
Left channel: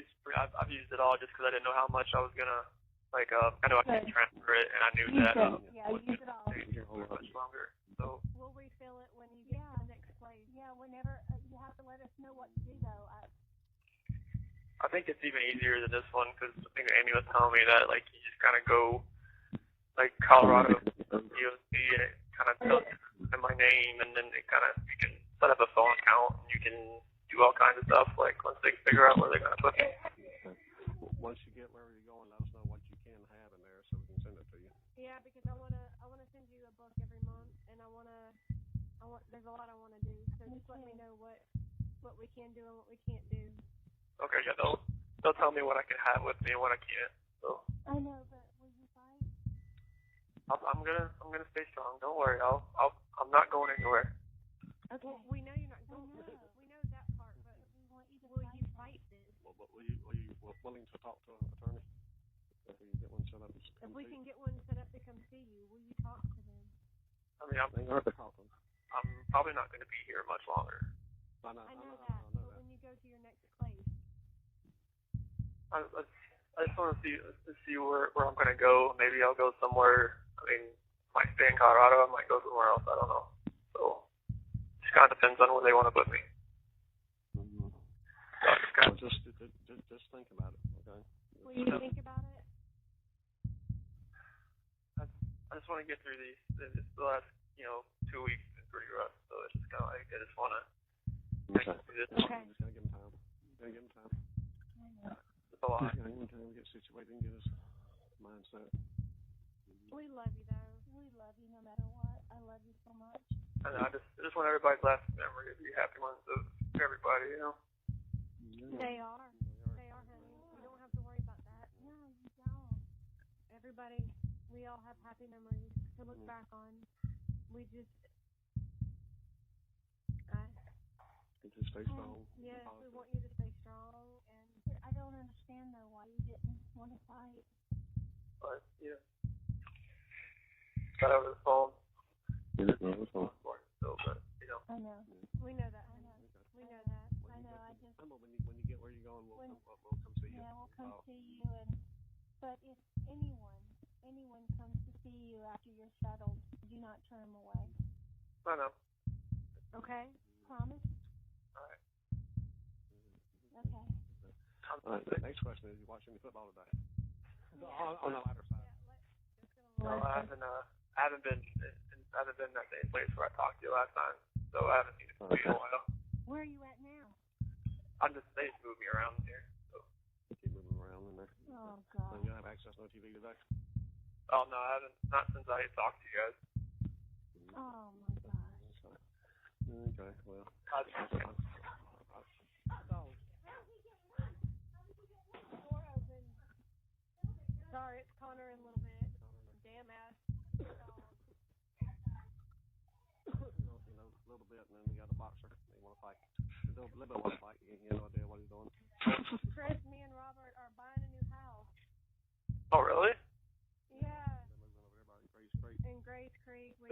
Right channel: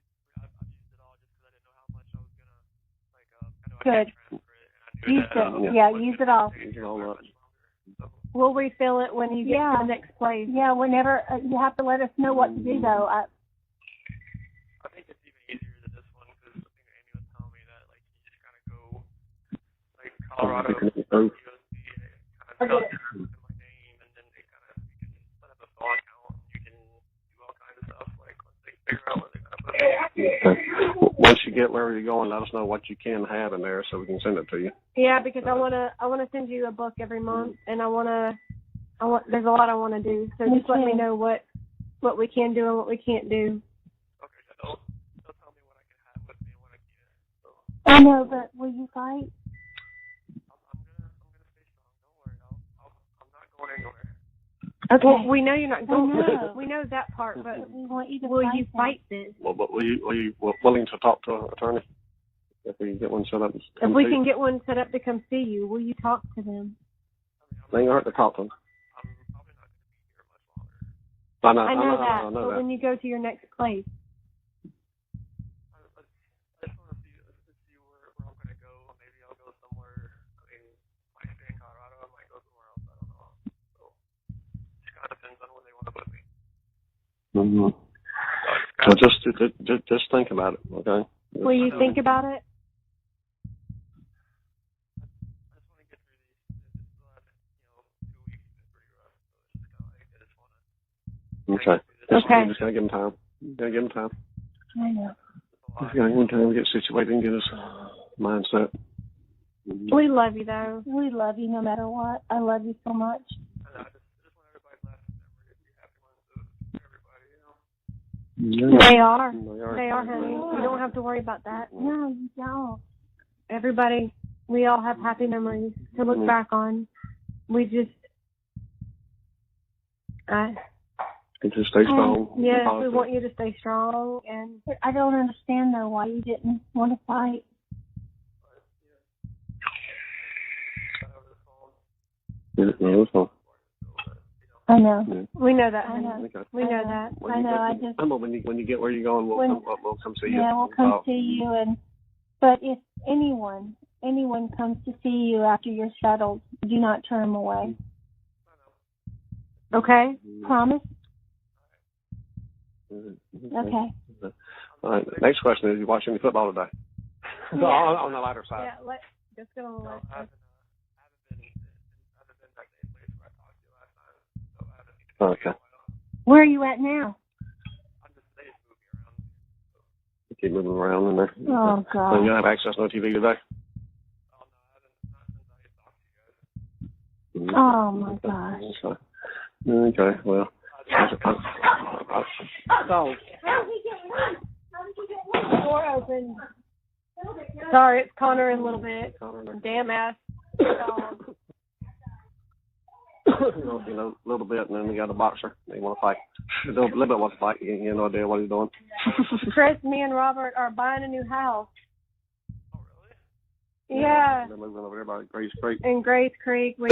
used it all just because I didn't know how much I was gonna like. I know I Good. can't transfer it, and I knew Use that. it. Use it all. Much longer. So. We'll refill it when you get to the next place. Yeah, whenever you have to let us know what to do though. I think it's even easier than this one because I think Amy was telling me that like you just kind of go like Colorado, USC, and it kind of tells you my name, and then it kind of you can set up a phone account, and you can do all kinds of stuff, like, once they figure out where they're going to put me. Okay. Once you get wherever you're going, let us know what you can have in there so we can send it to you. Yeah, because I wanna send you a book every month, and there's a lot I wanna do. So just let me know what we can do and what we can't do. Okay, yeah, they'll tell me what I can have with me and what I can't. So I know, but will you fight? I'm gonna stay strong. Don't worry. I'm not going anywhere. Okay. Well, we know you're not going. know. We know that part, but We want you to will fight you them. fight this? Well, but were you willing to talk to an attorney? If we can get one set up. If we can get one set up to come see you, will you talk to them? I mean, They ain't hurt to talk to them. I'm probably not going to be here much longer. I I know that, I know but that. when you go to your next place, I just want to see where I'm going to go. Maybe I'll go somewhere. I mean, I might stay in Colorado. I might go somewhere else. I don't know. So it just kind of depends on where they want to put me. Mm-hmm. So just think about it, okay? will you think about it? I just want to get through these. It's the last, 2 weeks has been pretty rough. So it's just kind of like I just want to. Okay. Okay. Just gotta give them time. Gotta give them time. I know. It's a lot. Just gotta give them time to get situated and get his mindset. We love you though. We love you no matter what. I love you so much. I know. I just want everybody's last memory to be happy ones of everybody. They are. They are, honey. You don't have to worry about that. No, you don't. Everybody, we all have happy memories to look back on. We just, Just stay strong. yes, we want you to stay strong. And I don't understand though why you didn't want to fight. But got over the phone. Yeah, it was fun. So, but, I know. Yeah. we know that, I honey. know. Okay. We know that. I know. I just. When you get where you're going, we'll come see you. Yeah, we'll come see you. But if anyone comes to see you after you're settled, do not turn them away. I know. Okay? Promise? Mm-hmm. Okay. All right. Next question is: you watch any football today? On the lighter side. Yeah, let's get on the No, list. I haven't been in that same place where I talked to you last time. So I haven't seen it in a while. Where are you at now? They just moved me around here. So. Keep moving around in there. Oh, God. So you have access to no TV today? Oh no, I haven't. Not since I talked to you guys. Mm-hmm. Oh, my gosh. Okay. Well. Door Sorry, it's Connor in a little bit. Damn ass dog. A little bit, and then we got a boxer. They want to fight. A little bit wants to fight. You have no idea what he's doing. Chris, me and Robert are buying a new house. Oh, really? Yeah. They're moving over there by Grace Creek. In Grace Creek, we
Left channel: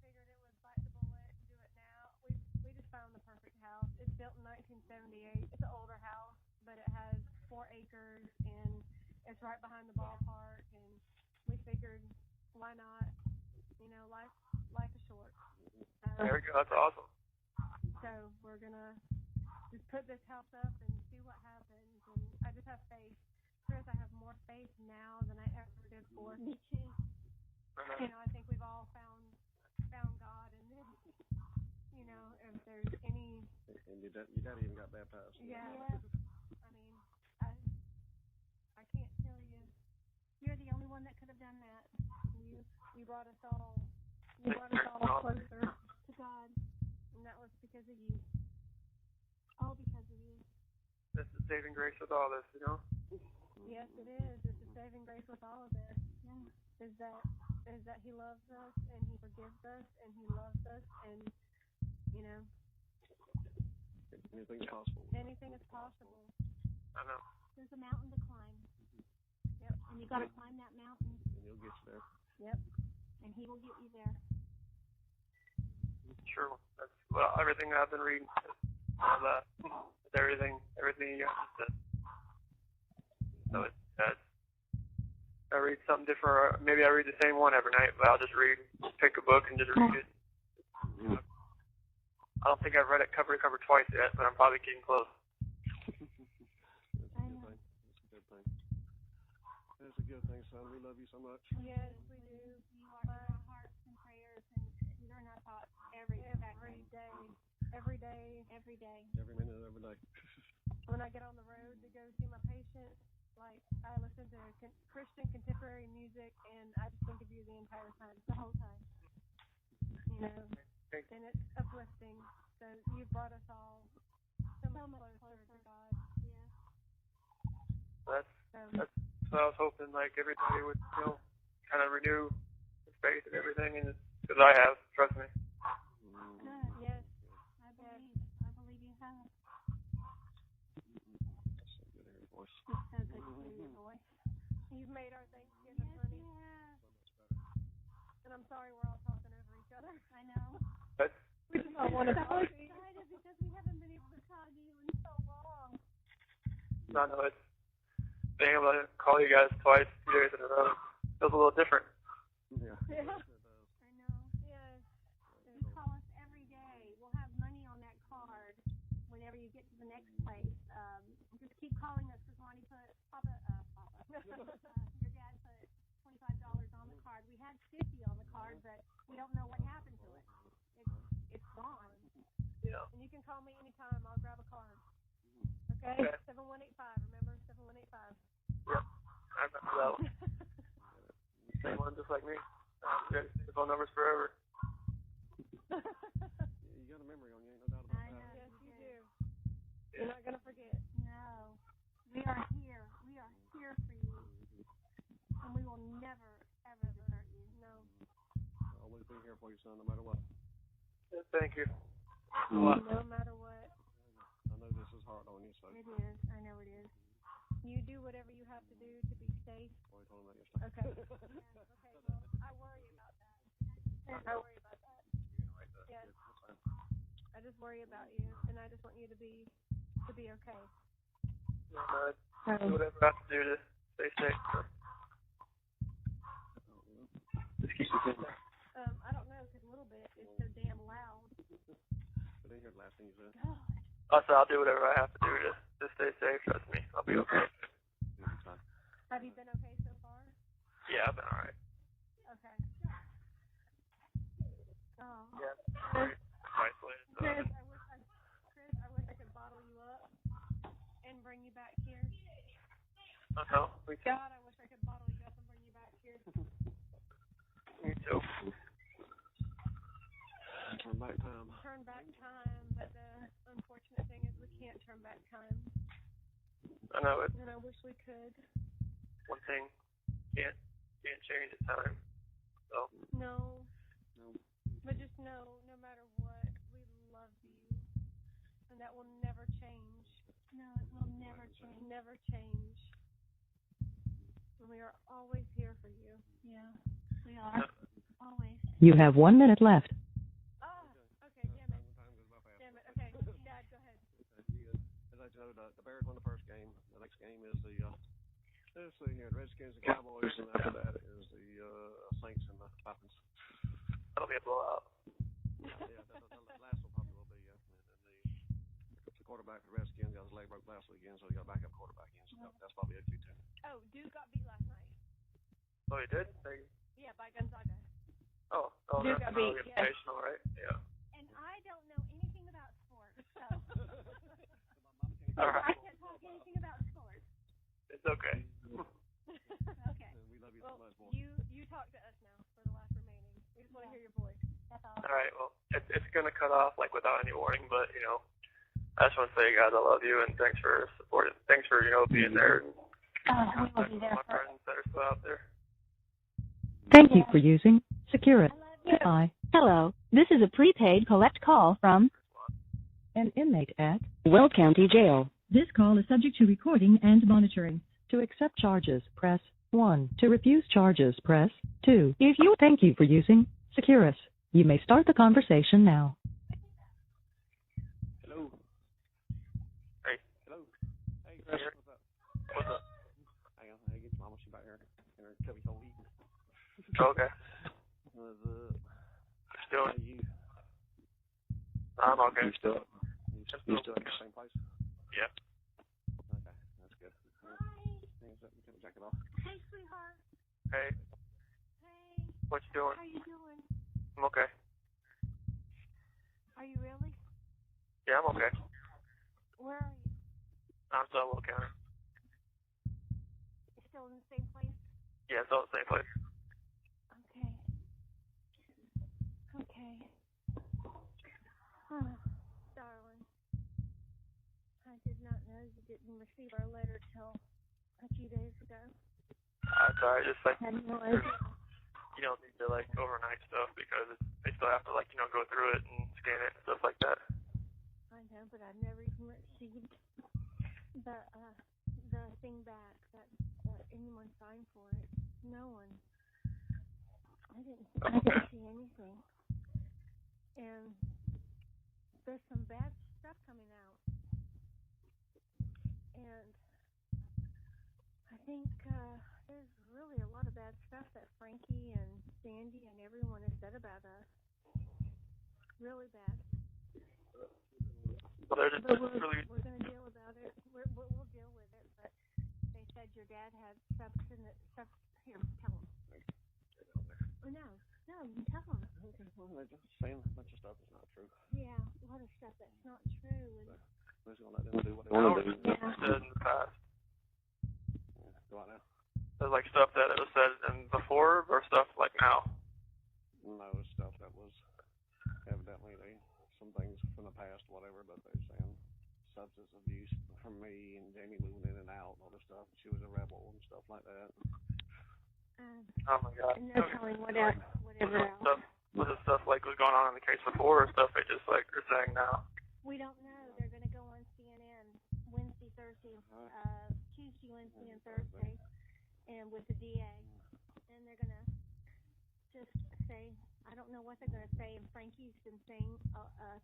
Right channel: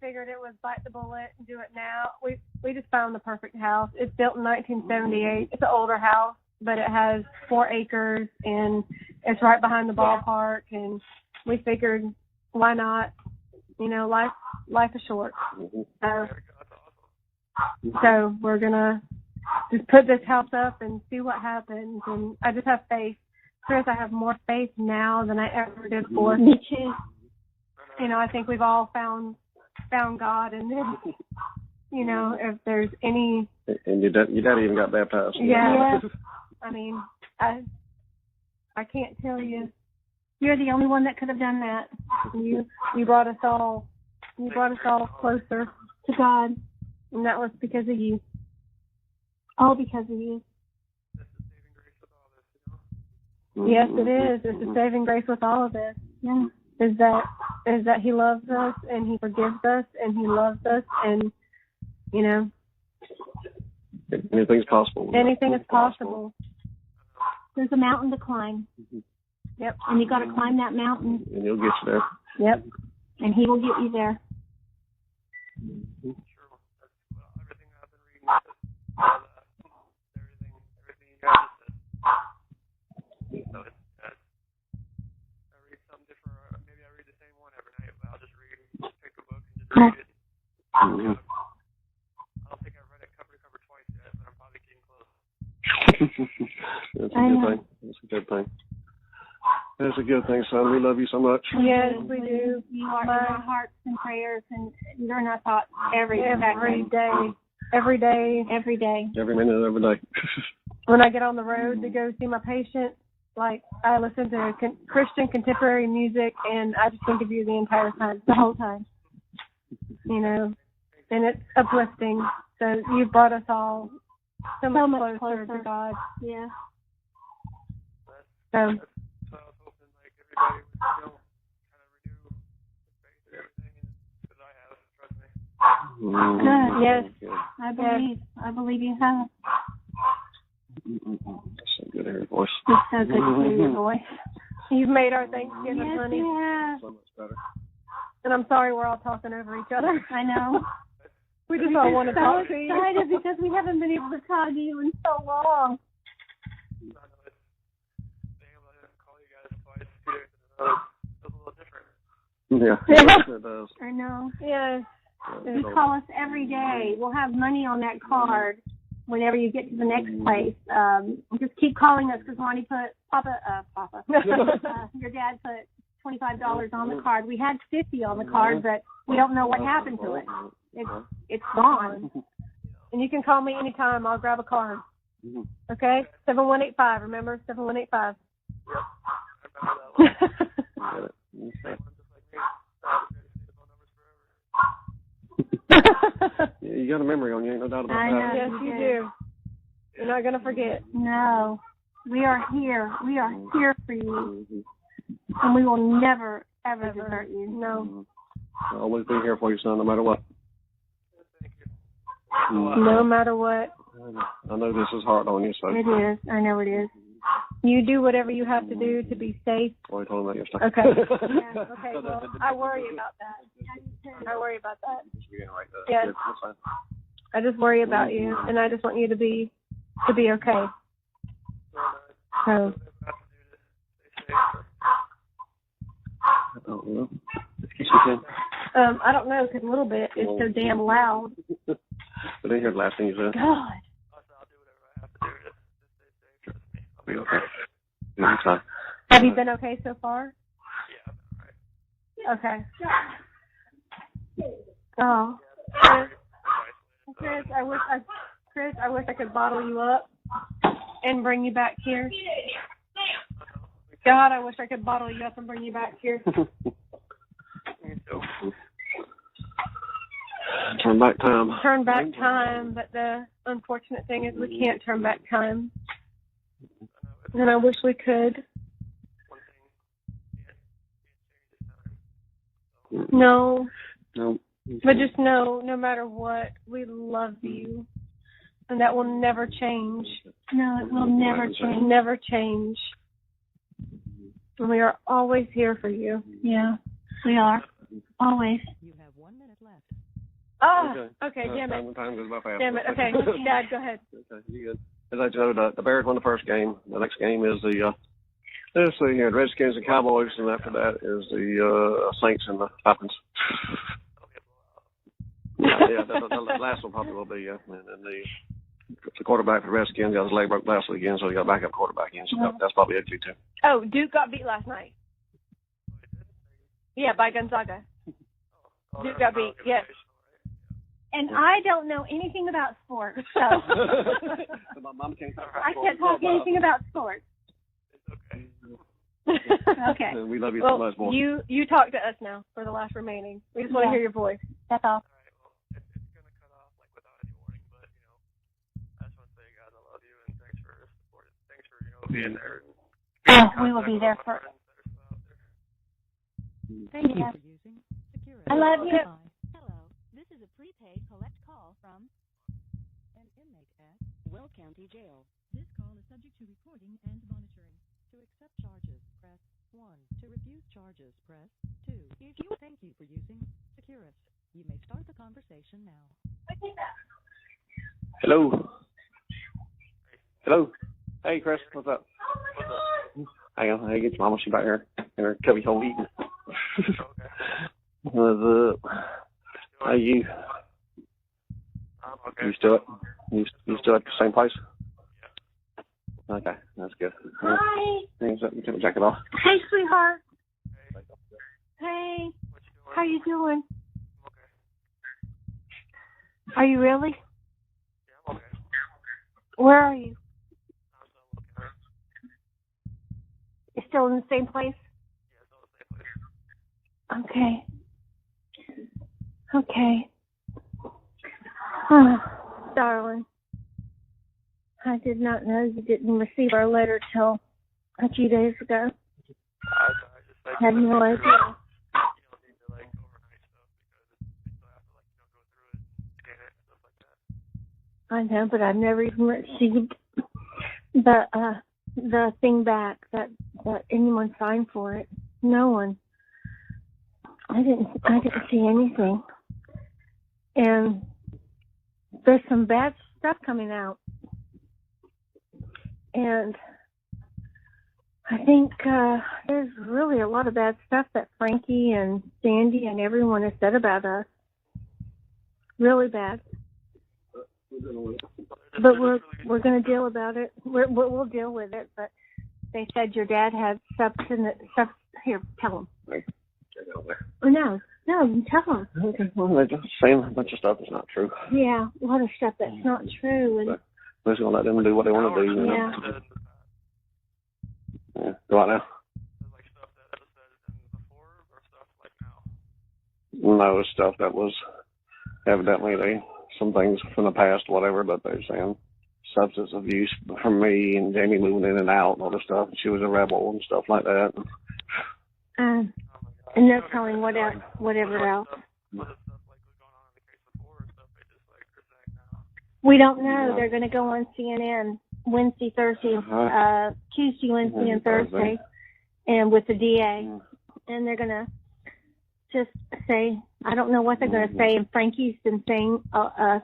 figured it was bite the bullet and do it now. We just found the perfect house. It's built in 1978. It's an older house, but it has 4 acres and it's right behind the ballpark. And we figured, why not? You know, life is short. There we go. That's awesome. So we're gonna just put this house up and see what happens. And I just have faith. Chris, I have more faith now than I ever did before. Me too. You know, I think we've all found God, and then, you know, if there's any. And your dad even got baptized. Yeah. I mean, I can't tell you. You're the only one that could have done that. You brought us all. You brought us all closer to God, and that was because of you. All because of you. That's the saving grace with all this, you know. Yes, it is. It's the saving grace with all of this. Yeah. Is that He loves us and He forgives us and He loves us, and you know. Anything's possible. Anything is possible. There's a mountain to climb. Yep. And you got to climb that mountain. And he'll get you there. Yep. And He will get you there. Sure. That's everything I've been reading. All that. Everything you guys just said. So it's I read something different. Maybe I read the same one every night, but I'll just pick a book and just read it. I don't think I've read it cover to cover twice yet, but I'm probably getting close. That's a good thing. That's a good thing. That's a good thing, son. We love you so much. Yes, we do. You are in our hearts and prayers, and you're in our thoughts every day. every day. Every day. Every minute of every day. When I get on the road to go see my patient, like, I listen to Christian contemporary music, and I just think of you the entire time, the whole time. You know, and it's uplifting. So you've brought us all so much closer to God. Yeah. That's what I was hoping, like, everybody would, you know, kind of renew their faith and everything, and because I have, trust me. Good. Yes. I believe you have. That's so good to hear your voice. It's so good to hear your voice. You've made our Thanksgiving, Yes, honey. yeah. So much better. And I'm sorry we're all talking over each other. I know. We just all want to talk to you. I'm so excited because we haven't been able to talk to you in so long. I know it's being able to call you guys twice, 2 days in a row, feels a little different. Yeah. It does. I know. Yes. You call us every day. We'll have money on that card whenever you get to the next place. Just keep calling us because Ronnie put, your dad put $25 on the card. We had $50 on the card, but we don't know what happened to it. It's gone. And you can call me anytime. I'll grab a card. Okay? 7185. Remember? 7185. Yep, I remember that one. Same one, just like me. I've been the phone numbers forever. Yeah, you got a memory on you, ain't no doubt about that. Yes, you do. You're not going to forget. No. We are here. We are here for you. And we will never, ever desert you. No. I'll always be here for you, son, no matter what. Thank you. No matter what. I know this is hard on you, so. It is. I know it is. You do whatever you have to do to be safe. Boy, told me that yesterday. Okay. Yeah, okay, well, I worry about that. I worry about that. Yes. I just worry about you, and I just want you to be okay. Do whatever I have to do to stay safe. I don't know. Excuse me, Ken. I don't know, because a little bit is so damn loud. I didn't hear the last thing you said. God. Also, I'll do whatever I have to do to stay safe. Trust me, I'll be okay. Okay. Have you been okay so far? Yeah, I've been alright. Okay. Oh. Chris, I wish I could bottle you up and bring you back here. God, I wish I could bottle you up and bring you back here. Me too. Turn back time. Turn back time, but the unfortunate thing is we can't turn back time. I know it's. And I wish we could. One thing can't change in time. So. No. No. But just know, no matter what, we love you. And that will never change. No, it will never change. Never change. And we are always here for you. Yeah, we are. Always. You have 1 minute left. Oh, okay, damn it. Time goes by fast. Damn it, okay. Dad, go ahead. Okay, you good. As I told you, the Bears won the first game. The next game is the Redskins and Cowboys, and after that is the Saints and the Falcons. That'll be a blowout. Yeah, the last one probably will be, yeah. And then the quarterback for the Redskins got his leg broke last weekend, so he got a backup quarterback in, so that's probably ugly too. Oh, Duke got beat last night. Oh, you did? Yeah, by Gonzaga. Oh, Duke got beat, yes. Right? Yeah. And I don't know anything about sports, so My mom can't I can't talk anything about sports. It's okay. Okay. We love you well, so much, boy. You talk to us now for the last remaining. We just want to hear your voice. That's all. All right. Well, it's gonna cut off like without any warning, but you know, I just want to say, guys, I love you and thanks for supporting. Thanks for being there. And we will be there for. Friends that are still out there. Thank you for using Securus. I love you. Goodbye. Hello, this is a prepaid collect call from An inmate at Weld County Jail. This call is subject to recording and monitoring. To accept charges, press 1. To refuse charges, press 2. Thank you for using Securus. You may start the conversation now. Hello. Hey. Hello. Hey, Chris. What's up? What's up? Hang on. Hey, get your mama. She's back here in her cubby hole eating. Okay. What's up? How you? I'm okay. You still at the same place? Yeah. Okay, that's good. Hi. Things up. You take the jacket off. Hey, sweetheart. Hey. Hey. What you doing? How you doing? I'm okay. Are you really? Yeah, I'm okay. Where are you? I'm still in Will County. You're still in the same place? Yeah, still in the same place. Okay. Okay. Oh, darling. I did not know you didn't receive our letter till a few days ago. Sorry, just like, Had no idea. You don't need to like overnight stuff because they still have to like, go through it and scan it and stuff like that. I know, but I've never even received the thing back that anyone signed for it. No one. I didn't see anything. And there's some bad stuff coming out. And I think there's really a lot of bad stuff that Frankie and Sandy and everyone has said about us. Really bad. But we're going to deal about it. We'll deal with it. But they said your dad had substance. Here, tell him. Oh, no, you tell him. Okay, well, they're just saying a bunch of stuff that's not true. Yeah, a lot of stuff that's not true. And We're just going to let them do what they want to do. You know? Yeah. Said in the past. Yeah. Go on now. There's like stuff that it was said in before or stuff like now. No, it's stuff that was evidently some things from the past, whatever, but they're saying substance abuse from me and Jamie moving in and out and all this stuff. She was a rebel and stuff like that. Oh my God. And no telling whatever else. Was it stuff like was going on in the case before or stuff they just like are saying now? We don't know. They're going to go on CNN Wednesday, Thursday, Tuesday, Wednesday, and Thursday, and with the DA. And they're going to just say, I don't know what they're going to say. And Frankie's been saying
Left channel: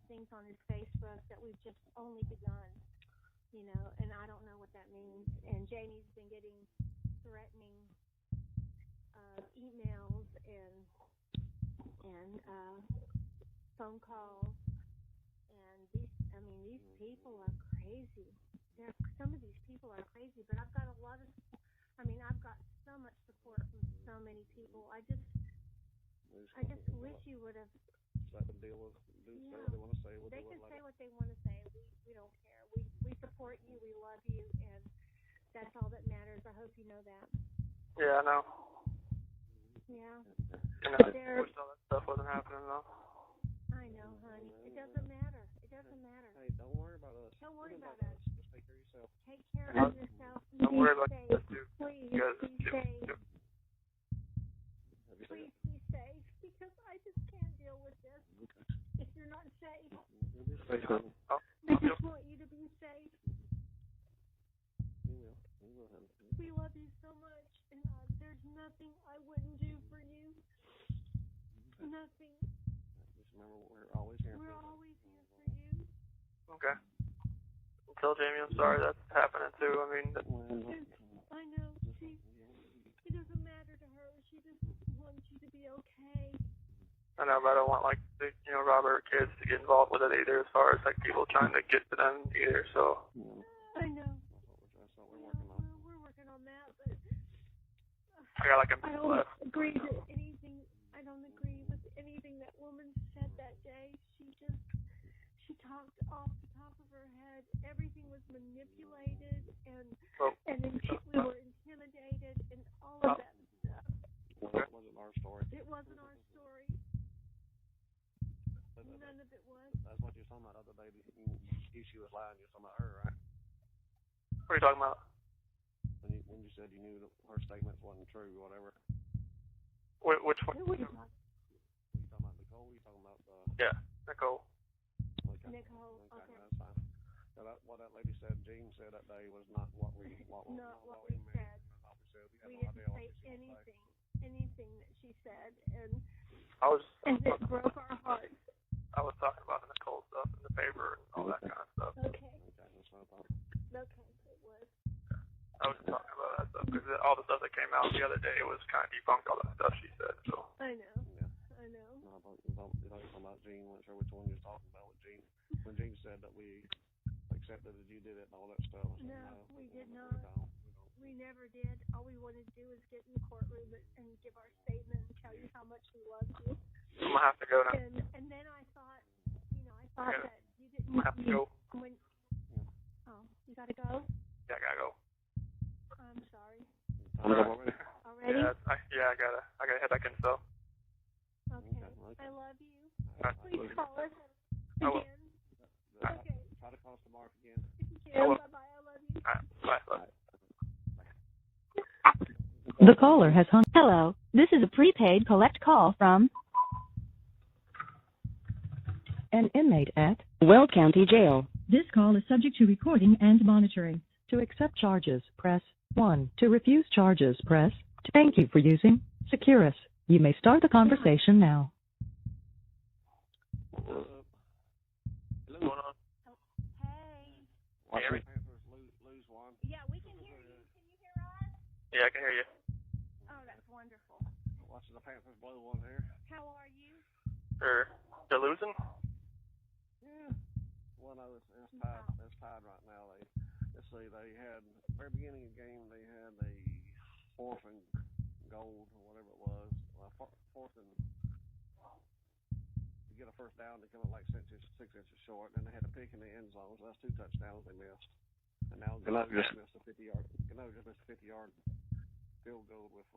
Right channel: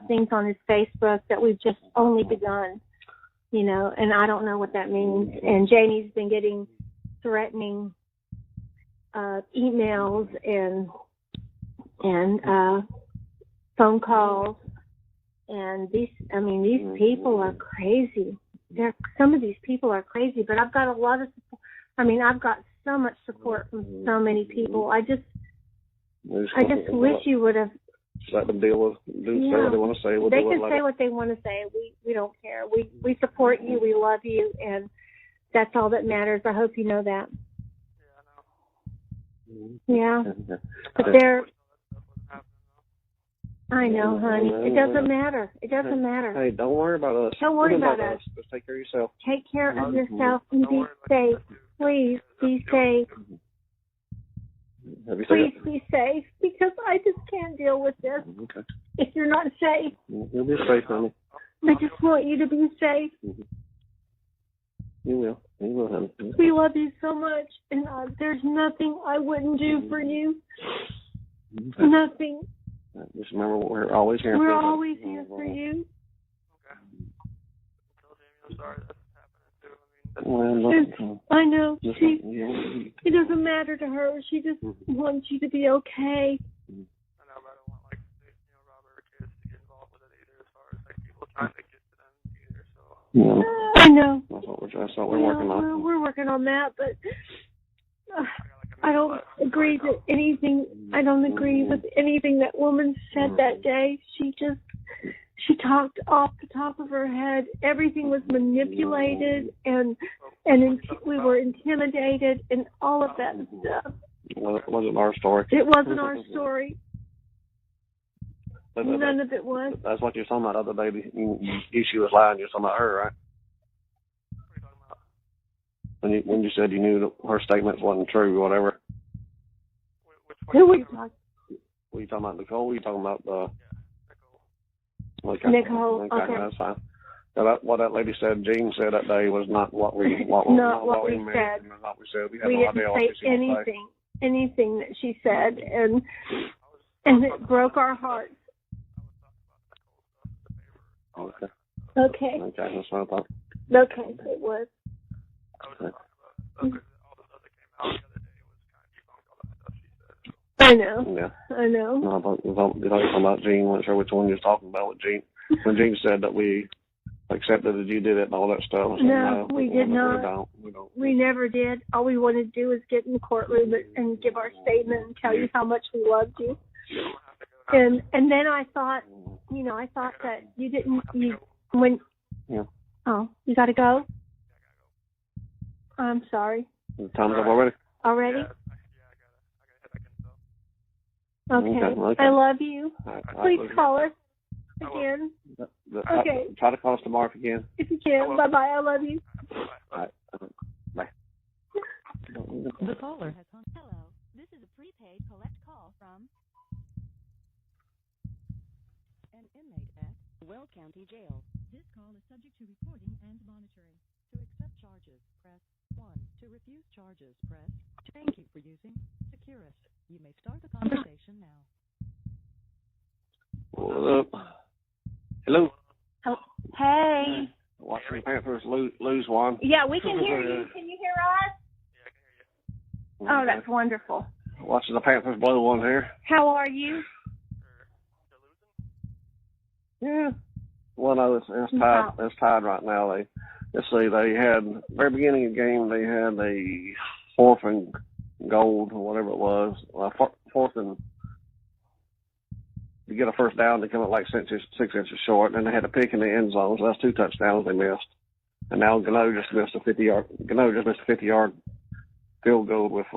things on his Facebook that we've just only begun, and I don't know what that means. And Janie's been getting threatening emails and phone calls. And these people are crazy. Some of these people are crazy, but I've got a lot of support. I've got so much support from so many people. I just wish you would have let them say what they want to say. They can say what they want to say. We don't care. We support you. We love you, and that's all that matters. I hope you know that. Yeah, I know. Yeah, but they're. All that stuff wasn't happening though. I know, honey. It doesn't matter. It doesn't matter. Hey, don't worry about us. Don't worry about us. Just take care of yourself. Take care of yourself and be safe. Please be safe. Please be safe, because I just can't deal with this. Okay. If you're not safe. You'll be safe, honey. I just want you to be safe. You will. You will, honey. We love you so much, and there's nothing I wouldn't do for you. Okay. Nothing. Just remember, we're always here. We're always here for you. Okay. Tell Jamie I'm sorry that's happening too. I know. It doesn't matter to her. She just wants you to be okay. I know, but I don't want Robert or kids to get involved with it either, as far as like people trying to get to them either. So. Yeah. I know. That's what we're working on. We're working on that, but. I don't agree to anything. I don't agree with anything that woman said that day. She talked off the top of her head. Everything was manipulated, and we were intimidated, and all of that stuff. Well, it wasn't our story. It wasn't our story. None of it was. That's what you're talking about the other day. She was lying. You're talking about her, right? What are you talking about? When you said you knew that her statements wasn't true or whatever. Which one? Who were you talking? Were you talking about Nicole? Were you talking about Yeah, Nicole. Okay. Nicole. Okay. That's fine. Now what that lady said, Jean said that day, was not what we said. Not what we said. We had no idea what she was saying. Anything that she said, and it broke our hearts. I was talking about the Nicole stuff in the paper and all that kind of stuff. Okay. Okay, that's what I thought. Okay, it was. I was talking about that stuff because all the stuff that came out the other day was kind of debunked all that stuff she said. So. I know. Yeah. I know. No, you're talking about Jean. I'm not sure which one you're talking about with Jean. When Jean said that we accepted that you did it and all that stuff. No, we did not. We don't. We never did. All we wanted to do is get in the courtroom and give our statement and tell you how much we loved you. I'm gonna have to go now. And then I thought, I thought that you I didn't, have to go. when, Yeah. oh, you gotta go? Yeah, I gotta go. I'm sorry. Time's up already? Already? Yeah, I gotta head back in, so. Okay. I love you. Please call us I will. again. Okay. Try to call us tomorrow if you can. If you can. Bye-bye. I love you. Bye. Bye. The caller has hung. Hello, this is a prepaid collect call from An inmate at Will County Jail. This call is subject to recording and monitoring. To accept charges, press 1. To refuse charges, press 2. Thank you for using Securus. You may start the conversation now. What up? Hello? Hey. Watching the Panthers lose one. Yeah, we can hear you. Can you hear us? Yeah, I can hear you. Oh, that's wonderful. Watching the Panthers blow one here. How are you? They're losing? Yeah. Well, no, it's tied. It's tied right now. Let's see. They had very beginning of the game. They had a 4th and goal or whatever it was. 4th and to get a first down. They come up like 6 inches short, and they had a pick in the end zone. So that's 2 touchdowns they missed. And now Gano just missed a 50-yard field goal with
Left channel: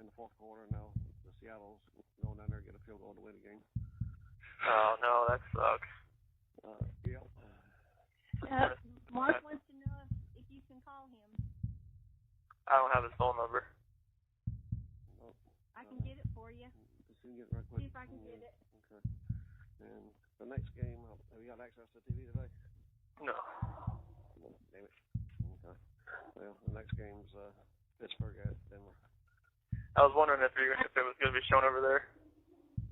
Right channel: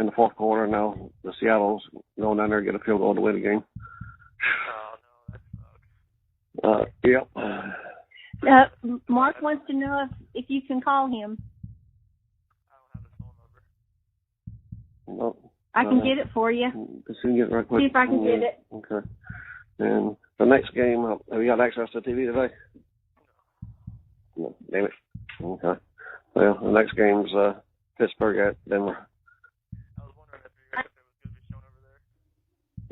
in the 4th quarter. Now the Seattle's going down there and get a field goal to win the game. Oh, no, that sucks. Yep. Mark wants to know if you can call him. I don't have his phone number. No. I can get it for you. Just get it right quick. See if I can get it. Okay. And the next game, have you got access to TV today? No. No. Damn it. Okay. Well, the next game's Pittsburgh at Denver. I was wondering if it was going to be shown over there.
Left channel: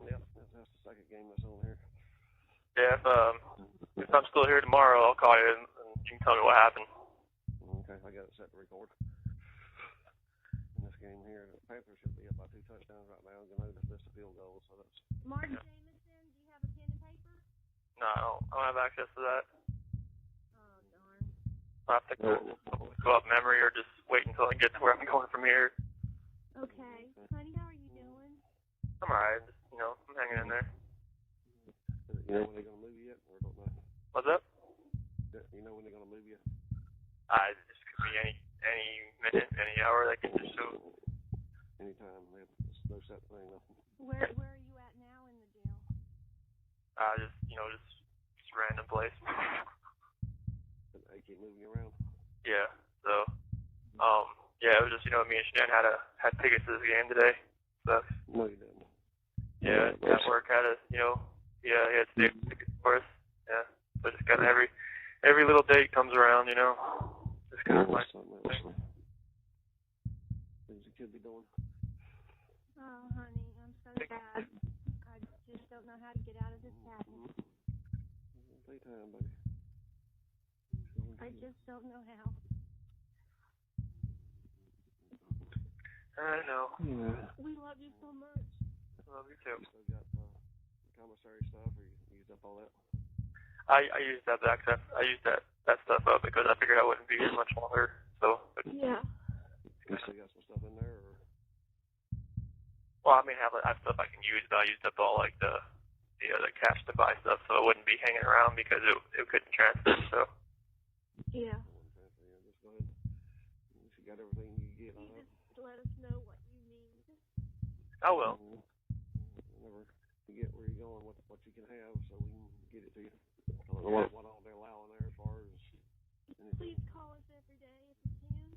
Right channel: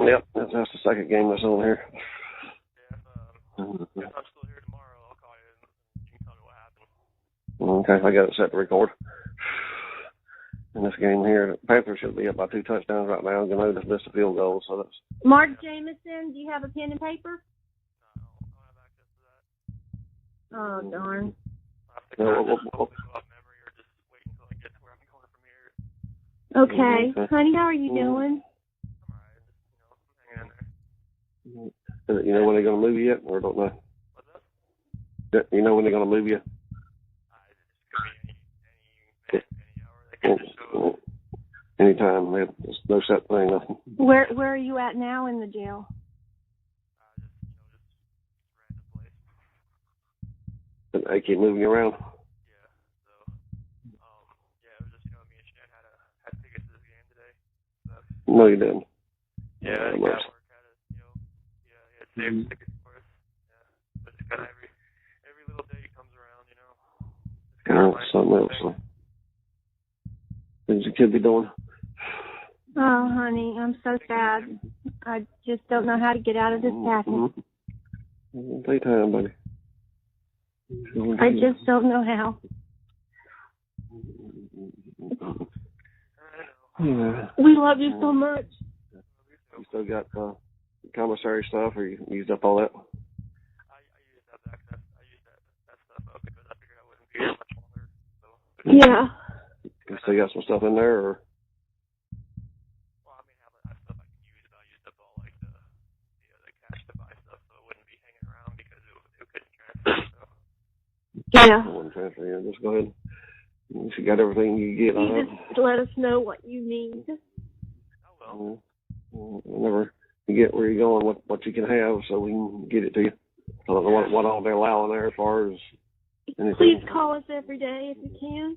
Yep, that's the second game that's on here. Yeah, if I'm still here tomorrow, I'll call you and you can tell me what happened. Okay, I got it set to record. In this game here, the Panthers should be up by 2 touchdowns right now. Gano just missed a field goal, so that's... Mark Jameson, do you have a pen and paper? No, I don't have access to that. Oh, darn. I'll have to kind of just go off memory or just wait until I get to where I'm going from here. Okay. Honey, how are you doing? I'm alright. Just, I'm hanging in there. You know when they're going to move you yet, or don't know? What's up? You know when they're going to move you? It just could be any minute, any hour. They could just show. Anytime. There's no set thing, nothing. Where are you at now in the jail? Just random place. And they keep moving you around? Yeah. So, it was just, me and Shan had tickets to this game today. So. No, you didn't. Yeah, at work had he had saved the tickets for us. Yeah. So just kind of every little date comes around, Just kind of something else. Things your kid be doing? Oh, honey, I'm so sad. I just don't know how to get out of this package. Take time, buddy. I just don't know how. I know. Yeah. We love you so much. Love you too. You still got commissary stuff, or you used up all that? I used that access. I used that stuff up because I figured I wouldn't be here much longer. So. Yeah. You still got some stuff in there, or? Well, I have stuff I can use, but I used up all like the cash to buy stuff, so it wouldn't be hanging around because it couldn't transfer. So. Yeah. It wouldn't transfer. Yeah, just go ahead. You got everything you get. You just let us know what you need. I will. Whenever you get where you're going, what you can have, so we can get it to you. I don't know what all they're allowing there as far as anything. Please call us every day if you can.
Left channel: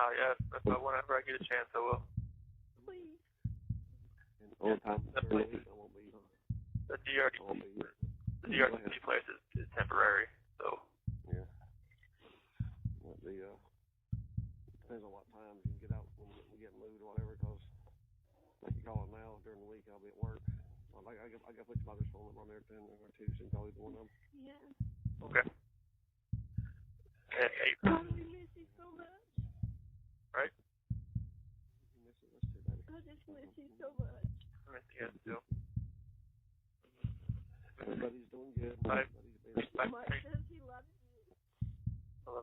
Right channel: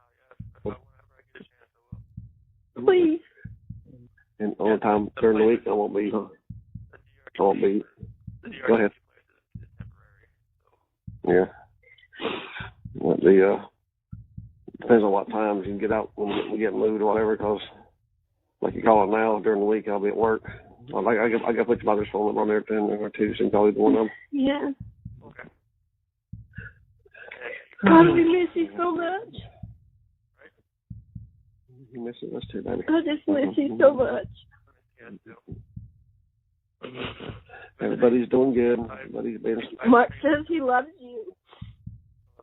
Oh yeah, whenever I get a chance, I will. Please. And all the time during the week, I won't be. The DRDC place is temporary, so. Yeah. Depends on what times you can get out when we get moved or whatever, because like you call it now, during the week I'll be at work. I got to put your mother's phone number on there, 10 or 2, so you can call either one of them. Yeah. Okay. God, we miss you so much. Right? You miss it, us too, baby. I just miss you so much. I miss you guys too. Everybody's doing good. Everybody's been. Mark says he loves you.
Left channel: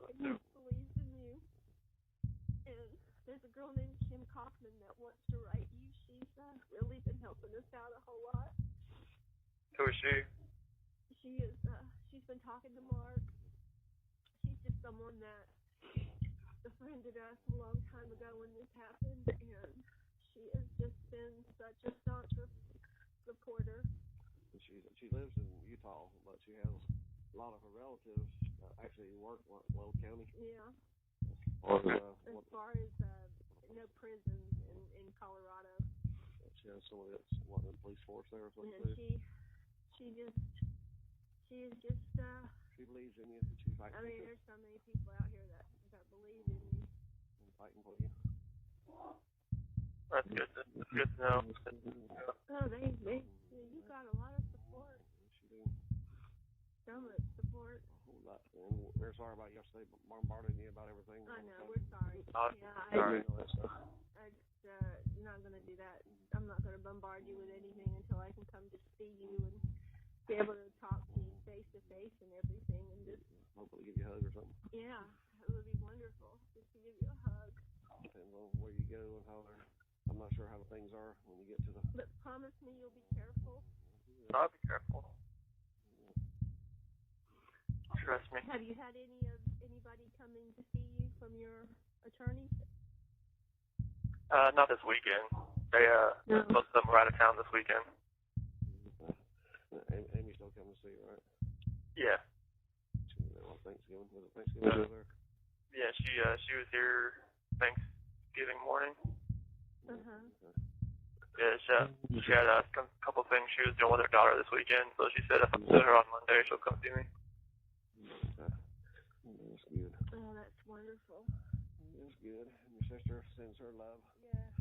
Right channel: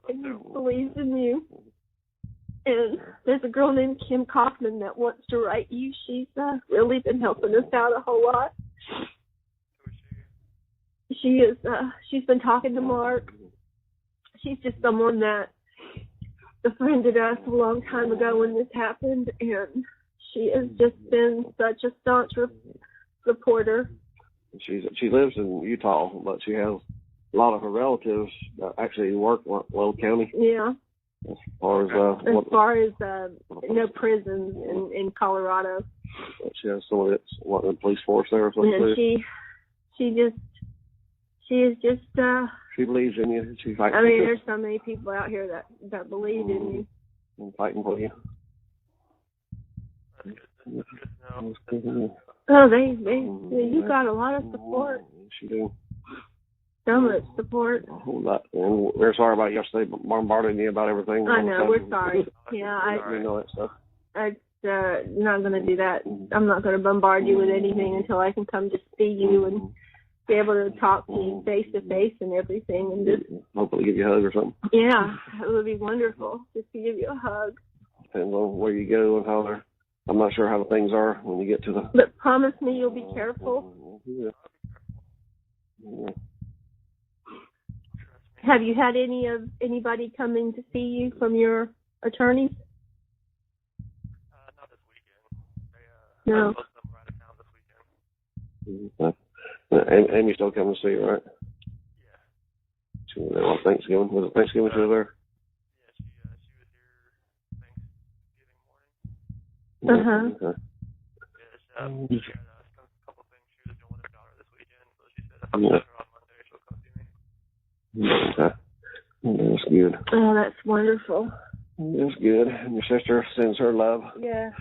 And he believes in you. And there's a girl named Kim Kaufman that wants to write you. She's really been helping us out a whole lot. Who is she? she's been talking to Mark. She's just someone that befriended us a long time ago when this happened, and she has just been such a staunch supporter. She lives in Utah, but she has a lot of her relatives that actually work in Weld County. Yeah. As far as prisons in Colorado. She has some of it's the police force there or something. And she is just she believes in you. She's fighting. I mean, there's so many people out here that believe in you. And fighting for you. That's good. That's good to know. Oh, you got a lot of support. She do. So much support. A whole lot. And we're sorry about yesterday bombarding you about everything. I know, we're sorry. Yeah, we know that stuff. I'm not going to do that. I'm not going to bombard you with anything until I can come to see you and be able to talk to you face to face and everything. And just hopefully give you a hug or something. Yeah, it would be wonderful just to give you a hug. Depends on where you go and how they're. I'm not sure how the things are when you get to the. But promise me you'll be careful. Yeah. I'll be careful. Yeah. Trust me. Have you had anybody coming to see you from your attorneys? Not this weekend. No. Most of them were out of town this weekend. Amy still coming to see you, right? Yeah. She was there on Thanksgiving. Was it Thanksgiving she was there? Yeah, she was here Thanksgiving morning. Uh-huh. Okay. Yeah, she had a couple things she was doing with her daughter this weekend, so she said if I'm with her on Monday, she'll come see me. Okay. That's good. Oh, that's wonderful. That's good. And your sister sends her love. Yeah.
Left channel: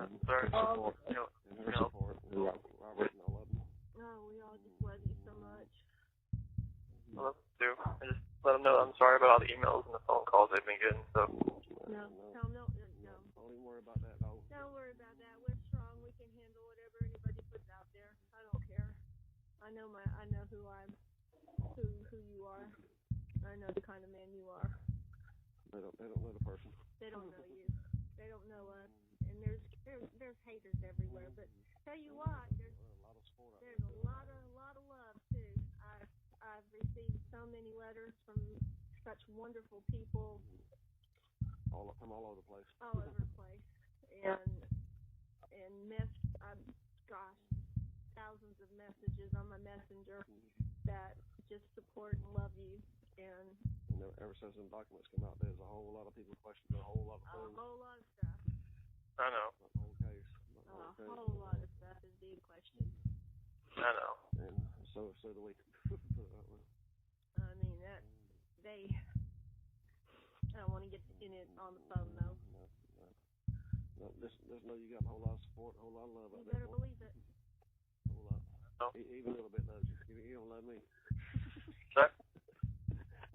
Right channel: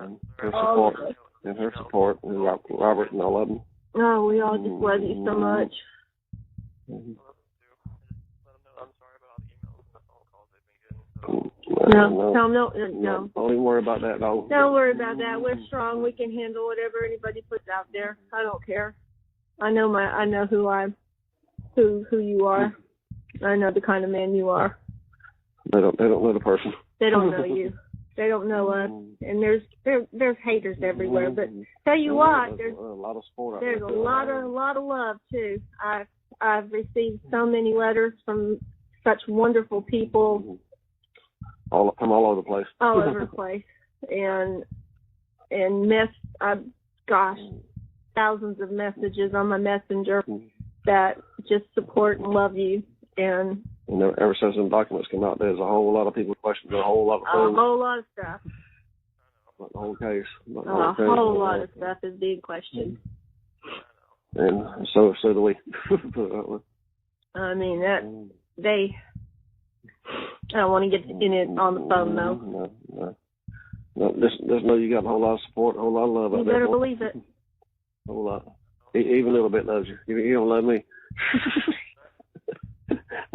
And her support. And her support. And Robert and all of them. Oh, we all just love you so much. I love them too. I just let them know I'm sorry about all the emails and the phone calls they've been getting. So. No. Don't even worry about that, dog. Don't worry about that. We're strong. We can handle whatever anybody puts out there. I don't care. I know who you are. I know the kind of man you are. They don't know the person. They don't know you. They don't know us. And there's haters everywhere. But tell you what, there's a lot of support. There's a lot of love too. I've received so many letters from such wonderful people. From all over the place. All over the place. And thousands of messages on my messenger that just support and love you. And ever since them documents came out, there's a whole lot of people questioning a whole lot of things. A whole lot of stuff. I know. Not the whole case. A whole lot of stuff is being questioned. I know. And so do we. I mean, I don't want to get in it on the phone, though. No. Just know you got a whole lot of support, a whole lot of love out there. You better believe it. A whole lot. Even a little bit loves you. You don't love me.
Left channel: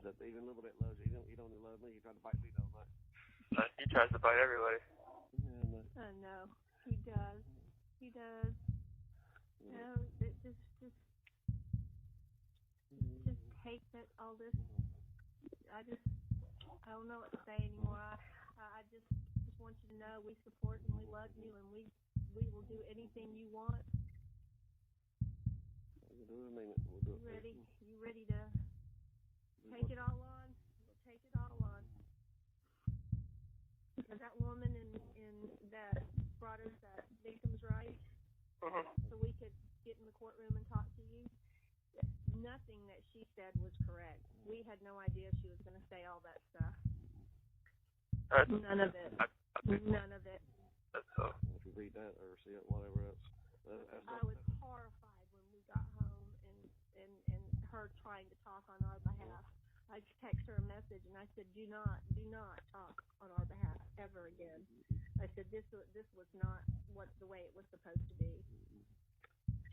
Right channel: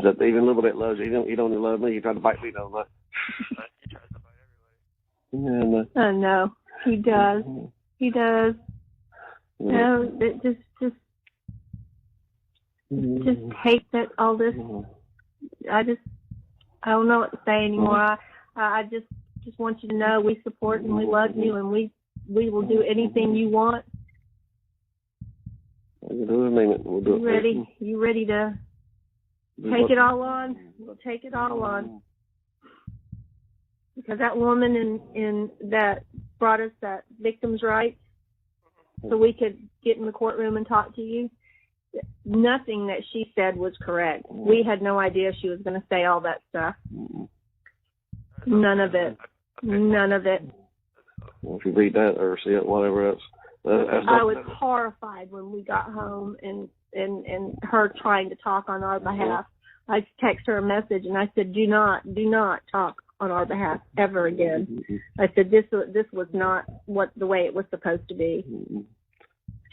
That even a little bit loves you. You don't love me. You try to bite me, don't you? He tries to bite everybody. Yeah, I know. He does. He does. No, just hate that all this. I don't know what to say anymore. I just want you to know we support and we love you, and we will do anything you want. We'll do it. We'll do it. You ready to take it all on? We'll take it all on. Because that woman in that brought us that victim's rights, so we could get in the courtroom and talk to you. Nothing that she said was correct. We had no idea she was going to say all that stuff. None of it. None of it. Well, if you read that or see it, whatever else. I was horrified when we got home and her trying to talk on our behalf. I texted her a message and I said, do not talk on our behalf ever again. I said, this was not the way it was supposed to be.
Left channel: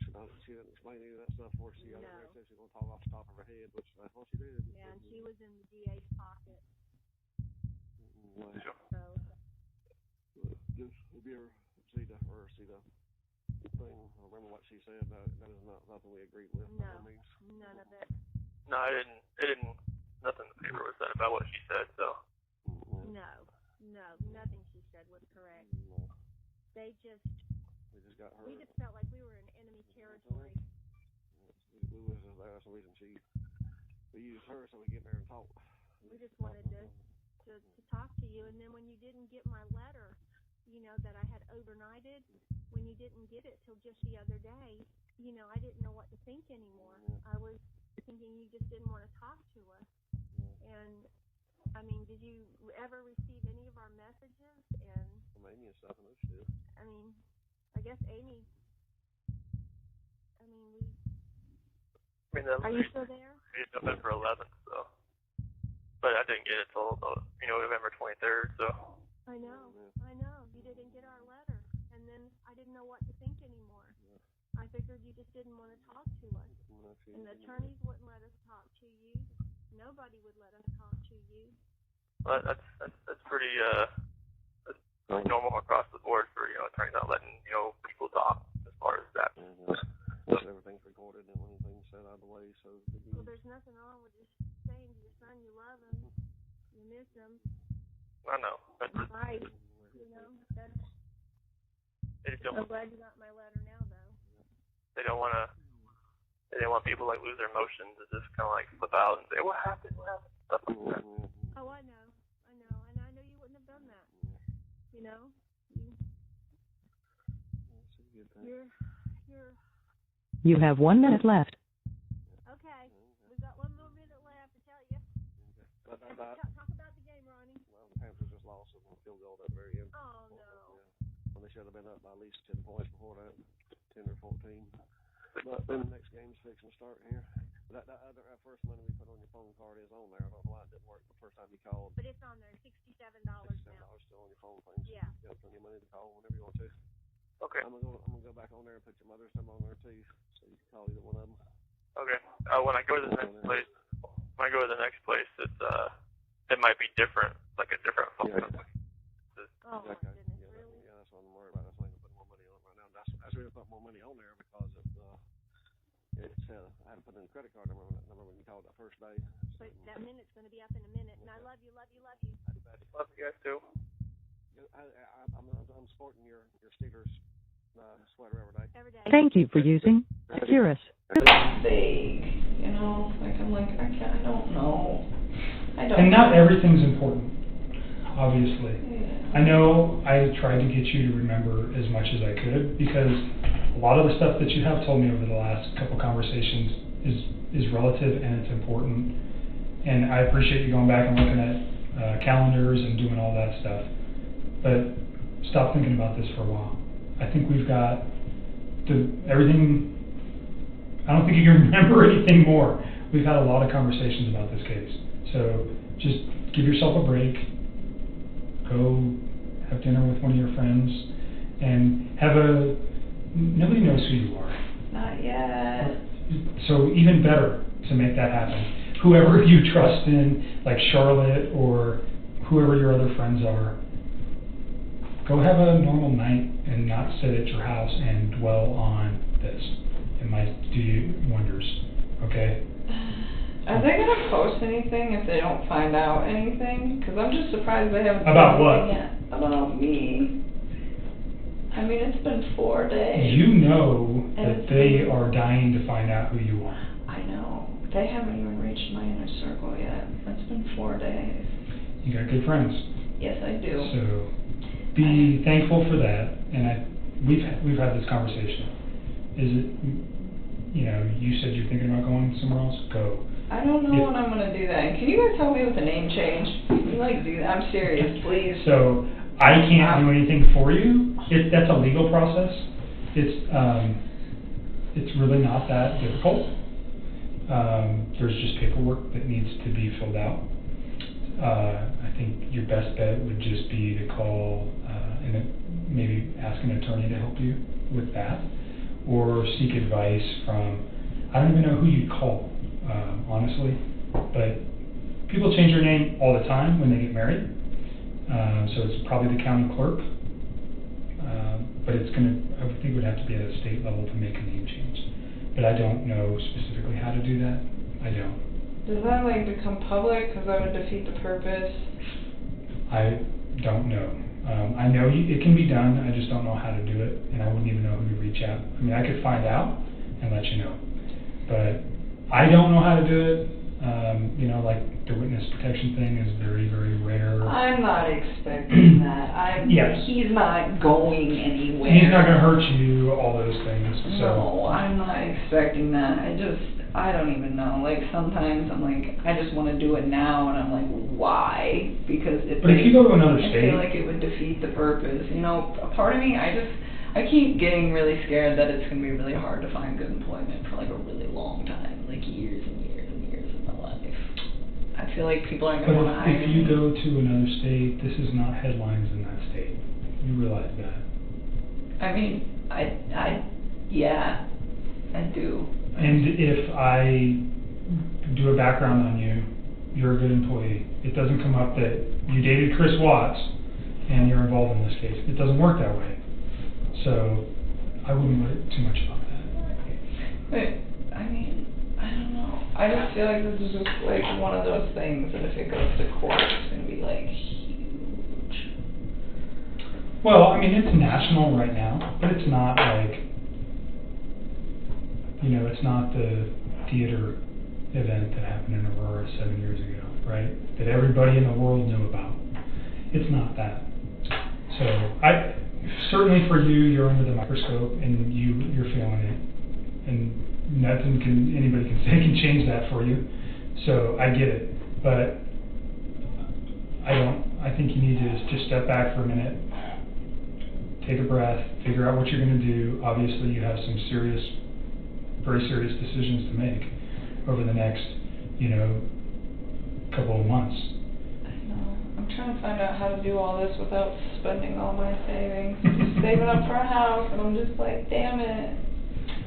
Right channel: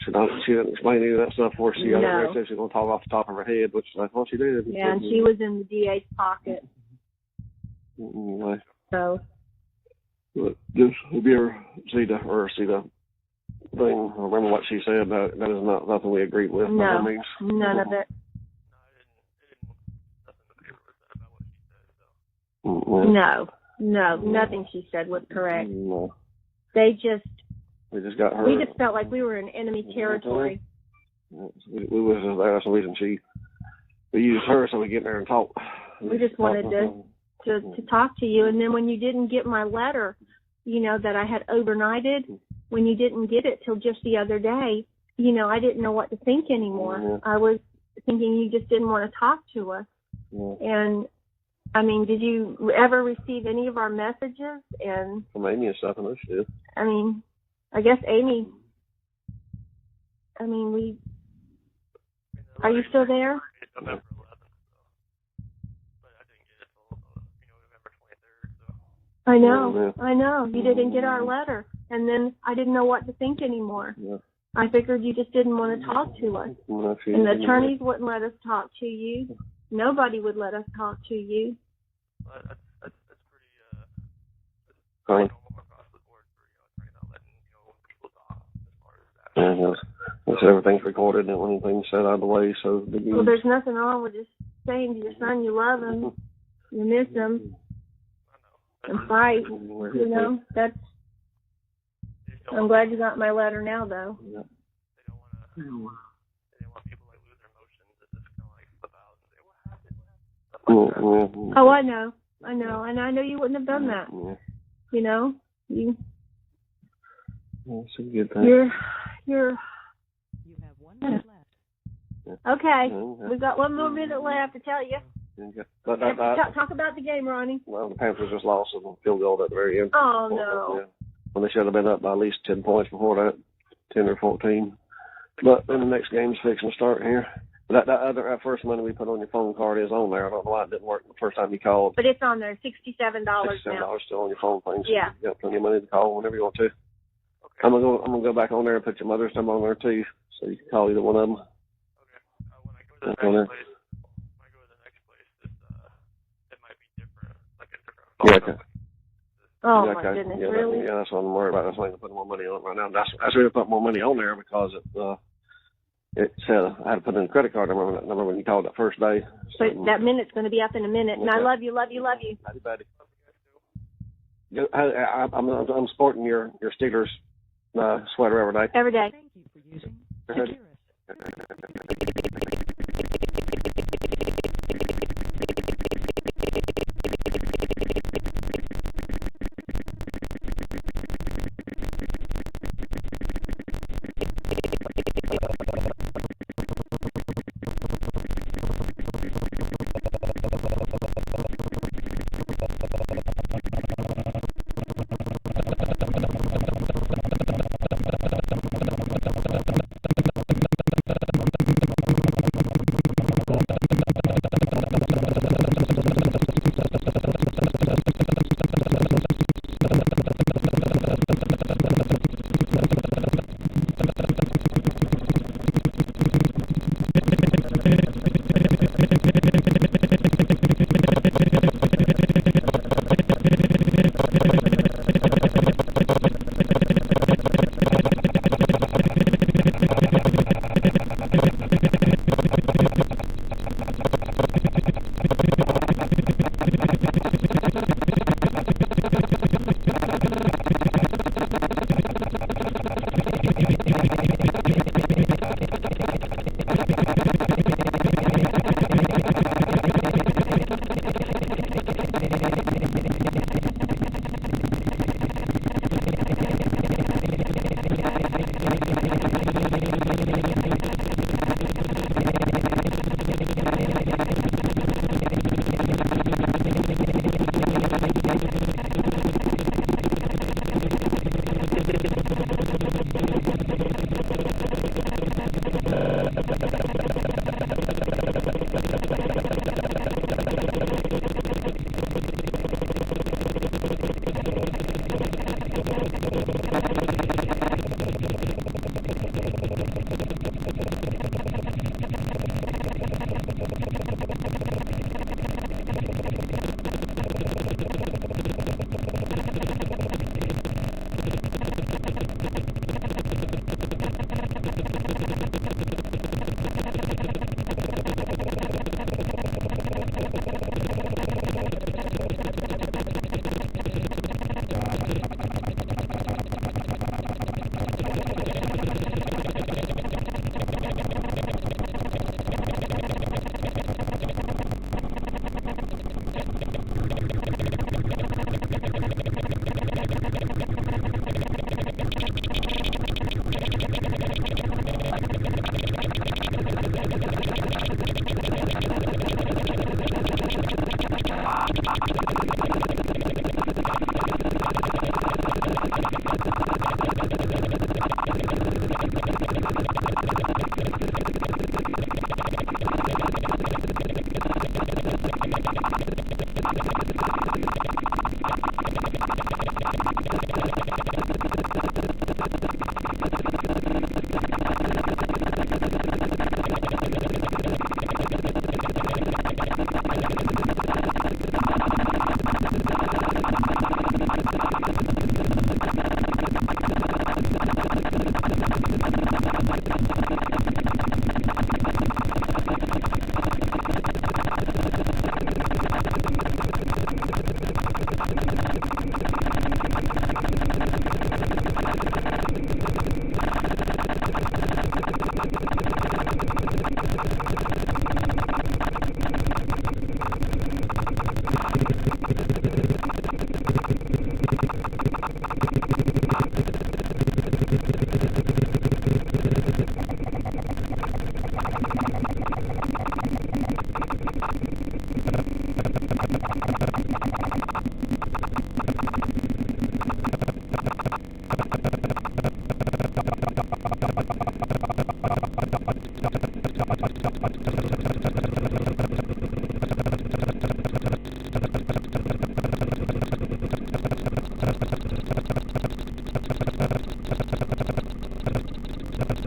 She didn't explain any of that stuff for she got there and said she was going to talk off the top of her head, which I thought she did. Yeah, and she was in the DA's pocket. So. But just, have you ever see the thing, I remember what she said, that is not nothing we agreed with. No, none of it. No, it didn't, nothing in the paper was said about what she said, so. No, nothing she said was correct. No. We just got her. We just felt like we were in enemy territory. We was just there. That's the reason we used her so we get there and talk. We just wanted to talk to you. And then when you didn't get my letter, you know, that I had overnighted, when you didn't get it till just the other day, you know, I didn't know what to think anymore. Yeah. I was thinking you just didn't want to talk to us. Yeah. And I mean, did you ever receive any of our messages? And From Amy and stuff, I know she did. I mean, I guess Amy. I mean, are you still there? November 11th, so. But I didn't get it till, November 23rd, so. I know. You didn't get our letter. And then I didn't know what to think anymore. Yeah. I figured you just didn't want to talk to us. And the attorneys wouldn't let us talk to you. Nobody would let us talk to you. Well, that's pretty normal across the board for, attorneys not letting, people talk as far as that. Yeah, yes, everything's recorded and anything's said out of the way, so. Well, there's nothing wrong with just saying to your son you love him, you miss him. I know. And fight, that's. I'm glad you got my letter now, though. Yeah. They don't want to. They don't want people like lose their emotions and just kind of like flip out and say, "What happened? What happened?" Stuff like that. Oh, I know, and I know you wouldn't have done that. Yeah. You know, It's a good thing. You have 1 minute left. Okay. We've got 1 more minute left to tell you. Okay. Talk about the game, Ronnie. Well, the Panthers just lost a field goal at the very end. Oh, no. Yeah. When they should have been up by at least 10 points before that, 10 or 14. But then the next game's fixing to start here. That first money we put on your phone card is on there. I don't know why it didn't work the first time you called. But it's on there, $67 now. $67 still on your phone thing. So yeah. You got plenty of money to call whenever you want to. Okay. I'm gonna go back on there and put your mother's number on there too, so you can call either one of them. Okay. When I go to the next place, it might be different, like a different phone number. Oh yeah, my okay. goodness, Yeah, really? That's what I'm worried about. That's why I'm putting more money on it right now. That's why I put more money on there because it said I had to put in a credit card number when you called that first day. So that minute's going to be up in a minute, and I love you. Howdy, buddy. Love you guys too. I'm sporting your Steelers sweater every day. Every day. Thank you for using Securus. And not everything's important, obviously. I know I tried to get you to remember as much as I could because a lot of the stuff that you have told me over the last couple conversations is relative and it's important. And I appreciate you going back and looking at calendars and doing all that stuff. But stop thinking about this for a while. I think we've got everything. I don't think you can remember anything more. We've had a lot of conversations about this. So just give yourself a break. Go with one of your friends and have nobody knows who you are. Not yet. So even better to make that happen. Whoever you trust in, like Charlotte or whoever your other friends are, go have a normal night and not sit at your house and dwell on Are they gonna post anything if they don't find out anything? Because I'm just surprised they haven't. About what? Me. I mean, it's been 4 days. You know that they are dying to find out who you are. Be thankful for that. And we've had this conversation. You said you're thinking about going somewhere else. I don't know when I'm gonna do that. Can you guys tell me if the name changed? Like, dude, I'm serious, please. So I can't do anything for you. That's a legal process. It's really not that difficult. There's just paperwork that needs to be filled out. Your best bet would just be to call, maybe ask an attorney to help you with that, or seek advice from, I don't even know who you'd call, honestly, but people change their name all the time when they get married, so it's probably the county clerk, but it's going to, you would have to be at a state level to make any changes, but I don't know specifically how to do that. Does that like become public? Does that defeat the purpose? I don't know. I know it can be done, I just don't know how to do it, and I don't even know how to reach out. I mean, I could find out and let you know. I don't know how to do it. You know, like the witness protection thing is very, very rare. I'm not expecting that. Yes. He's not going anywhere. He's not gonna hurt you, all those things, so. No, I'm not expecting that. I don't even know. Like, sometimes I'm like, I just want to do it now, and I'm like, why? Because it's But if you go to another I state. feel like it would defeat the purpose. You know, part of me, I keep getting really scared that it's going to be really hard to find it. I feel like people aren't going to hire If you go to another state, this is not headlining in that state. You realize that. I mean, yeah. And if I do a background on you, you're an employee, it doesn't come up that you dated Chris Watts and you're involved in this case. It doesn't work that way. So, I wouldn't worry too much. I just feel like this is just like one of those things that if it goes to court, Well, I mean, it's national right now, but it's not like, you know, it's not the theater event that happened or 7 years ago, right? That everybody in the world knew about. It's not that. So, certainly for you, you're under the microscope and you meet your family, and nothing can change that for you. So, I get it, but I think you need to just step back for a minute. Take a breath, figure out what you're going to do. Obviously, you have some serious, very serious decisions to make over the next, you know, couple of months. I'm trying to find out how to do all this without spending all my savings. Save up for a house, and I'm just like, damn it.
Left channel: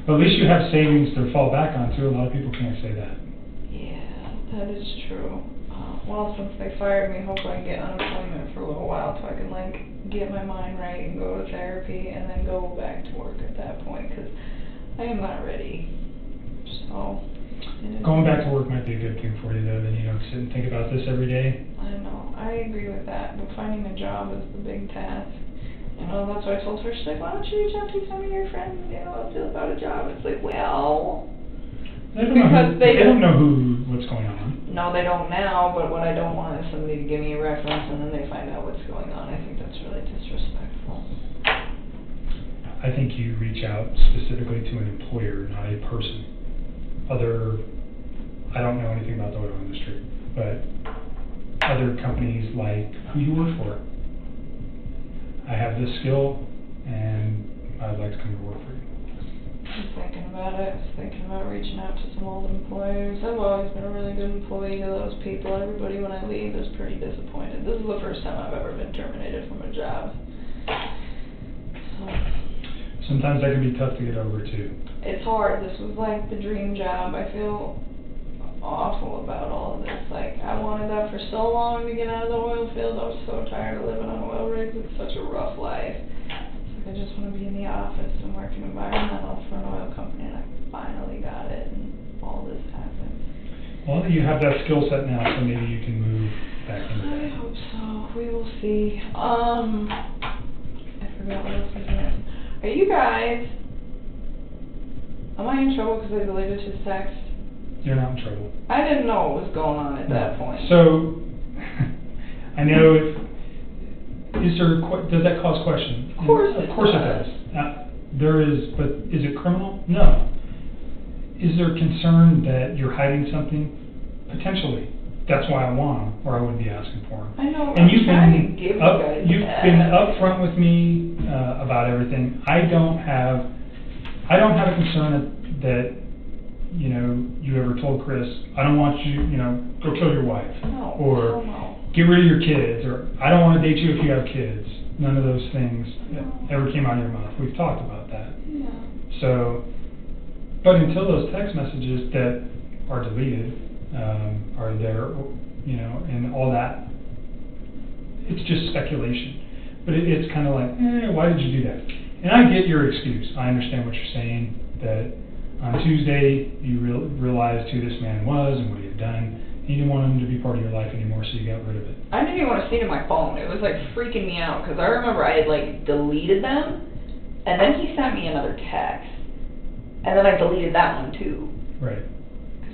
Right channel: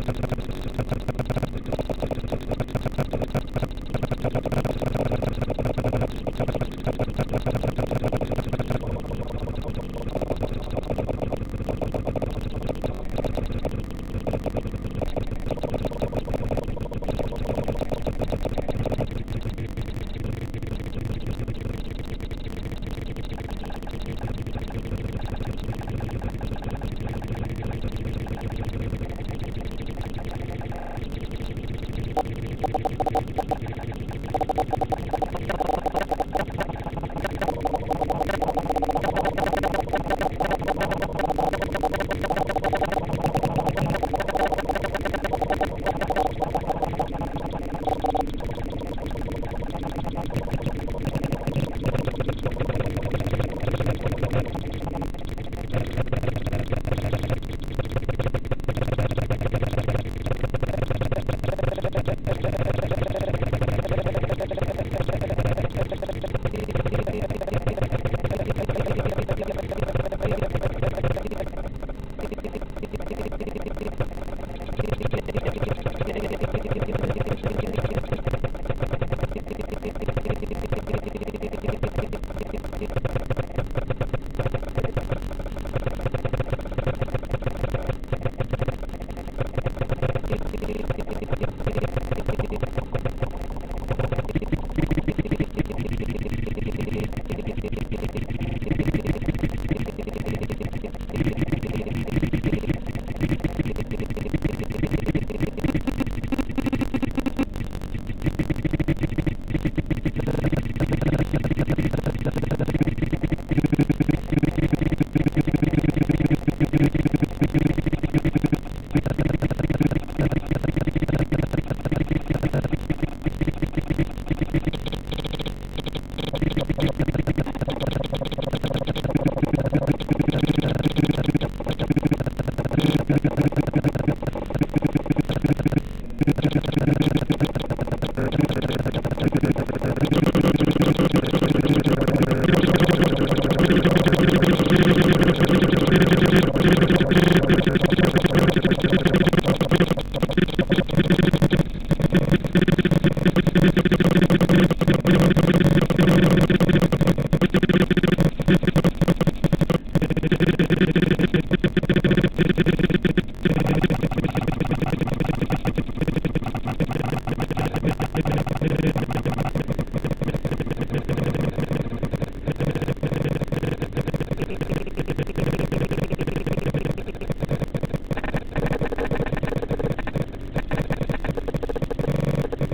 But at least you have savings to fall back on, too. A lot of people can't say that. That is true. Well, since they fired me, hope I get unemployment for a little while so I can, like, get my mind right and go to therapy and then go back to work at that point. I am not ready. So, Going back to work might be a good thing for you to, you know, to think about this every day. I know. I agree with that. But finding a job is a big task. That's why I told her, she's like, why don't you just have to some of your friends, you know, feel about a job? It's like, well, because They don't know what's going on. No, they don't now, but what I don't want is somebody to give me a reference and then they say, I think you reach out specifically to an employer, not a person. I don't know anything about the work industry, but other companies like, who do you work for? I have this skill, and I'd like to work for you. Sometimes that can be tough to get over, too. it's hard. This was like a dream job. I feel awful about all of this. Like, I wanted that for so long to get out of the oil field. I was so tired of living on oil rigs. It's such a rough life. I just moved in the office and worked environmental for an oil company. Finally got it. Well, you have that skill set now, so maybe you can move back to it. We'll see. Hey, you guys. Am I in trouble because I deleted your text? You're not in trouble. I didn't know what was going on at that point. So, I know, does that cause questions? Of course it does. Now, there is, but is it criminal? No. Is there concern that you're hiding something? Potentially. That's why I want them, or I would be asking for it. And you've been upfront with me about everything. I don't have a concern that you ever told Chris, I don't want you, or kill your wife, or get rid of your kids. I don't want to be but until those text messages get are deleted, it's just speculation. But it's kind of like, why did you do that? And I get your excuse. I understand what you're saying. But on Tuesday, you realized who this man was, and you didn't want him to be part of your life anymore. I didn't even want to see it in my phone. It was like freaking me out because I remember I had like deleted them, and then he sent me another text, and then I deleted that one too. Right.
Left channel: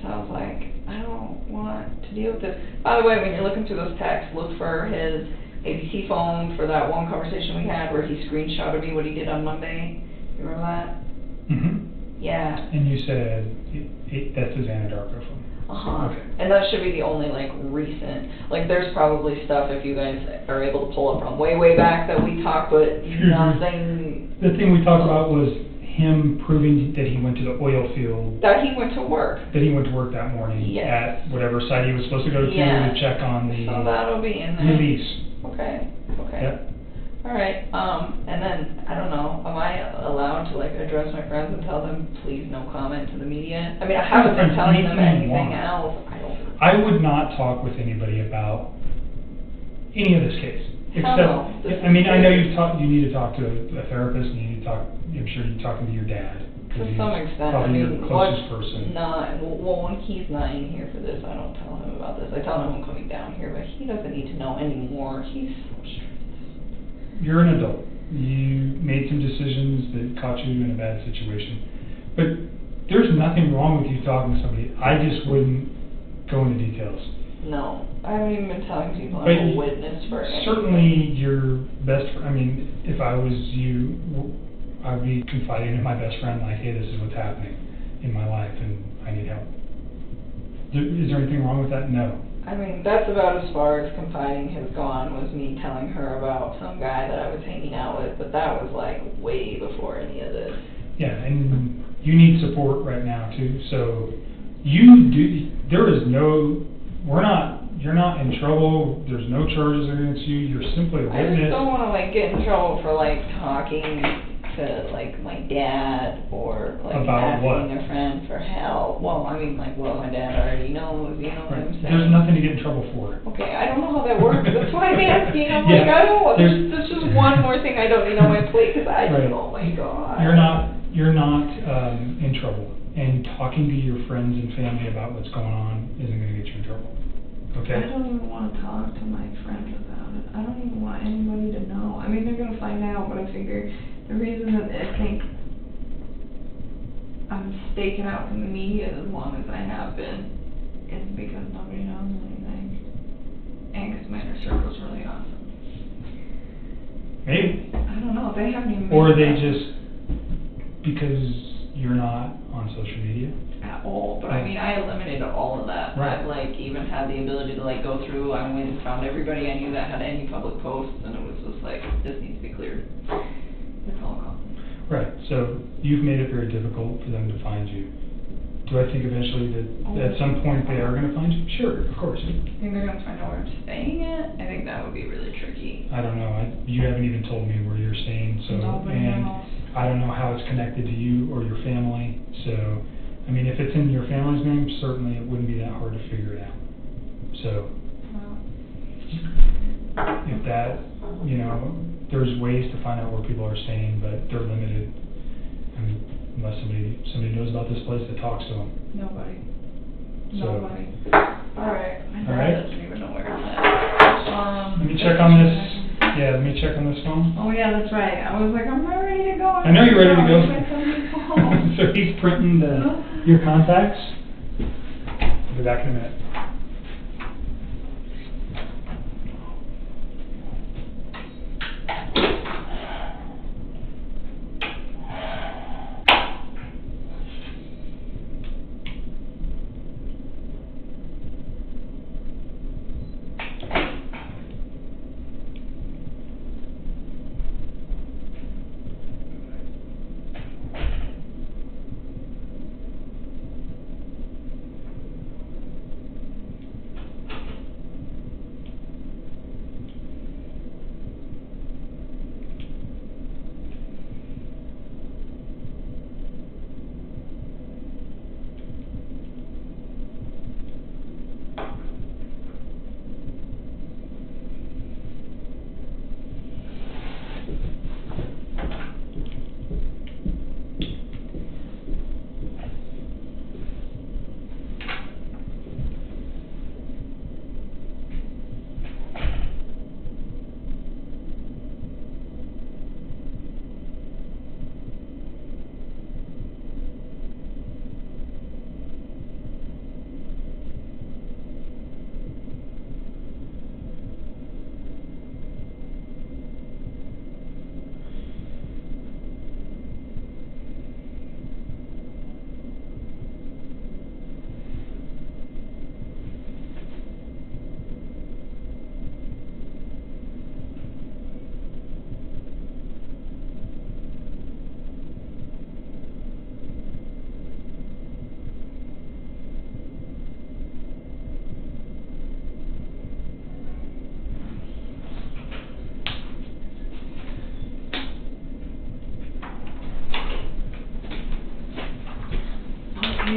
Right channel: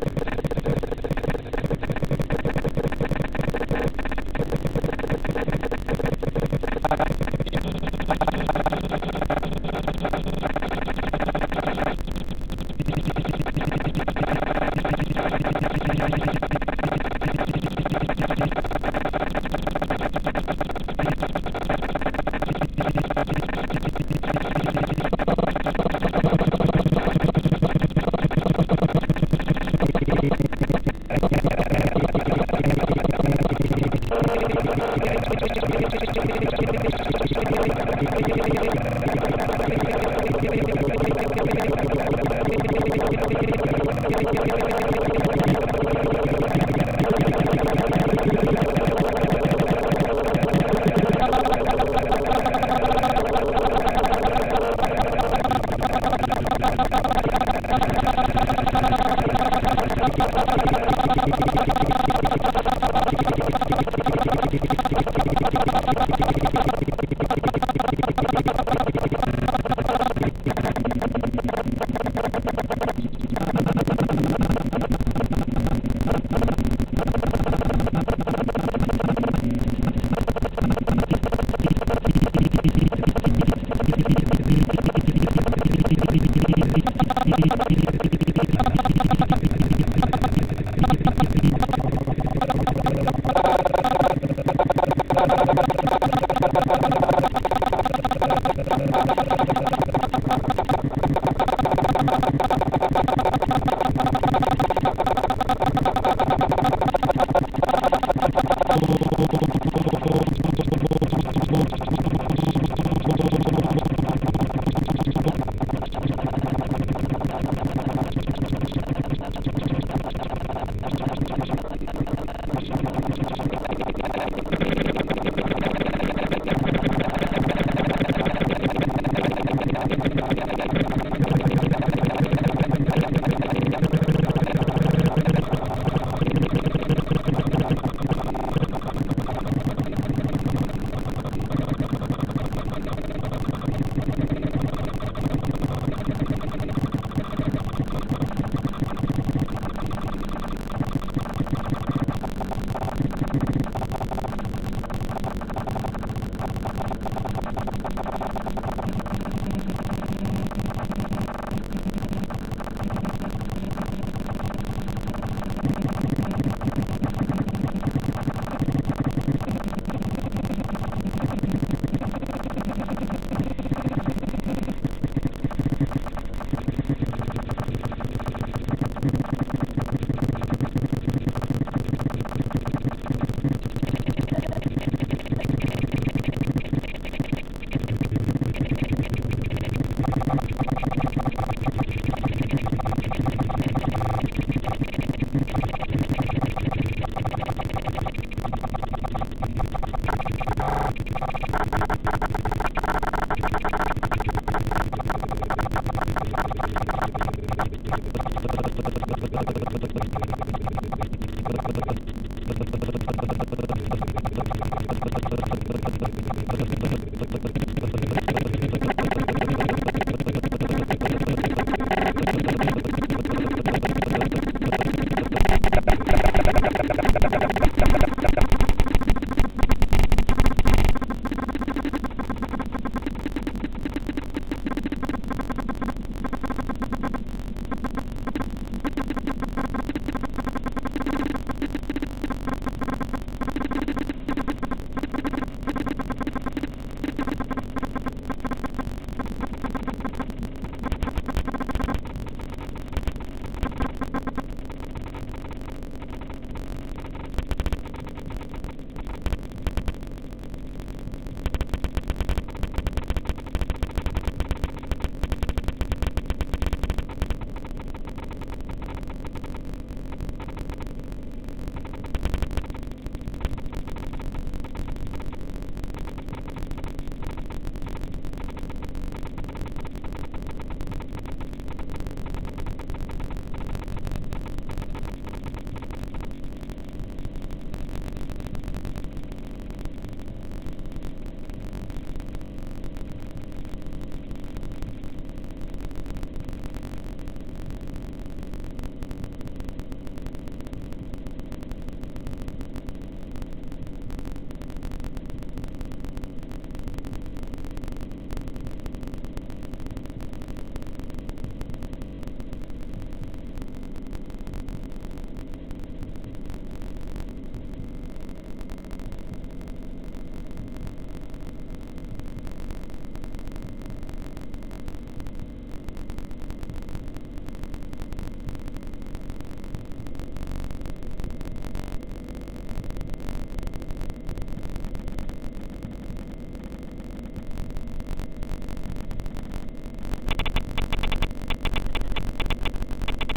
So By the way, when you listen to his text, look for his AP phone for that one conversation we had where he screenshotted me what he did on Monday. Remember that? Yeah. And you said, And that should be the only, like, recent, like, there's probably stuff if you guys are able to pull up from way back that we talked, but he's now saying. the thing we talked about was him proving that he went to the oil field. That he went to work. That he went to work that morning at whatever site he was supposed to go to check on the release. I would not talk to somebody about English. Except, I mean, I know you've talked to me about you're in a made some decisions that got you in a bad situation. But there's nothing wrong with you talking to me. I just wouldn't go into details. But certainly your best, I mean, if I was you, I'd be confiding in my best friend my kids sometime in my life. Is there anything wrong with that? No. That's about as far as confiding in your you need support right now too, so there is no, you're not in trouble, there's no charges against you, you're simply a I just witness. don't want to, like, get in trouble for, like, talking to, like, my dad, or, like, about what? my friends for help. Well, I mean, my dad already knows, you know what I'm saying? There's nothing to get in trouble for. Okay, I don't know how that works, that's what I'm asking, I'm like, I don't, this is one more thing I don't know in place, because I don't know, I don't know. You're not in trouble. And talking to your friends maybe. Or they just, because you're not on social media. Well, I mean, I eliminated all of that, but, like, even had the ability to, like, go through, I went and found everybody I knew that had any public posts, and it was like, this needs to be clear. Right, so you've made it very difficult for them to find you. Do I think eventually that at some point they are going to find you? Sure, of course. I think that would be really tricky. I don't know, you haven't even told me where they're staying, so, and I don't know how it's connected to you or your family, so, I mean, if it's in your family's name, certainly it wouldn't be that hard to figure out. So, if that, you know, there's ways to find where people are staying, but they're limited. Somebody knows about this place that talks about it. So, alright? Let me check on this. Yeah, let me check on this phone. Oh, yeah, that's right. I was like, I'm ready to go. I know you're ready to go. So keep printing your contacts. Go back now.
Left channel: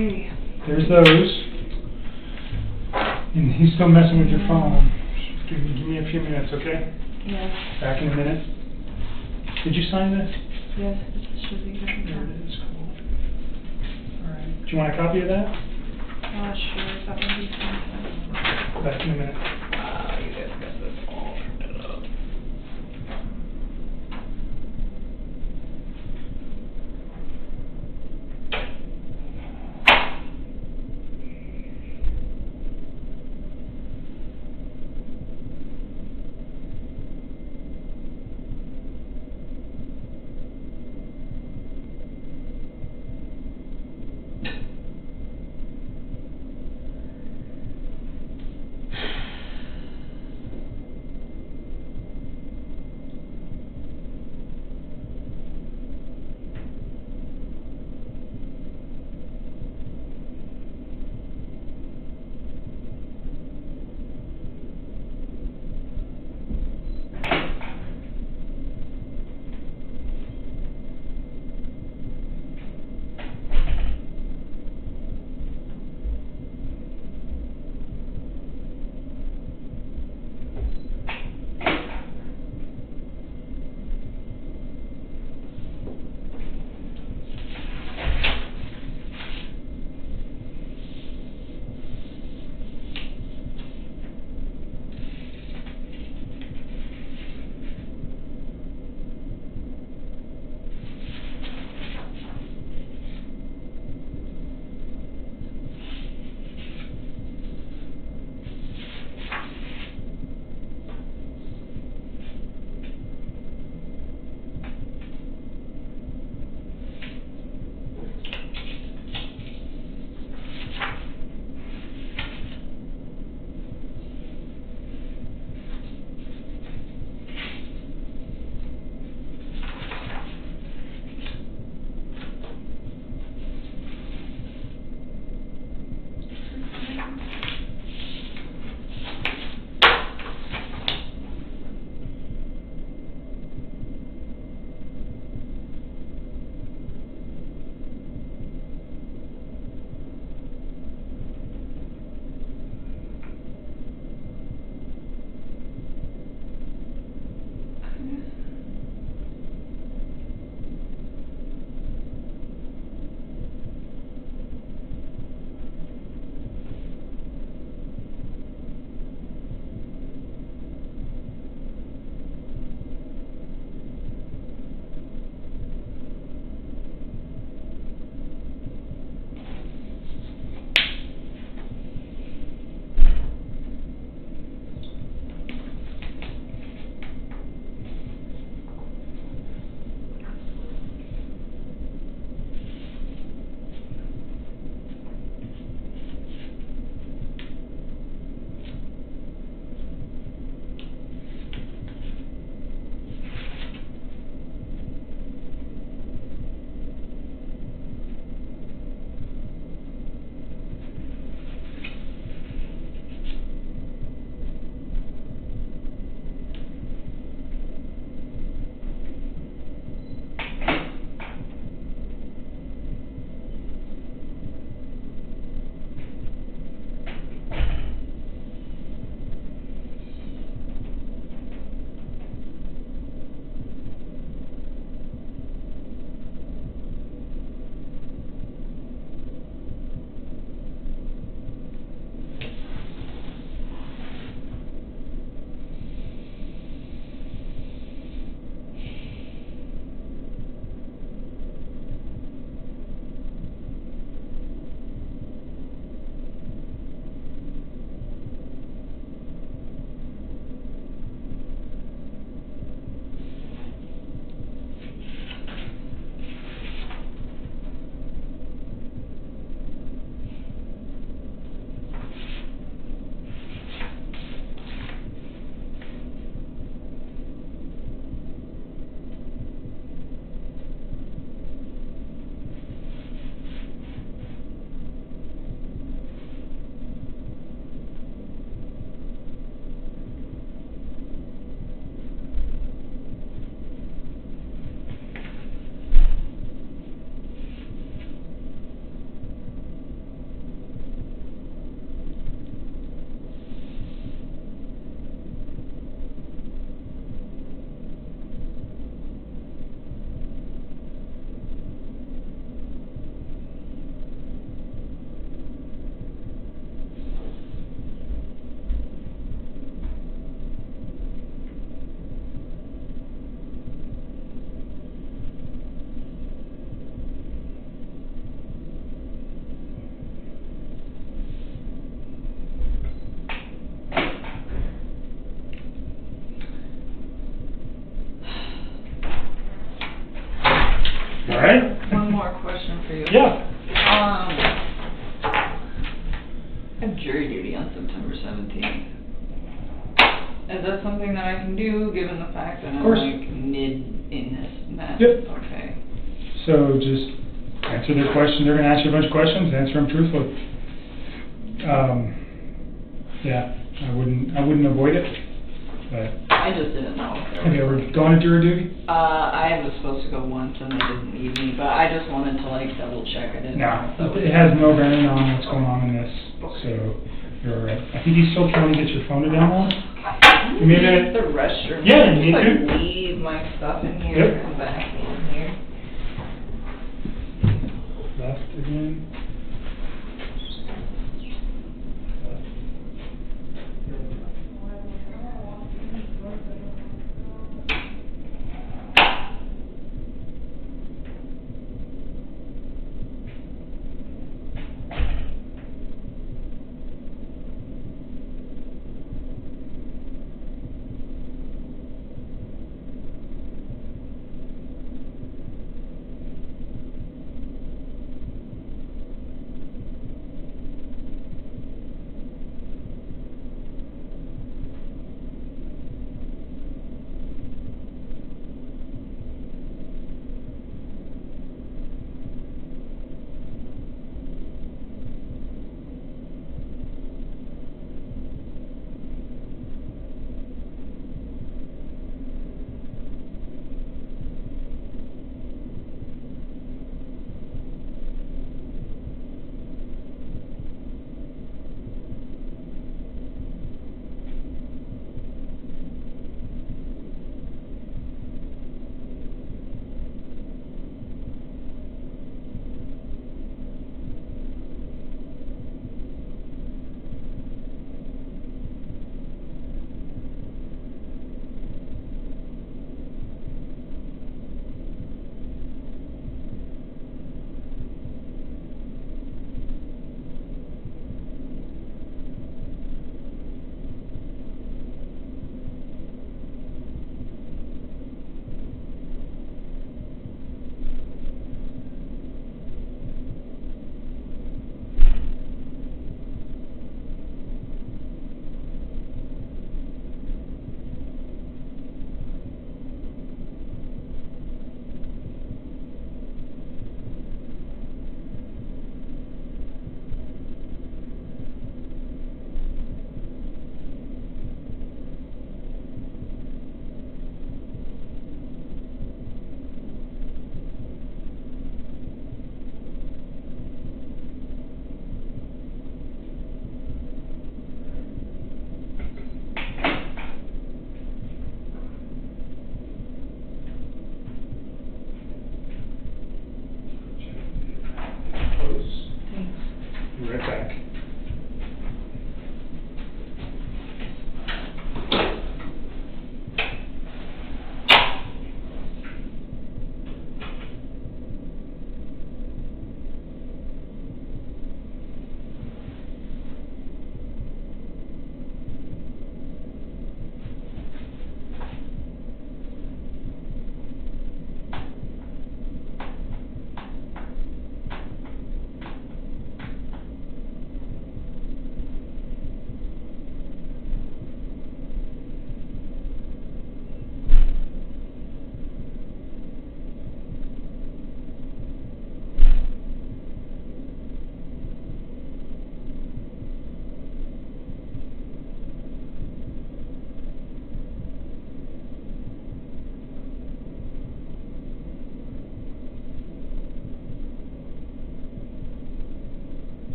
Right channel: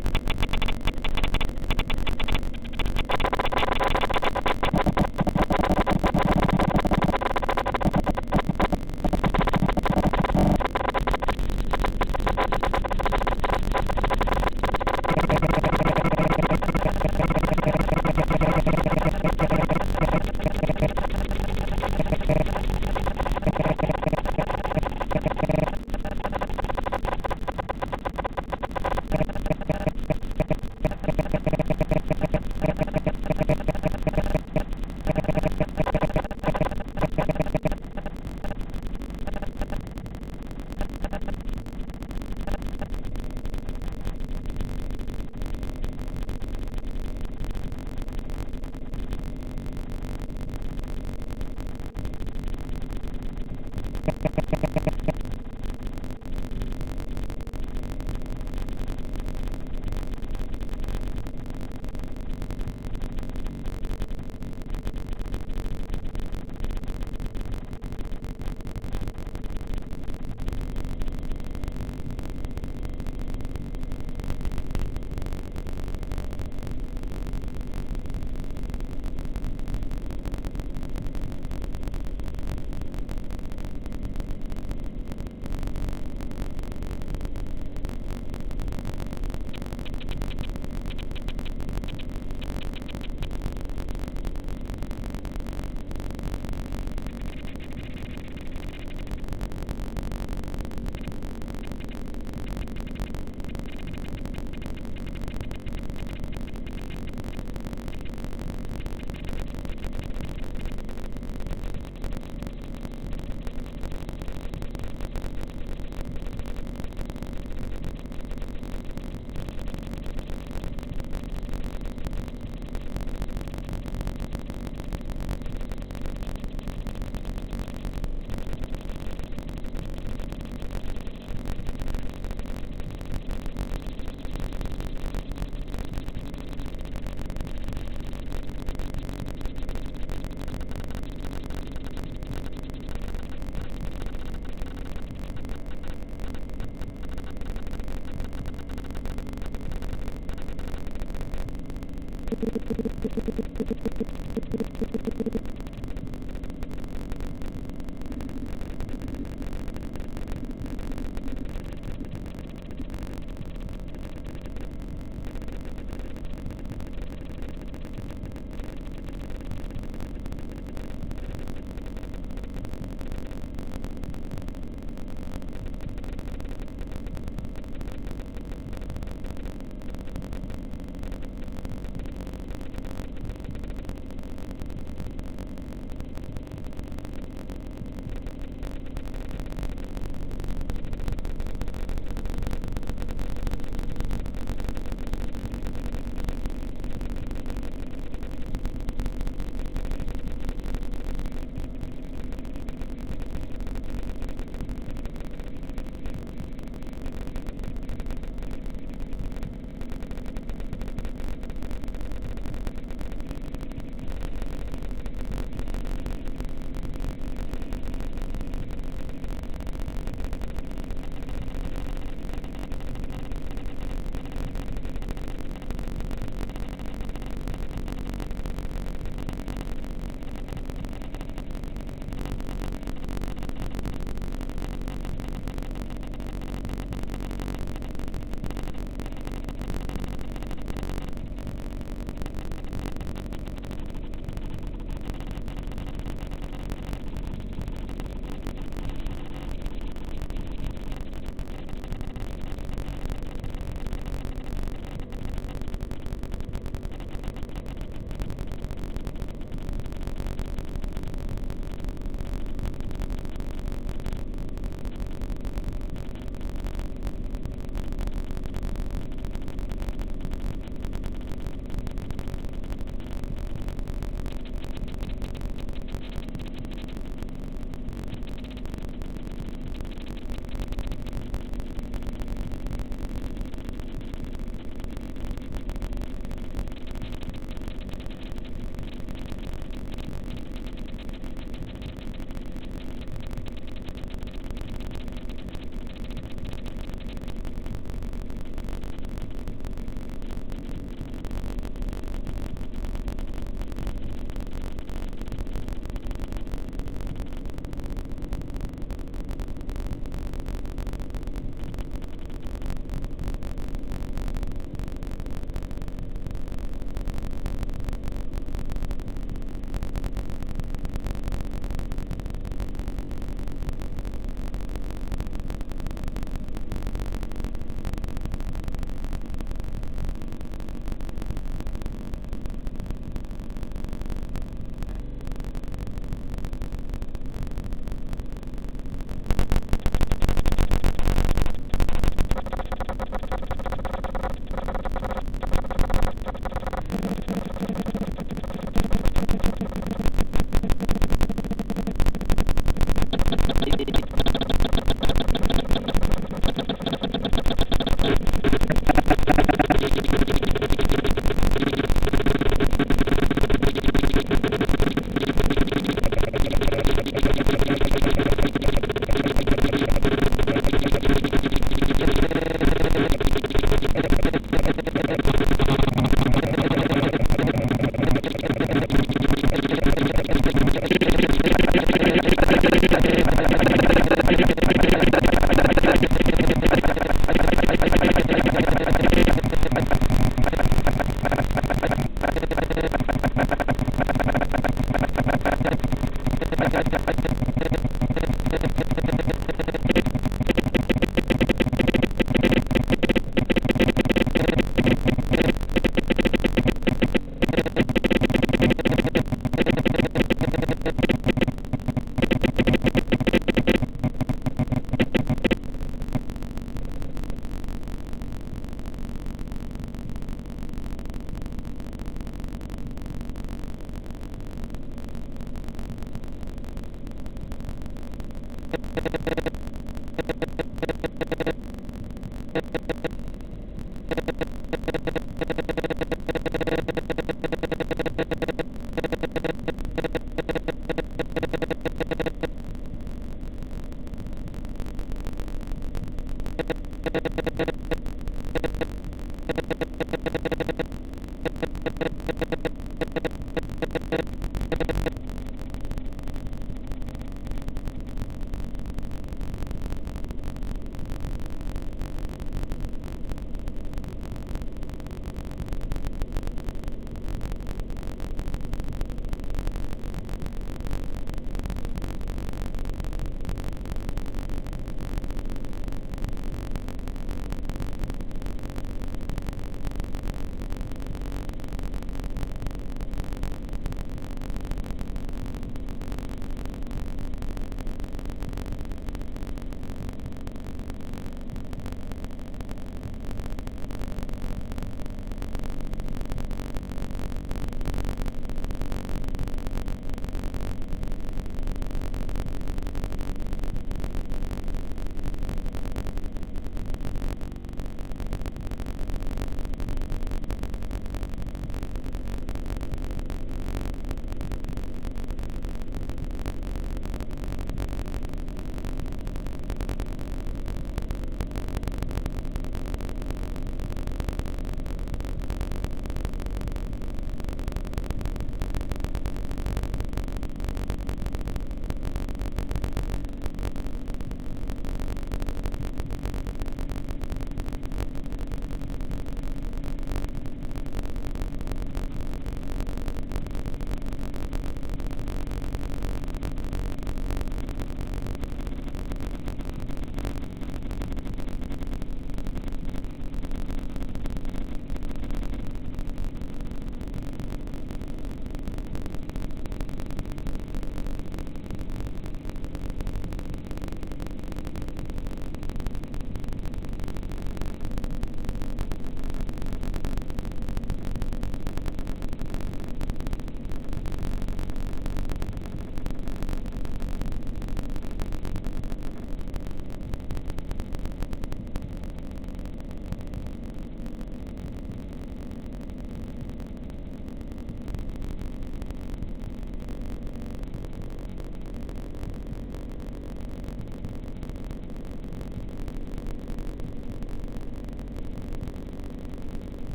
There's those. And he's still messing with your phone. Give me a few minutes, okay? Back in a minute. Did you sign this? Do you want a copy of that? right? One more question for you. Yeah. I'm jury duty on September 17th. Is that something that I can do, given the fact that I'm like mid-innocent? Yep. So just answer the questions. They're going to ask you a bunch of questions, answer them truthfully. Yeah, I wouldn't avoid it. I just didn't know. Going to jury duty? I have to go to one of them, but I just wanted to like double check it. Yeah, it has no bearing on what's going on in this. I think he's still trying to get your phone now. Maybe, yeah, you need to.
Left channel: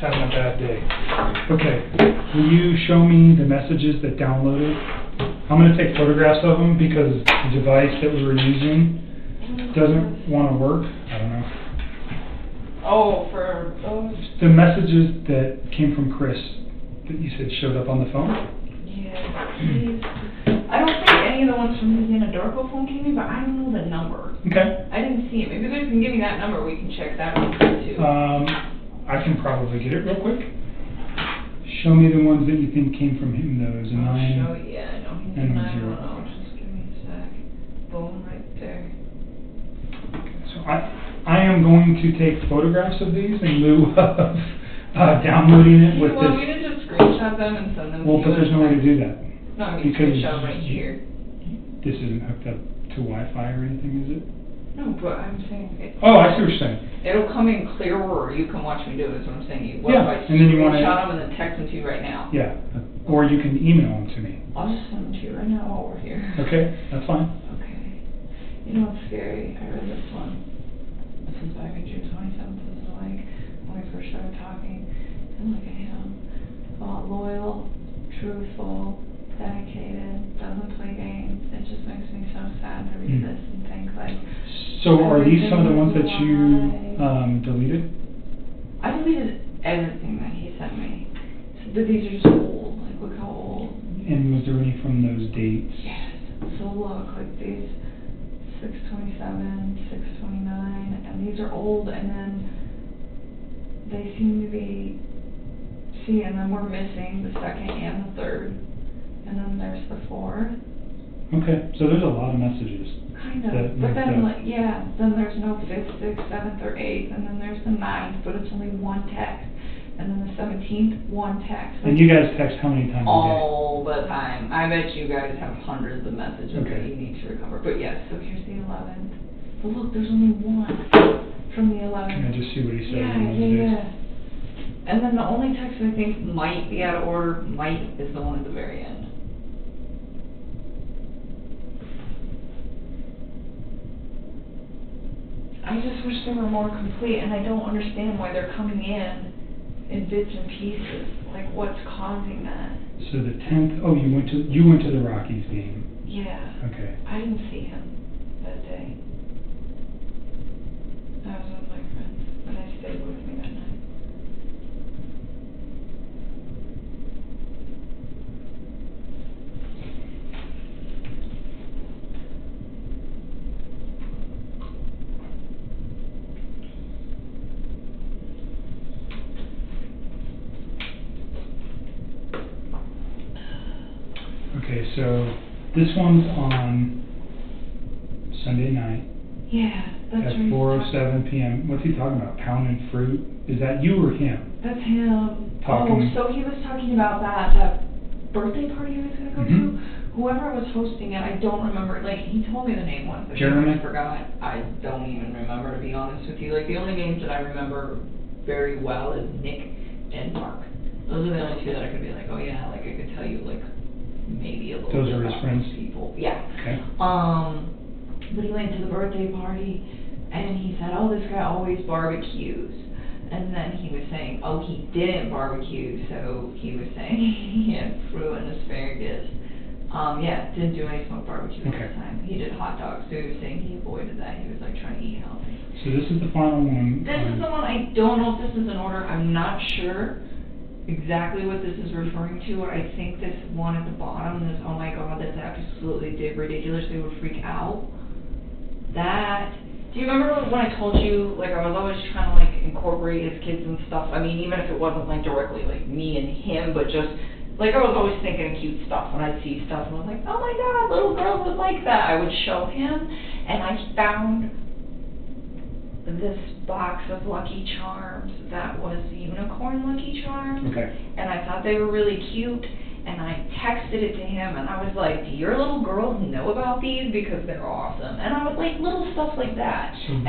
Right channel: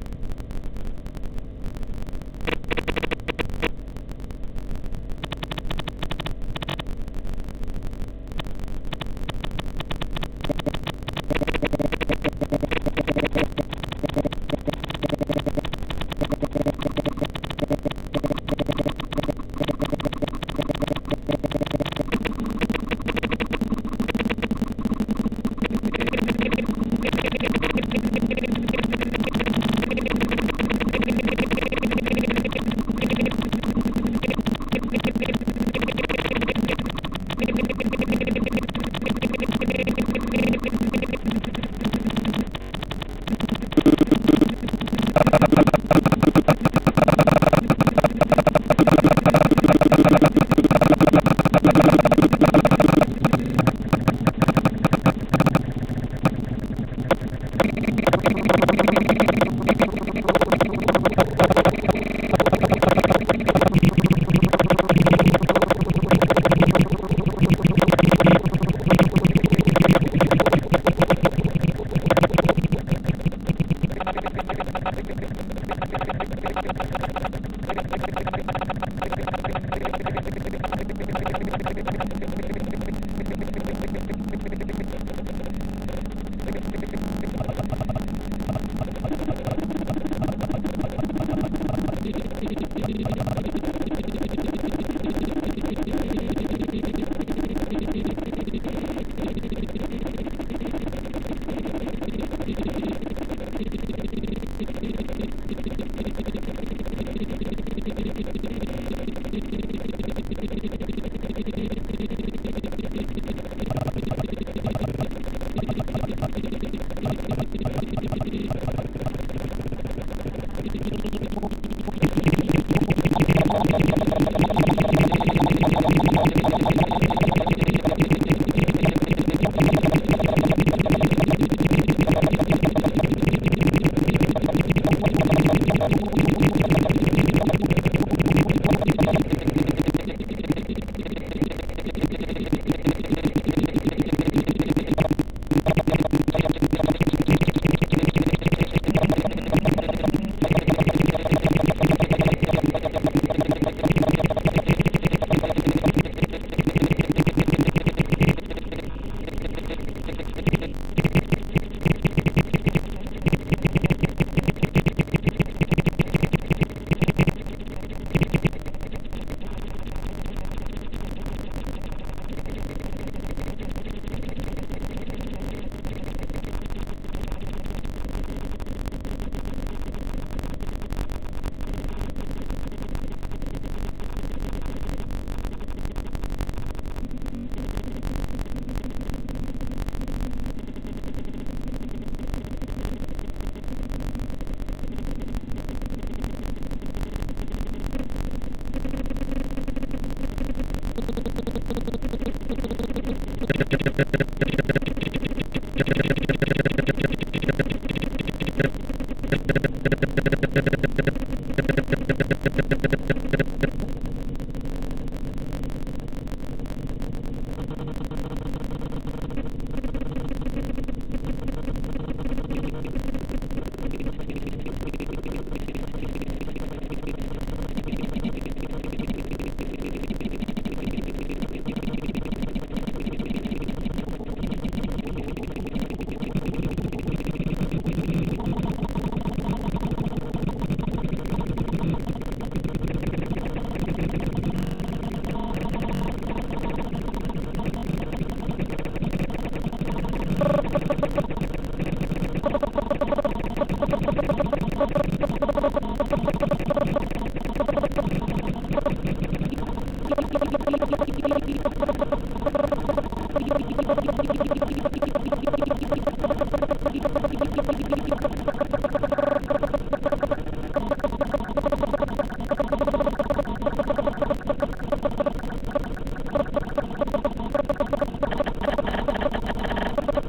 having a bad day. Okay, will you show me the messages that downloaded? I'm gonna take photographs of them because the device that we were using doesn't wanna work. I don't know. Oh, for those? The messages that came from Chris, that you said showed up on the phone? I don't think any of the ones from Louisiana Darko phone came, but I don't know the number. Okay. I didn't see it. Maybe we can give me that number, we can check that out too. I can probably get it real quick. Show me the ones that you think came from him. Those 9 and 0. I am going to take photographs of these in lieu of downloading it with this. Well, but there's no way to do that. Oh, I see what you're saying. It'll come in clear where you want to do. Yeah, and then you want to or you can email. Okay, that's fine. So are these some of the ones that you deleted? I deleted everything. And was there any from those dates? These are old, and then they seem to be, and then we're missing the second and the third. And then there's the fourth. Okay, so there's a lot of messages. But then, like, yeah, then there's no 6, 7th, or 8, and then there's the 9th, but it's only one text, and then the 17th is one text. And you guys text how many times? All the time. I bet you guys and then the only text I think might get a word might is I just wish they were more complete, and I don't understand why they're coming in and this what's causing that. So the 10th, oh, you went to the Rocky. Yeah. Okay, so this one's on Sunday night. Yeah, that's at right. 4:07 p.m. What's he talking about? Pounding fruit? Is that you or him? That's him. Talking. Oh, so he was talking about that birthday party he was going to go to? Whoever was hosting it, I don't remember. Like, he told me the name once. but Jeremy? I forgot. I don't even remember. To be honest with you. The only names that I remember very well is name and month. Those are the only two that I can remember. Yeah, I can tell you, like, maybe a little Those bit are his about friends? people. Yeah. Okay. We went to the birthday party, and he said, oh, this guy always barbecues. And then he was saying, oh, he didn't barbecue, so he was saying he had ruined asparagus. Yeah, didn't do anything with barbecue. He did hot dogs, so he was saying he avoided that. He was like trying to eat healthy. So this is the final one. This is the one, I don't know if this is in order, I'm not sure exactly what this is referring to, or I think this one at the bottom, and oh my god, it's absolutely did ridiculously freak out. That, do you remember when I told you, like, I was always trying to, like, incorporate his kids and stuff, I mean, even if it wasn't, like, directly me and him, but just, like, I was always thinking cute stuff when I see stuff, and I was like, oh my god, little girls would like that, I would show him, and I found this box of Lucky Charms that was unicorn Lucky Charms, and I thought they were really cute, and I texted it to him, and I was like, do your little girls know about these, because they're awesome, and I was like, little stuff like that, and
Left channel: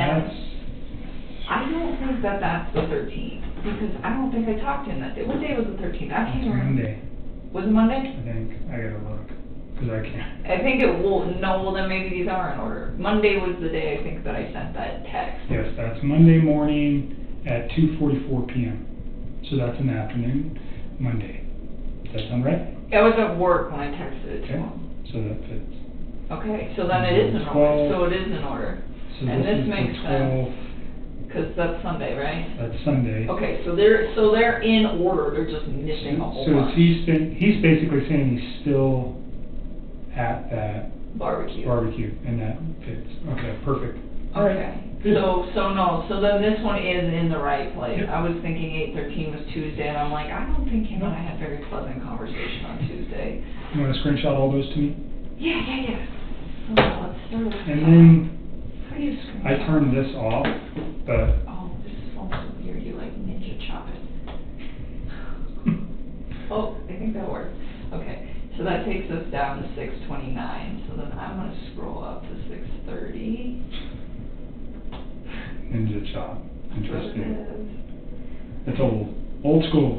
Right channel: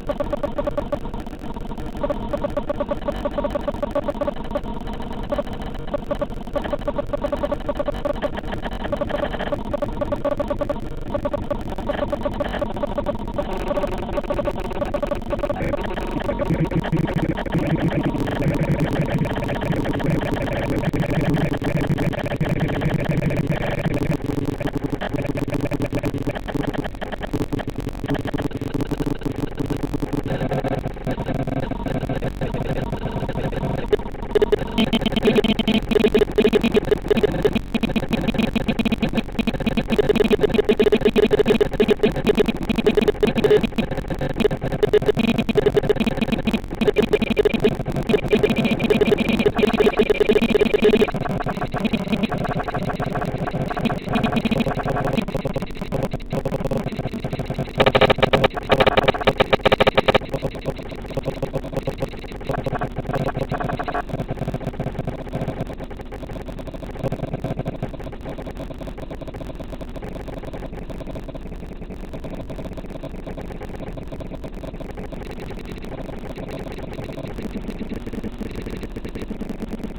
I don't think that that's the 13th, because I don't think I talked to him that day. What day was the 13th? I can't remember. Was it Monday? I think it will, no, well then maybe these aren't. Monday was the day, because I sent that text. Monday morning at 2:44 p.m. So That was at work. Okay, so then it is in order, so it is in order. And this makes sense, because that's Sunday, right? That's Sunday. Okay, so they're in order. So he's basically saying he's still at that barbecue. Okay, so then this one is in the right place. I was thinking, Screenshot all those two. And then I turned this off, but oh, okay, so that takes us down to 6:29. So then I'm gonna scroll up to 6:30. good job. Interesting. It's old school.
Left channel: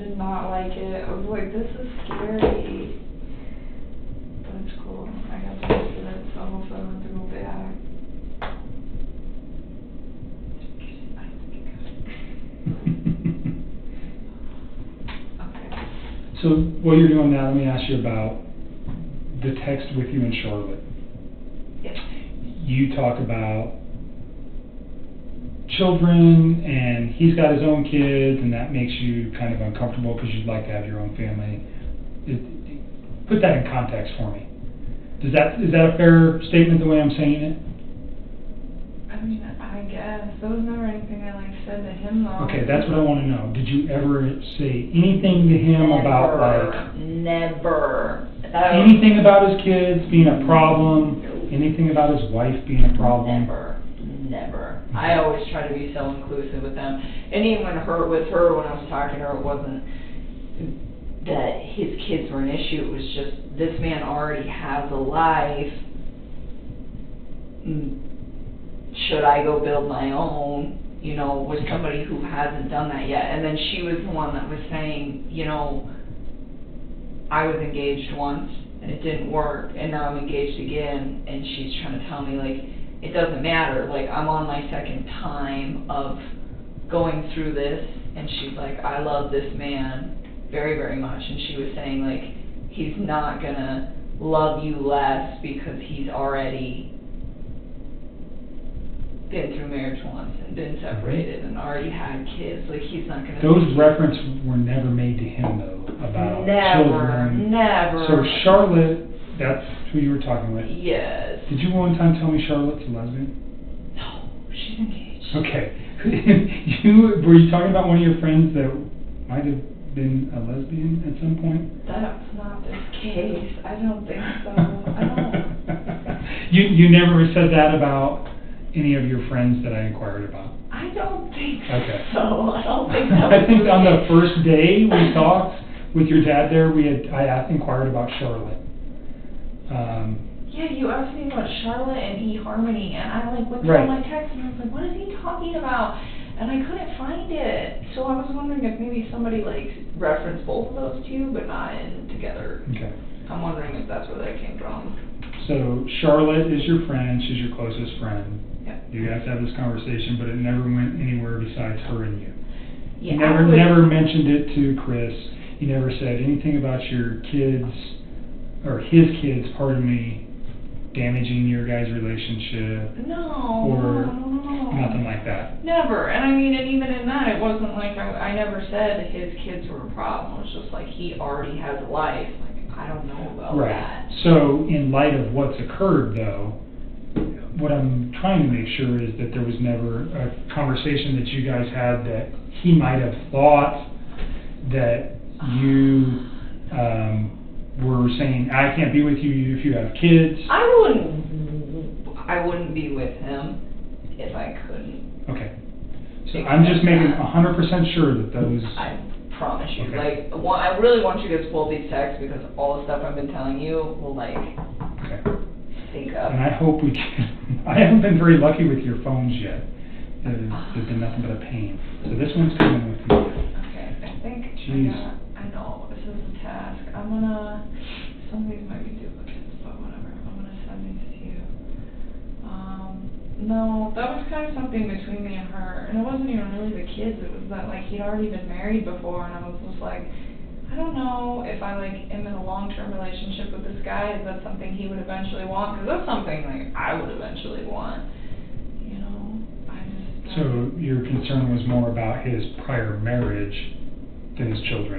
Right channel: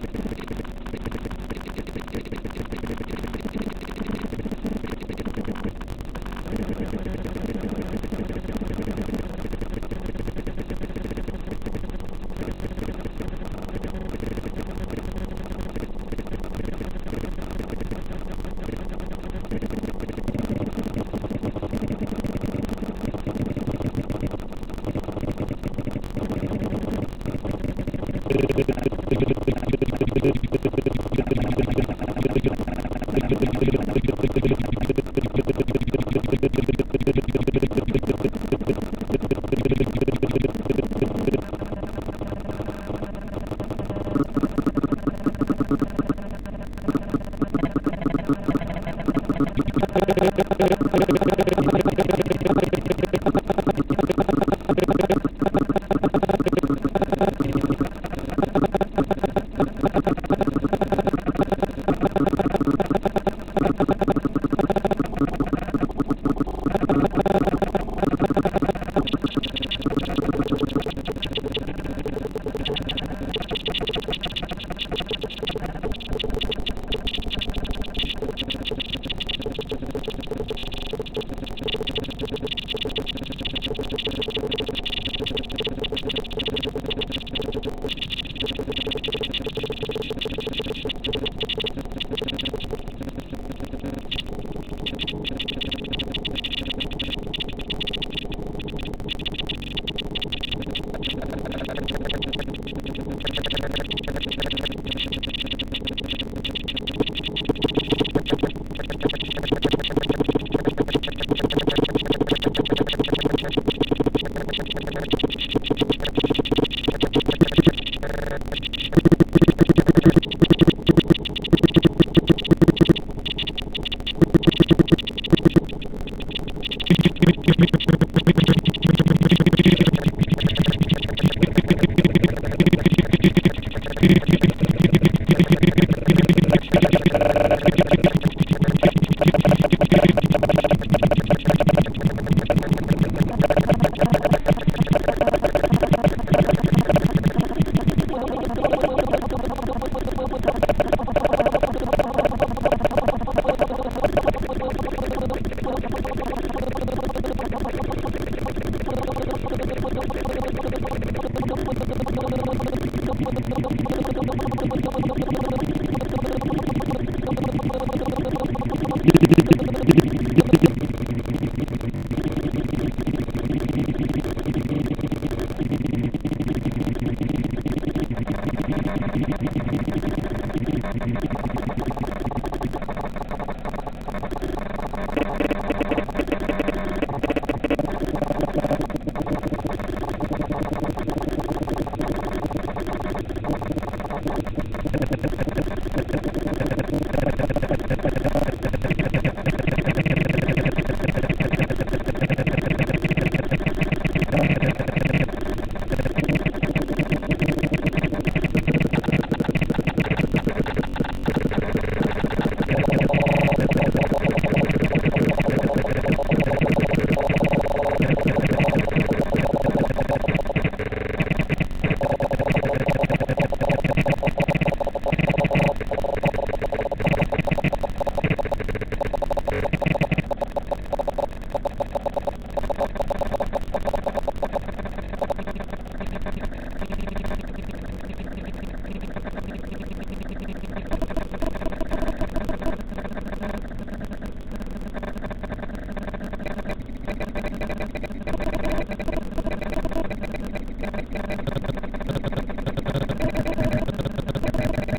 Did not like it. I was like, this is scary. So what you're doing now, let me ask you about the text with you and Charlotte. You talk about children, and he's got his own kid, and that makes you kind of uncomfortable because you'd like to have your own family. Put that in context. Is that a fair statement the way I'm saying it? Okay, that's what I want to know. Did you ever say anything to him about, like, Never. anything about his kids being a problem, anything about his wife being a problem? I always try to be self-inclusive with them. And even with her, when I was talking to her, it wasn't that his kids were an issue. It was just, this man already has a life. Should I go build my own, with somebody who hasn't done that yet? And then she was the one that was saying, I was engaged once, it didn't work, and now I'm engaged again, and she's trying to tell me, like, it doesn't matter, like, I'm on my second time of going through this, and she's like, I love this man very, very much, and she was saying, like, he's not gonna love you less because he's already been through marriage once, been separated, and already having kids, like, he's not gonna... Those references were never made to him, though, about children. Never. So Charlotte, that's who you were talking about. Yes. Did you know one time telling Charlotte to love you? Okay. Were you talking about one of your friends that might have been You never said that about any of your friends that I think on the first day we talked with your dad there, I asked that part about Charlotte. Right. So Charlotte is your friend, she's your closest friend. You guys had this conversation, but it never went anywhere besides friends. He never mentioned it to Chris. He never said anything about your kids, or his kids, or damaging your guys' relationship, or nothing like that. Never. And I mean, and even in that, it wasn't like I never said his kids were a problem. It's just like he already has a life. I don't know about Right. that. So, in light of what's occurred, though, what I'm trying to make sure is that there was never a conversation that you guys had that he might have thought that you were saying, I can't be with you if you have kids. I wouldn't be with him. I'm just making 100% sure that there was... Like, I really want you to pull these texts all of a sudden. I hope you can. I haven't been very lucky with your phone yet. So this one's good. Jeez. No, that was kind of something between me and her. And it wasn't even know, there was a kid because like he already been married before, and I was just like, I don't know if I like am in a long-term relationship with this guy. Is that something he would eventually want? Because that's something I would eventually want. So your concern was more about his prior marriage than his children?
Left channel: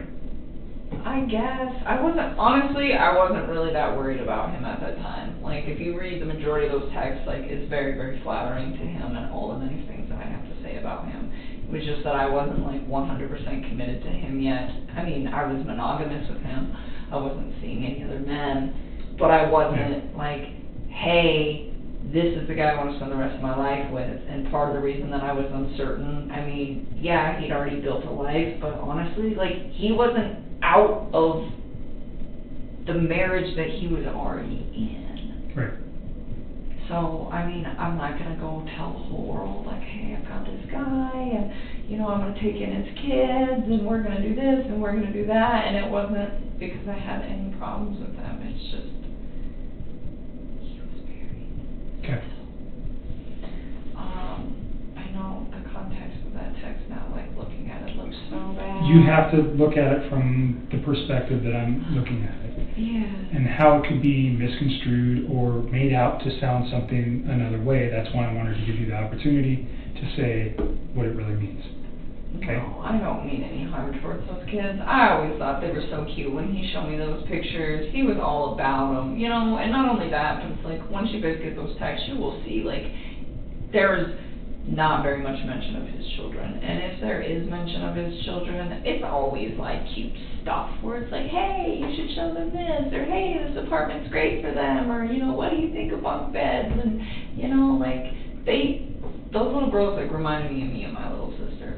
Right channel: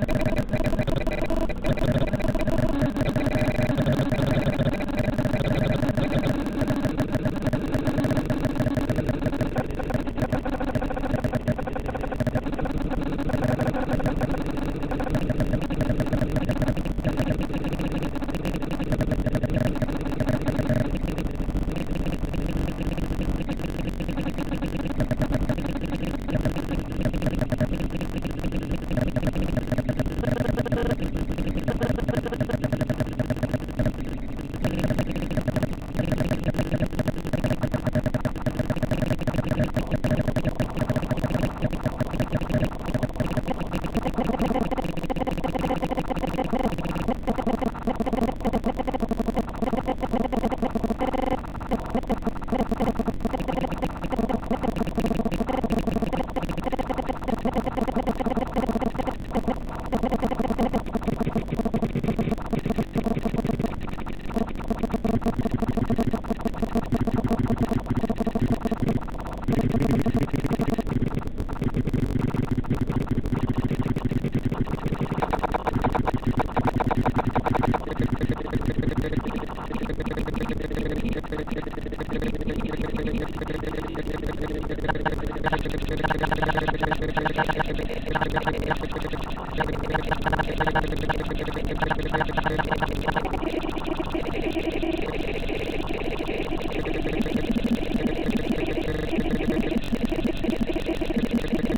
I guess. I wasn't really that worried about him at the time. Like, if you read the majority of those texts, like, it's very, very flattering. He doesn't always have anything to say about it. It was just that I wasn't, like, 100% committed to him yet. I mean, I was monogamous with him. I wasn't seeing any of the men. But I wasn't, like, hey, this is the guy I want to spend the rest of my life with. And part of the reason that I was uncertain, I mean, yeah, he'd already built a life, but honestly, like, he wasn't out of the marriage that he was already in. So, I mean, I'm not going to go and tell the world, like, hey, I'm going to take in his kids, and we're going to do this, and we're going to do that, and it wasn't because I had any problems with him. It's just... You have to look at it from the perspective that I'm looking at, and how it could be misconstrued or made out to sound something another way. That's why I wanted to give you the opportunity to say what it really means. Okay? I don't mean it to sound towards those kids. I always thought they were so cute when he showed me those pictures. He was all about them, you know, and not only that, but like, once you read those texts, you will see, like, there is not very much and it's very it's always like hey, you should show me this, or hey, this apartment's great for them, or you know, like, they could walk bed, you know, like, those little girls that remind me of me,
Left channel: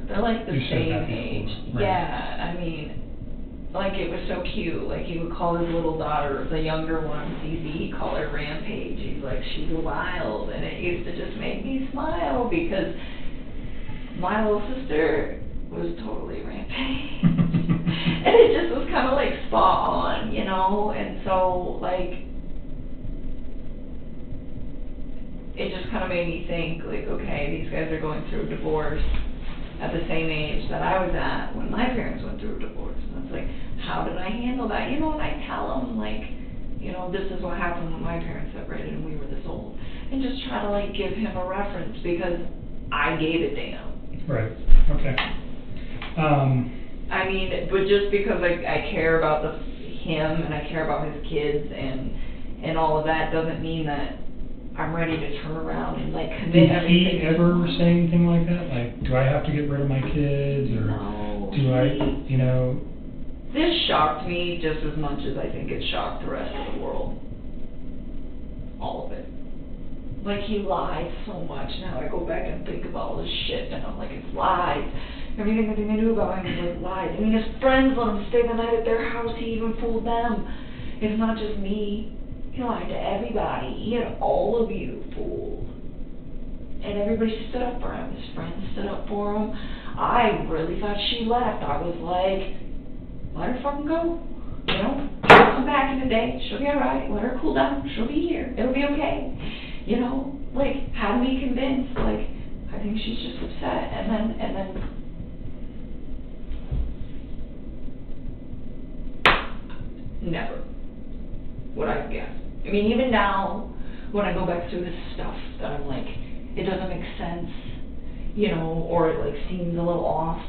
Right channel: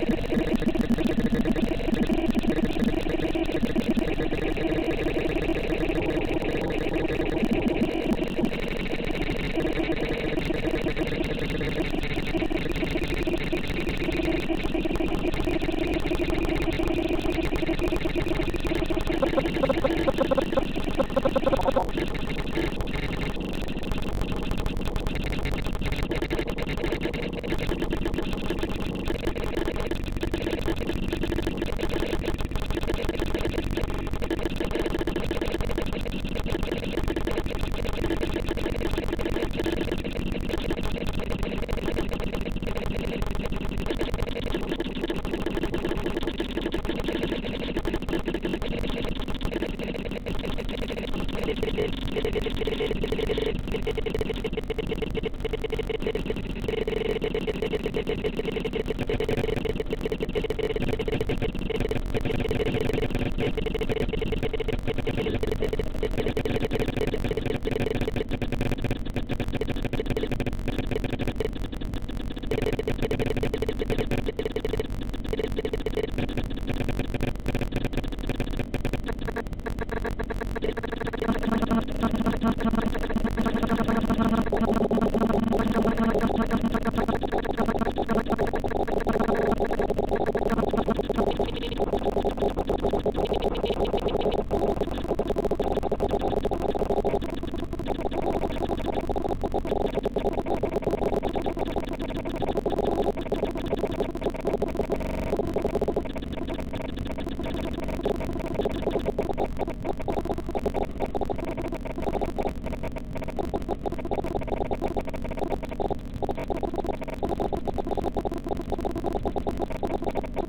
they're like the same age, yeah, I mean, like, it was so cute, like, they would call her little daughter, the younger one, we call her Granny, like, she smiles, and it just makes me smile, because my little sister, and it just was kind of like fun, you know, and so, like, it just kind of made me think, like, okay, these guys are going through a divorce at the same age that I was at when my parents went through a divorce. Like, how did I handle that? You know, and I tell them, like, you know, this is what happened with my parents. And just try to, like, give him a reference because I gave it to him. Right. Okay. I mean, but just because I care about him and I care about his kids and all of that doesn't mean that I'm ready to turn around and like Did he ever say anything like that? Like, do I have to get rid of my kids, or do I, you know? This shocked me just as much as I think it shocked the rest of the world. All of it. Like, he lied so much. Now I go back and think about all this shit. And I'm like, he lied. Everything that we knew about him was lies. I mean, his friends let him stay the night at their house. He even fooled them. It's not just me. You know, to everybody. He had all of you. And everybody stuck by him. His friends set up for him. I really thought she left. I was like, let her fucking go. You know, come back in the day. She'll be alright. Let her cool down. She'll be here. It'll be okay. You know, like, how do we convince? Like, I think she's just upset. And then. Never would I forget. I mean, even now, when I go back through this stuff, that I'm like, it doesn't make sense, you know, or it like seems a little off.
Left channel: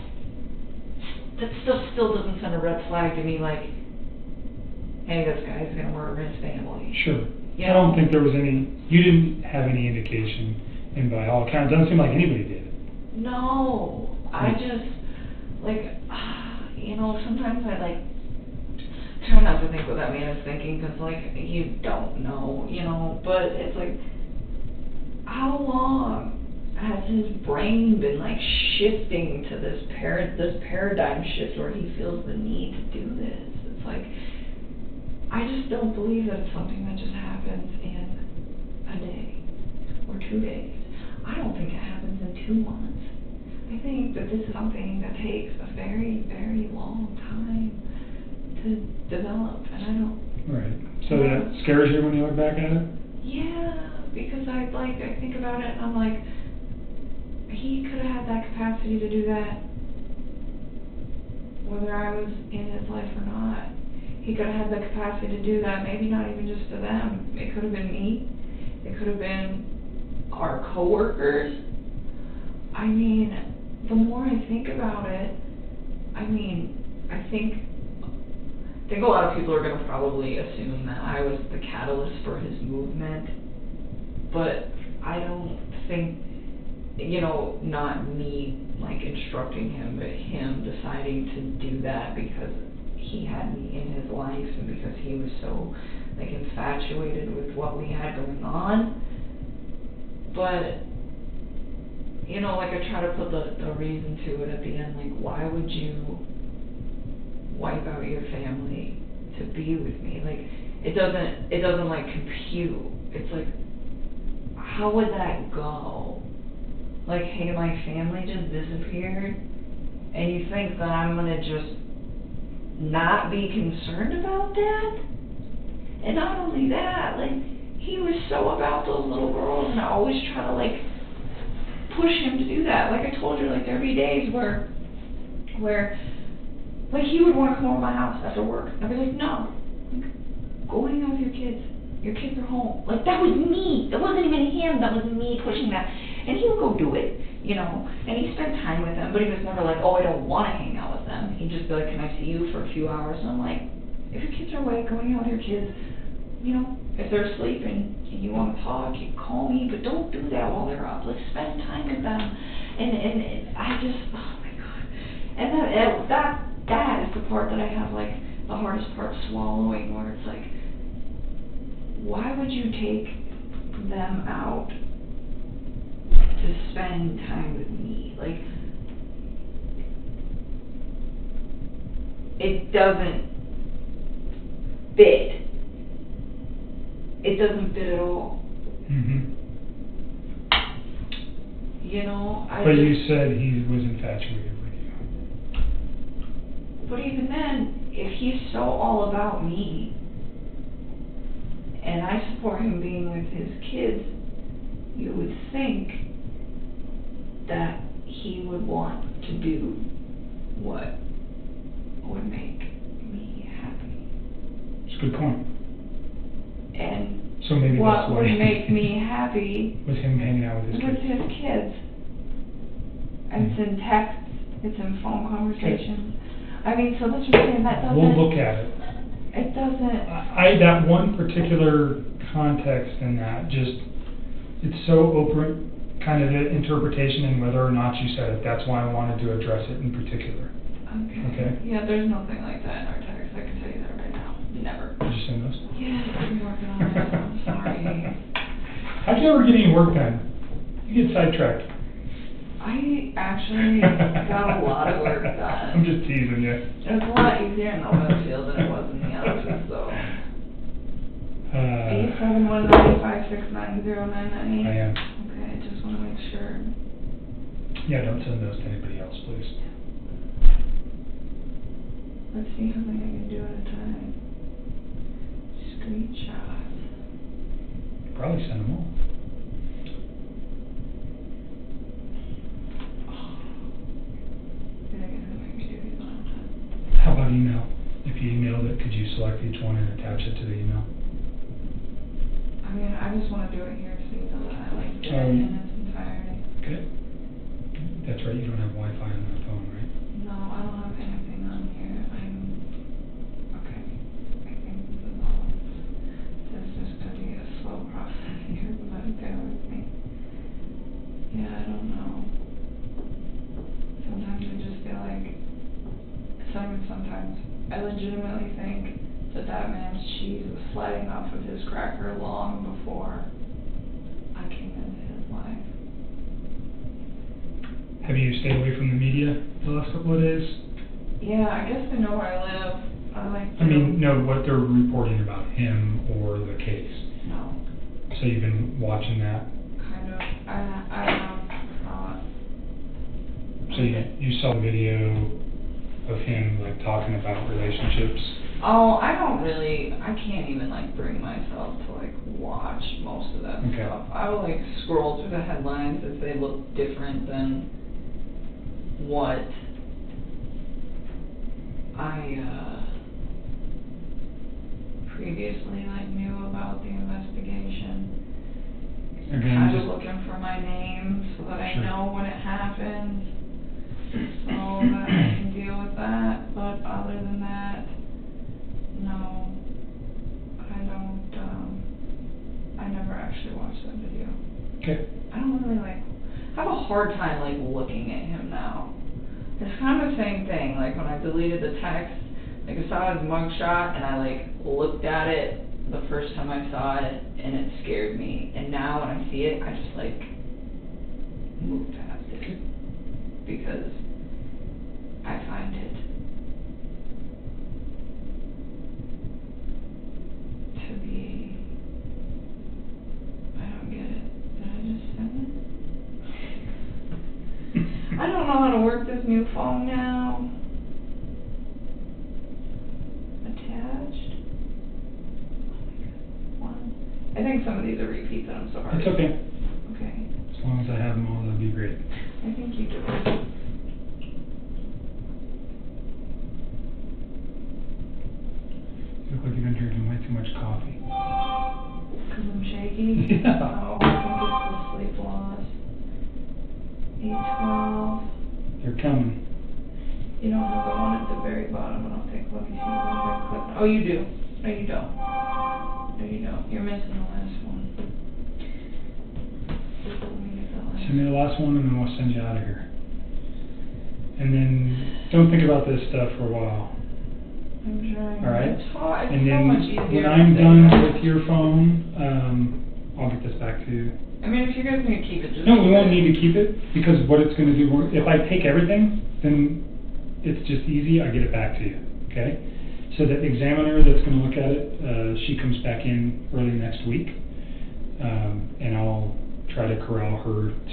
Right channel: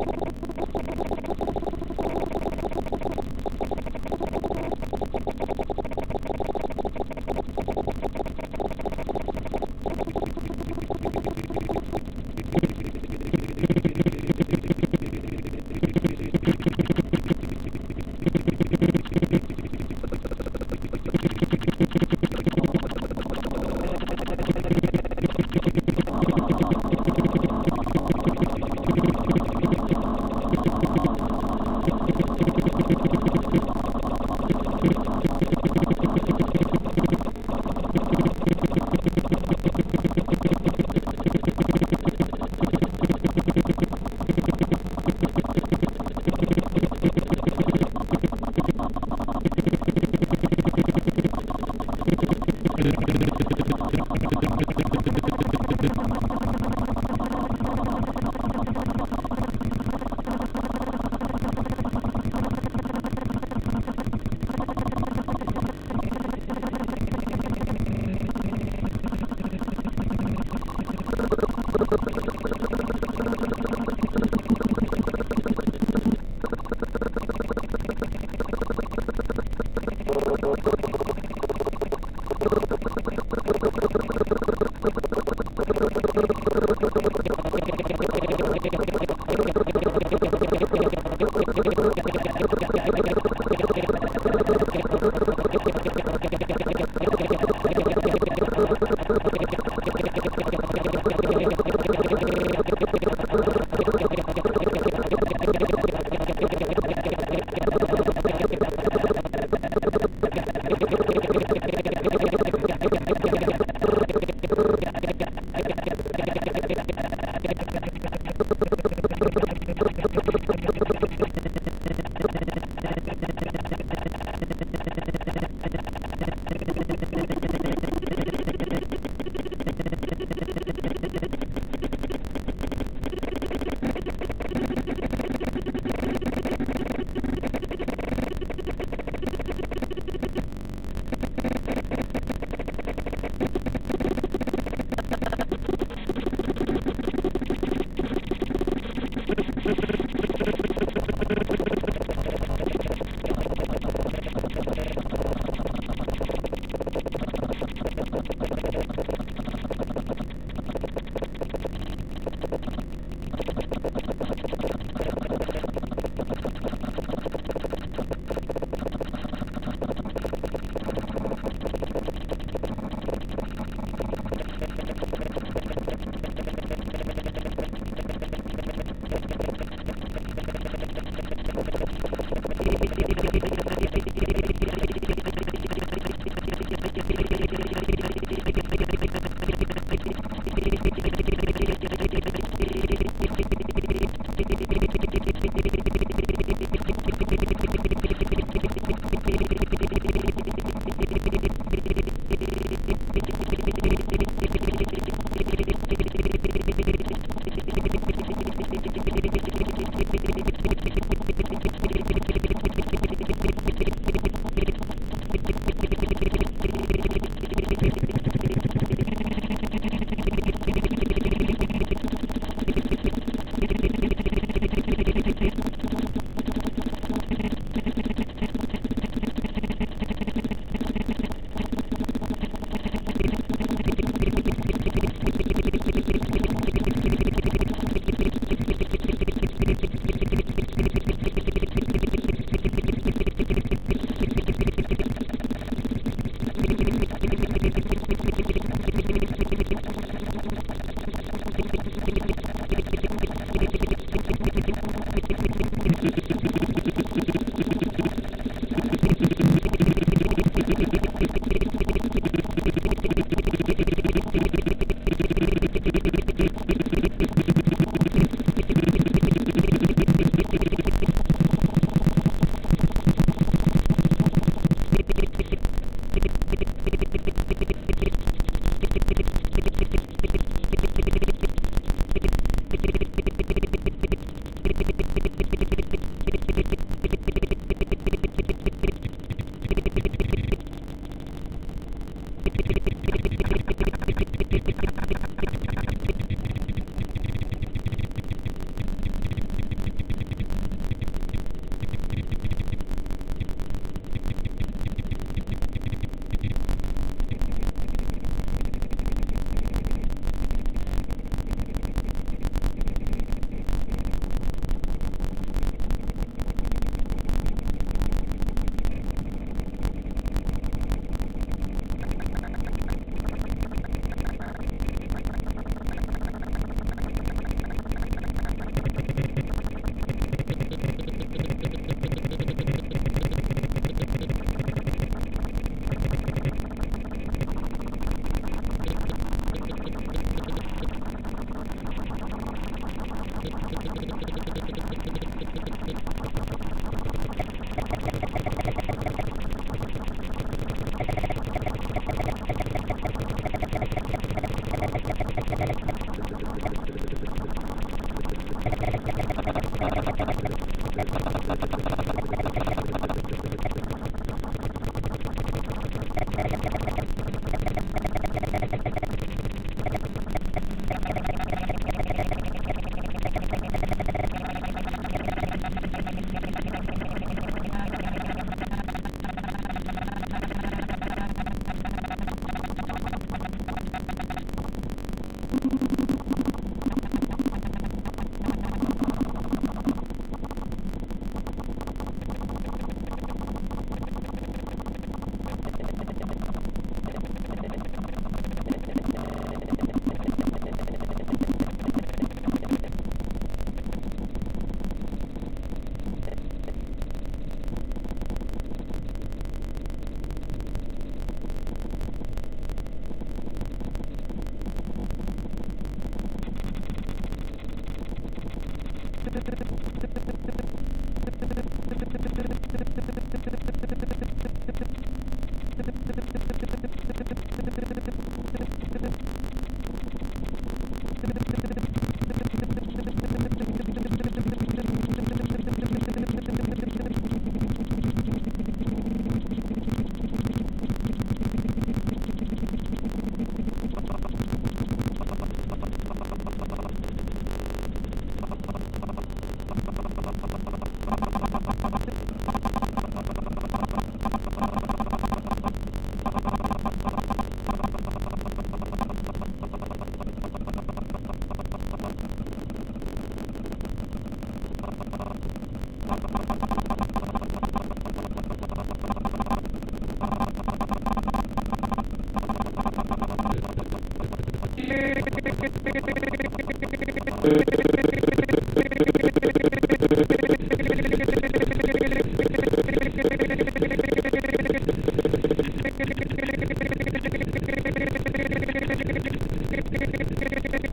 That stuff still doesn't send a red flag to me, like, hey, this guy's gonna murder his family. Sure. I don't think there was any, you didn't have any indication, and by all accounts, it doesn't seem like anybody did. No, I just, like, you know, sometimes I, like, try not to think what that man is thinking, because, like, you don't know, you know, but it's like, how long has his brain been, like, shifting to this paradigm shift where he's so like, I just don't believe that something like that happened. So that scares you when you look back at it? He could have had that capacity to and maybe not even just to them. It could have been me. It could have been our coworkers. I mean, the more I think about it, I think a lot of people are going to probably assume that I was the catalyst for his movement, but I don't think, not really instructing him and deciding to do that, I just had to But you said he was attached. What do you mean? If he's so all about me, and I support him being with his kids, you would think that he would want to do Good point. So and maybe what would make me happy because his kids has been texting and phone conversations. I mean, so let's pretend that doesn't. We'll look at it. It doesn't. That one particular context in that just, it's so open, kind of the interpretation and whether or not you said it. That's why I wanted to address it in particular. Okay? Yeah, there's nothing like that. How'd you ever get any work done? You get sidetracked. I actually got a lot of work done. I'm just teasing you. It's a lot easier in oil field than it was, to be honest. How about email? If you emailed it, could you select each one and attach it to the email? I just want to do it. Okay. That's right, you don't have Wi-Fi on your phone, right? No, I don't have anything on I legitimately think that man's cheese was sliding off of his cracker long before I came in. Have you stayed away from the media the last couple of days? Yeah, I guess they know where I live. I'm like, I mean, no, what they're reporting about him or the case. So you've been watching that? So you saw the video of him like, talking about relationships? oh, I can't even like bring myself to watch most of that stuff. I will like scroll through the headlines if they look different than what Interrogation reminded me about the investigation. Your I hands was up. looking for my name so that I know what happened. So that I can deal with that, but other than that, no. I never actually watched the video. Okay. I don't really like, I have a hard time like looking at him now. It's kind of the same thing, like when I deleted the text, like I saw his mugshot and I like looked at it the first time I saw it and it scared me. And now when I see it, I just like move past it because I find it to be, I don't get it. I don't know how to work this new phone now. I think some of these are repeats, I'm sorry. It's okay. Okay. As long as I have them all, that'll be great. Looks like you've been drinking way too much coffee. Because I'm shaky. Yeah. You're coming. You don't have the one at the very bottom. Oh, you do. No, you don't. No, you don't. You're missing one. Send me the last one and then we'll send you out of here. And then don't think about this stuff for a while. Alright? And then when I'm done with your phone, I'll get this back to you. I mean, if you're going to keep it. No, we won't need to keep it because what is it, if I take everything, then it's just easy, I get it back to you, okay? So the examiner that's going to look at it, she comes back in early next week. And I'll try to corral her to do that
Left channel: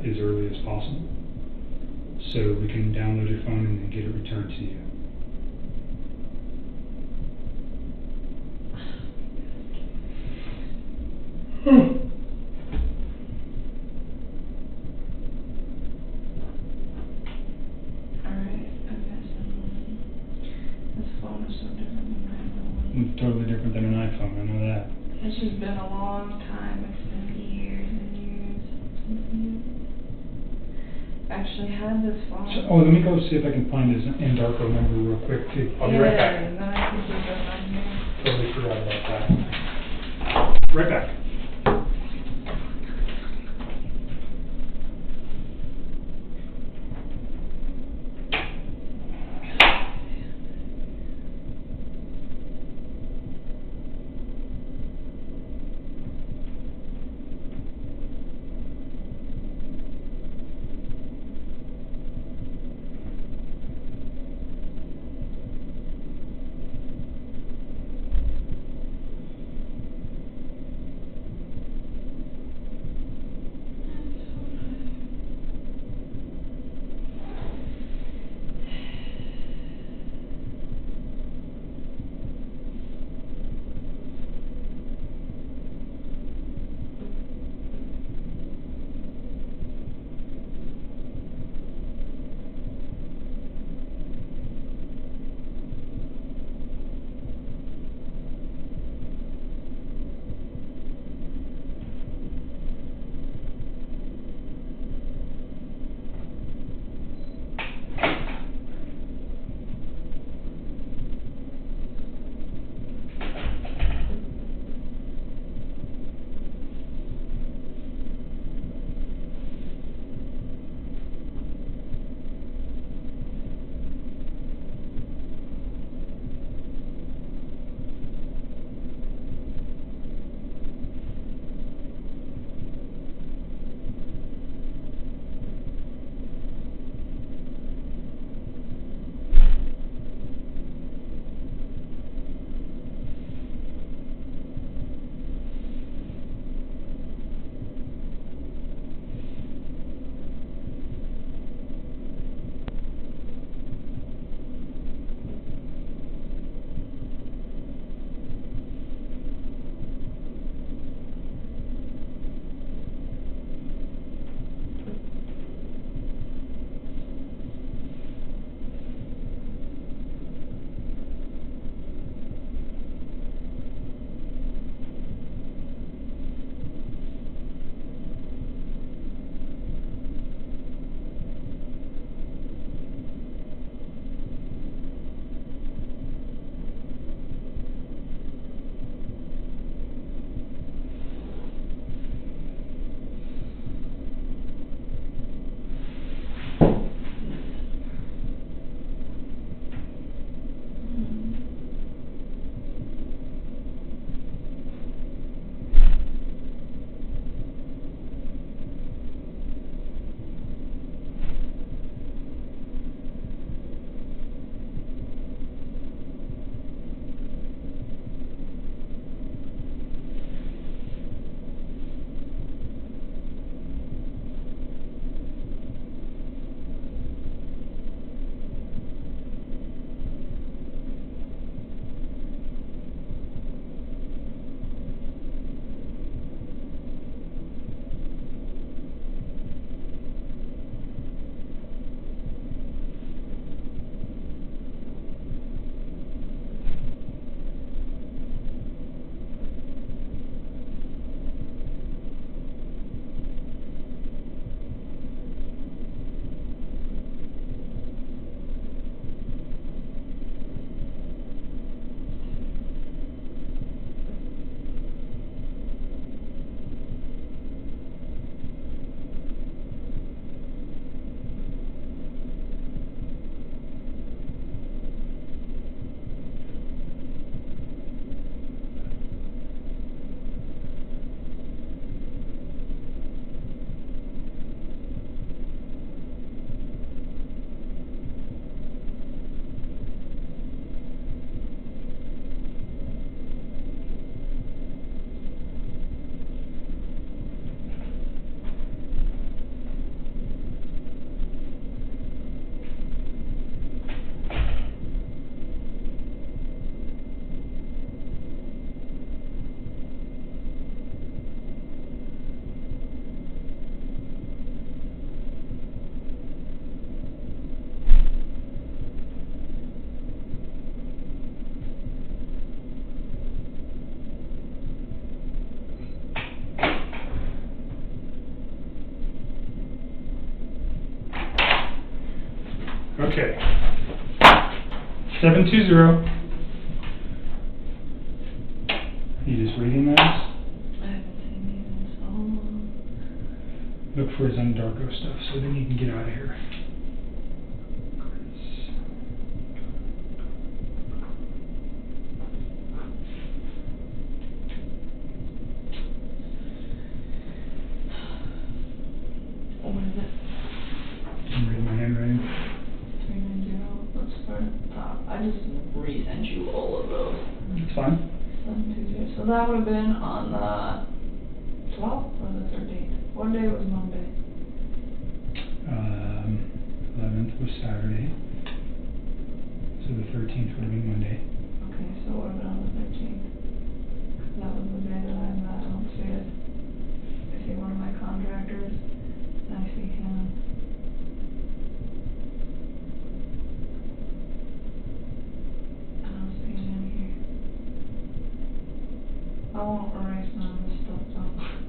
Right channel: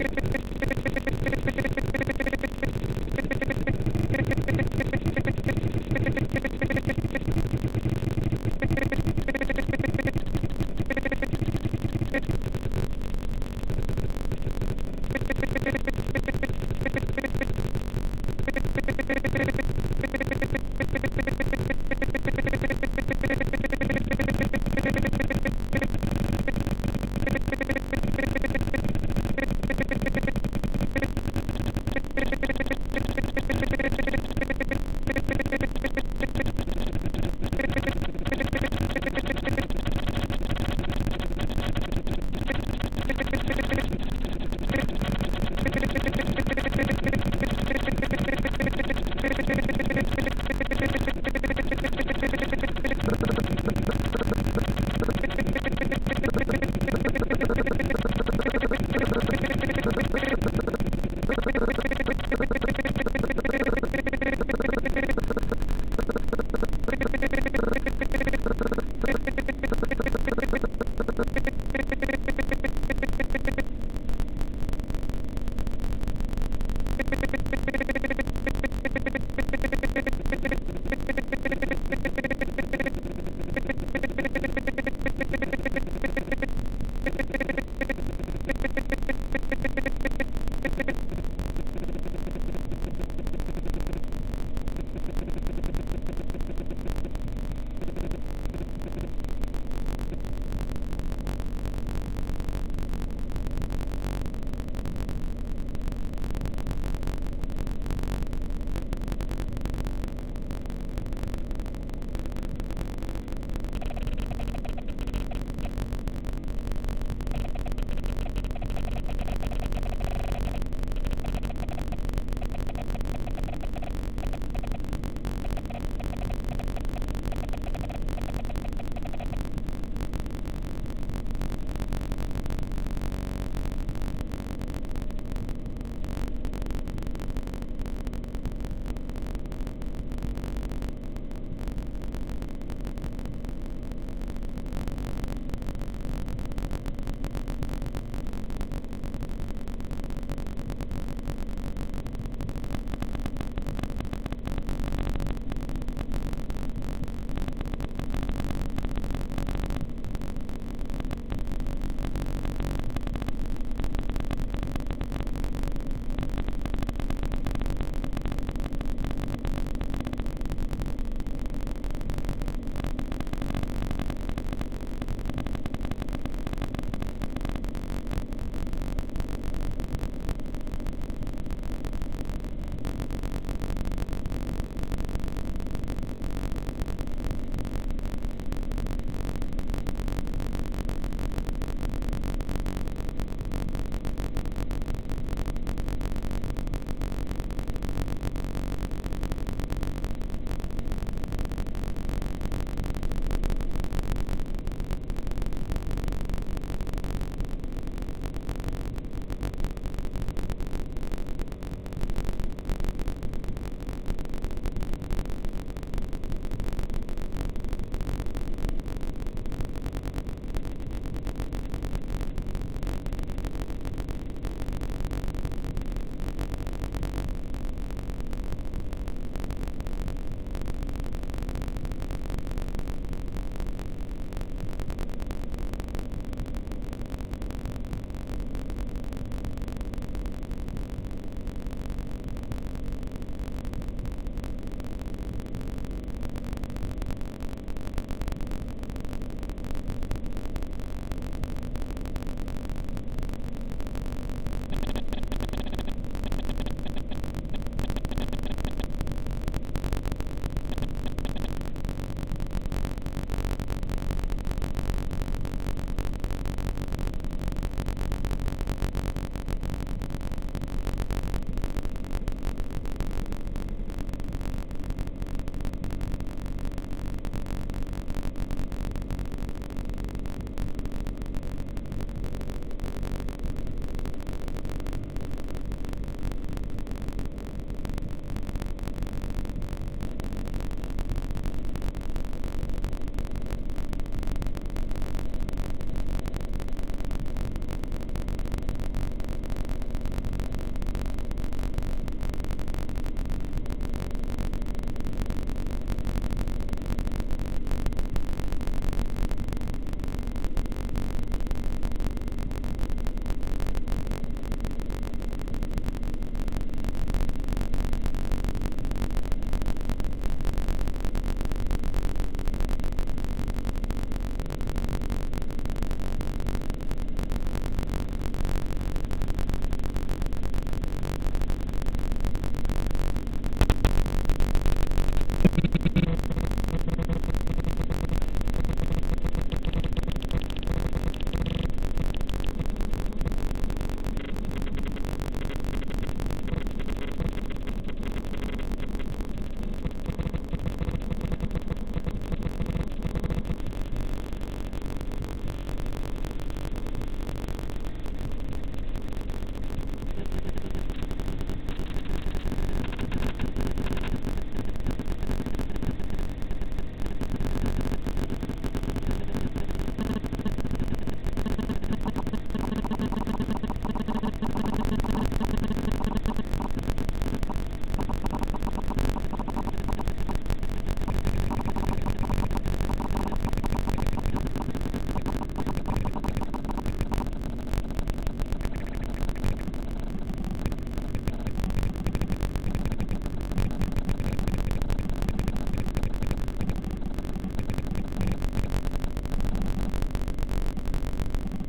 as early as possible. So we can download your phone and get it returned. Oh, let me go see if I can find this in darker number real quick. I'll be right back. Right back. Okay. 720. He is reading that. Look for his Undarko stuff so then you can get out of here. So that would have been on what day was Monday? 11th was Saturday. So the 13th would be Monday.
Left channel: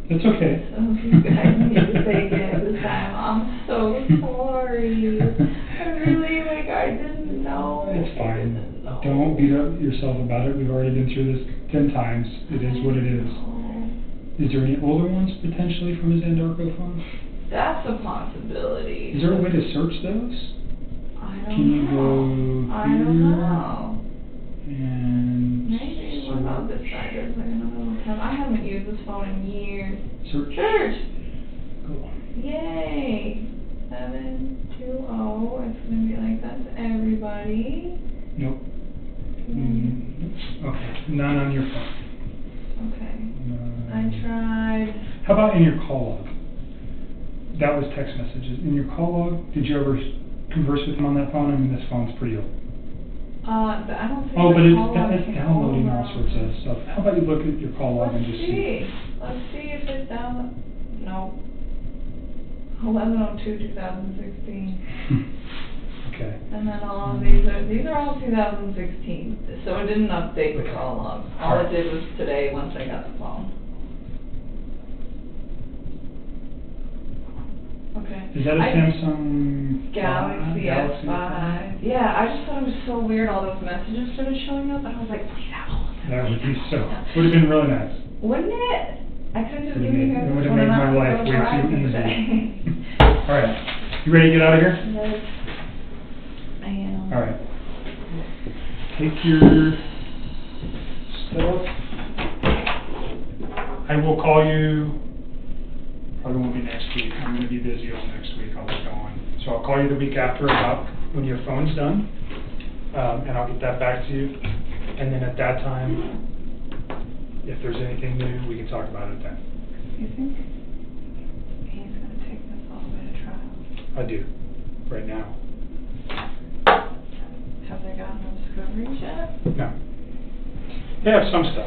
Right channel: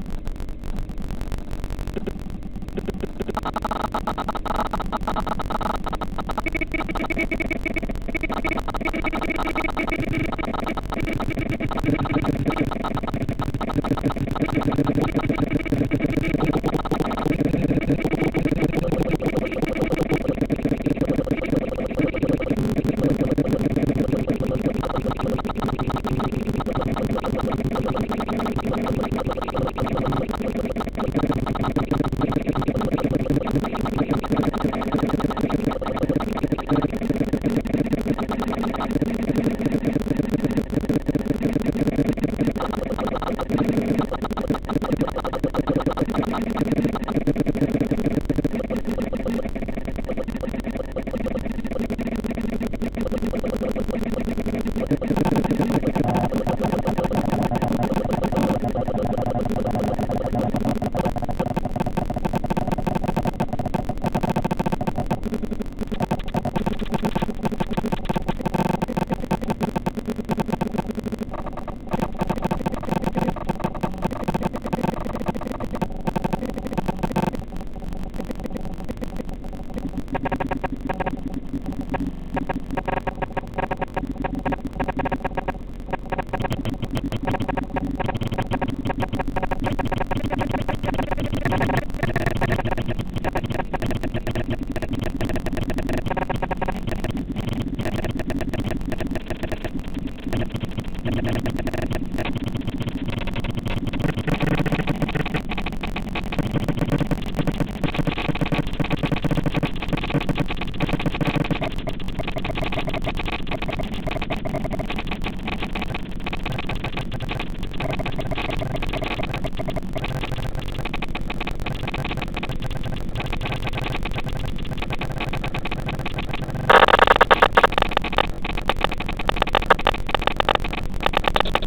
It's okay. So you guys need to take it time off. So sorry. I really, I didn't know. It's fine. Don't beat up yourself about it. We've already been through this 10 times. It is what it is. Is there any older ones potentially from the Interrogation? That's a possibility. Is there a way to search those? How about in your call log? That was text messaging. In your call log, did you ever converse with them on that phone, and this one's for you? Oh, but it says the handle of the message. So I thought you looked at the call log and just so it didn't update the call log. All it did was today once I got the call. Is that a Samsung Galaxy S5? Yeah, I just thought it was so weird all those messages started showing up. I was like, that would be so. Would have been really nice. wouldn't it? I couldn't believe it. It would have made my life way too easy. Alright. You ready to get out of here? Alright. Take your stuff. I will call you. I won't be next week. I'm going to be busy. So I'll call you the week after about when your phone's done. And I'll get that back to you. And then at that time, if there's anything new, we can talk about it then. I do. Right now. They have some stuff.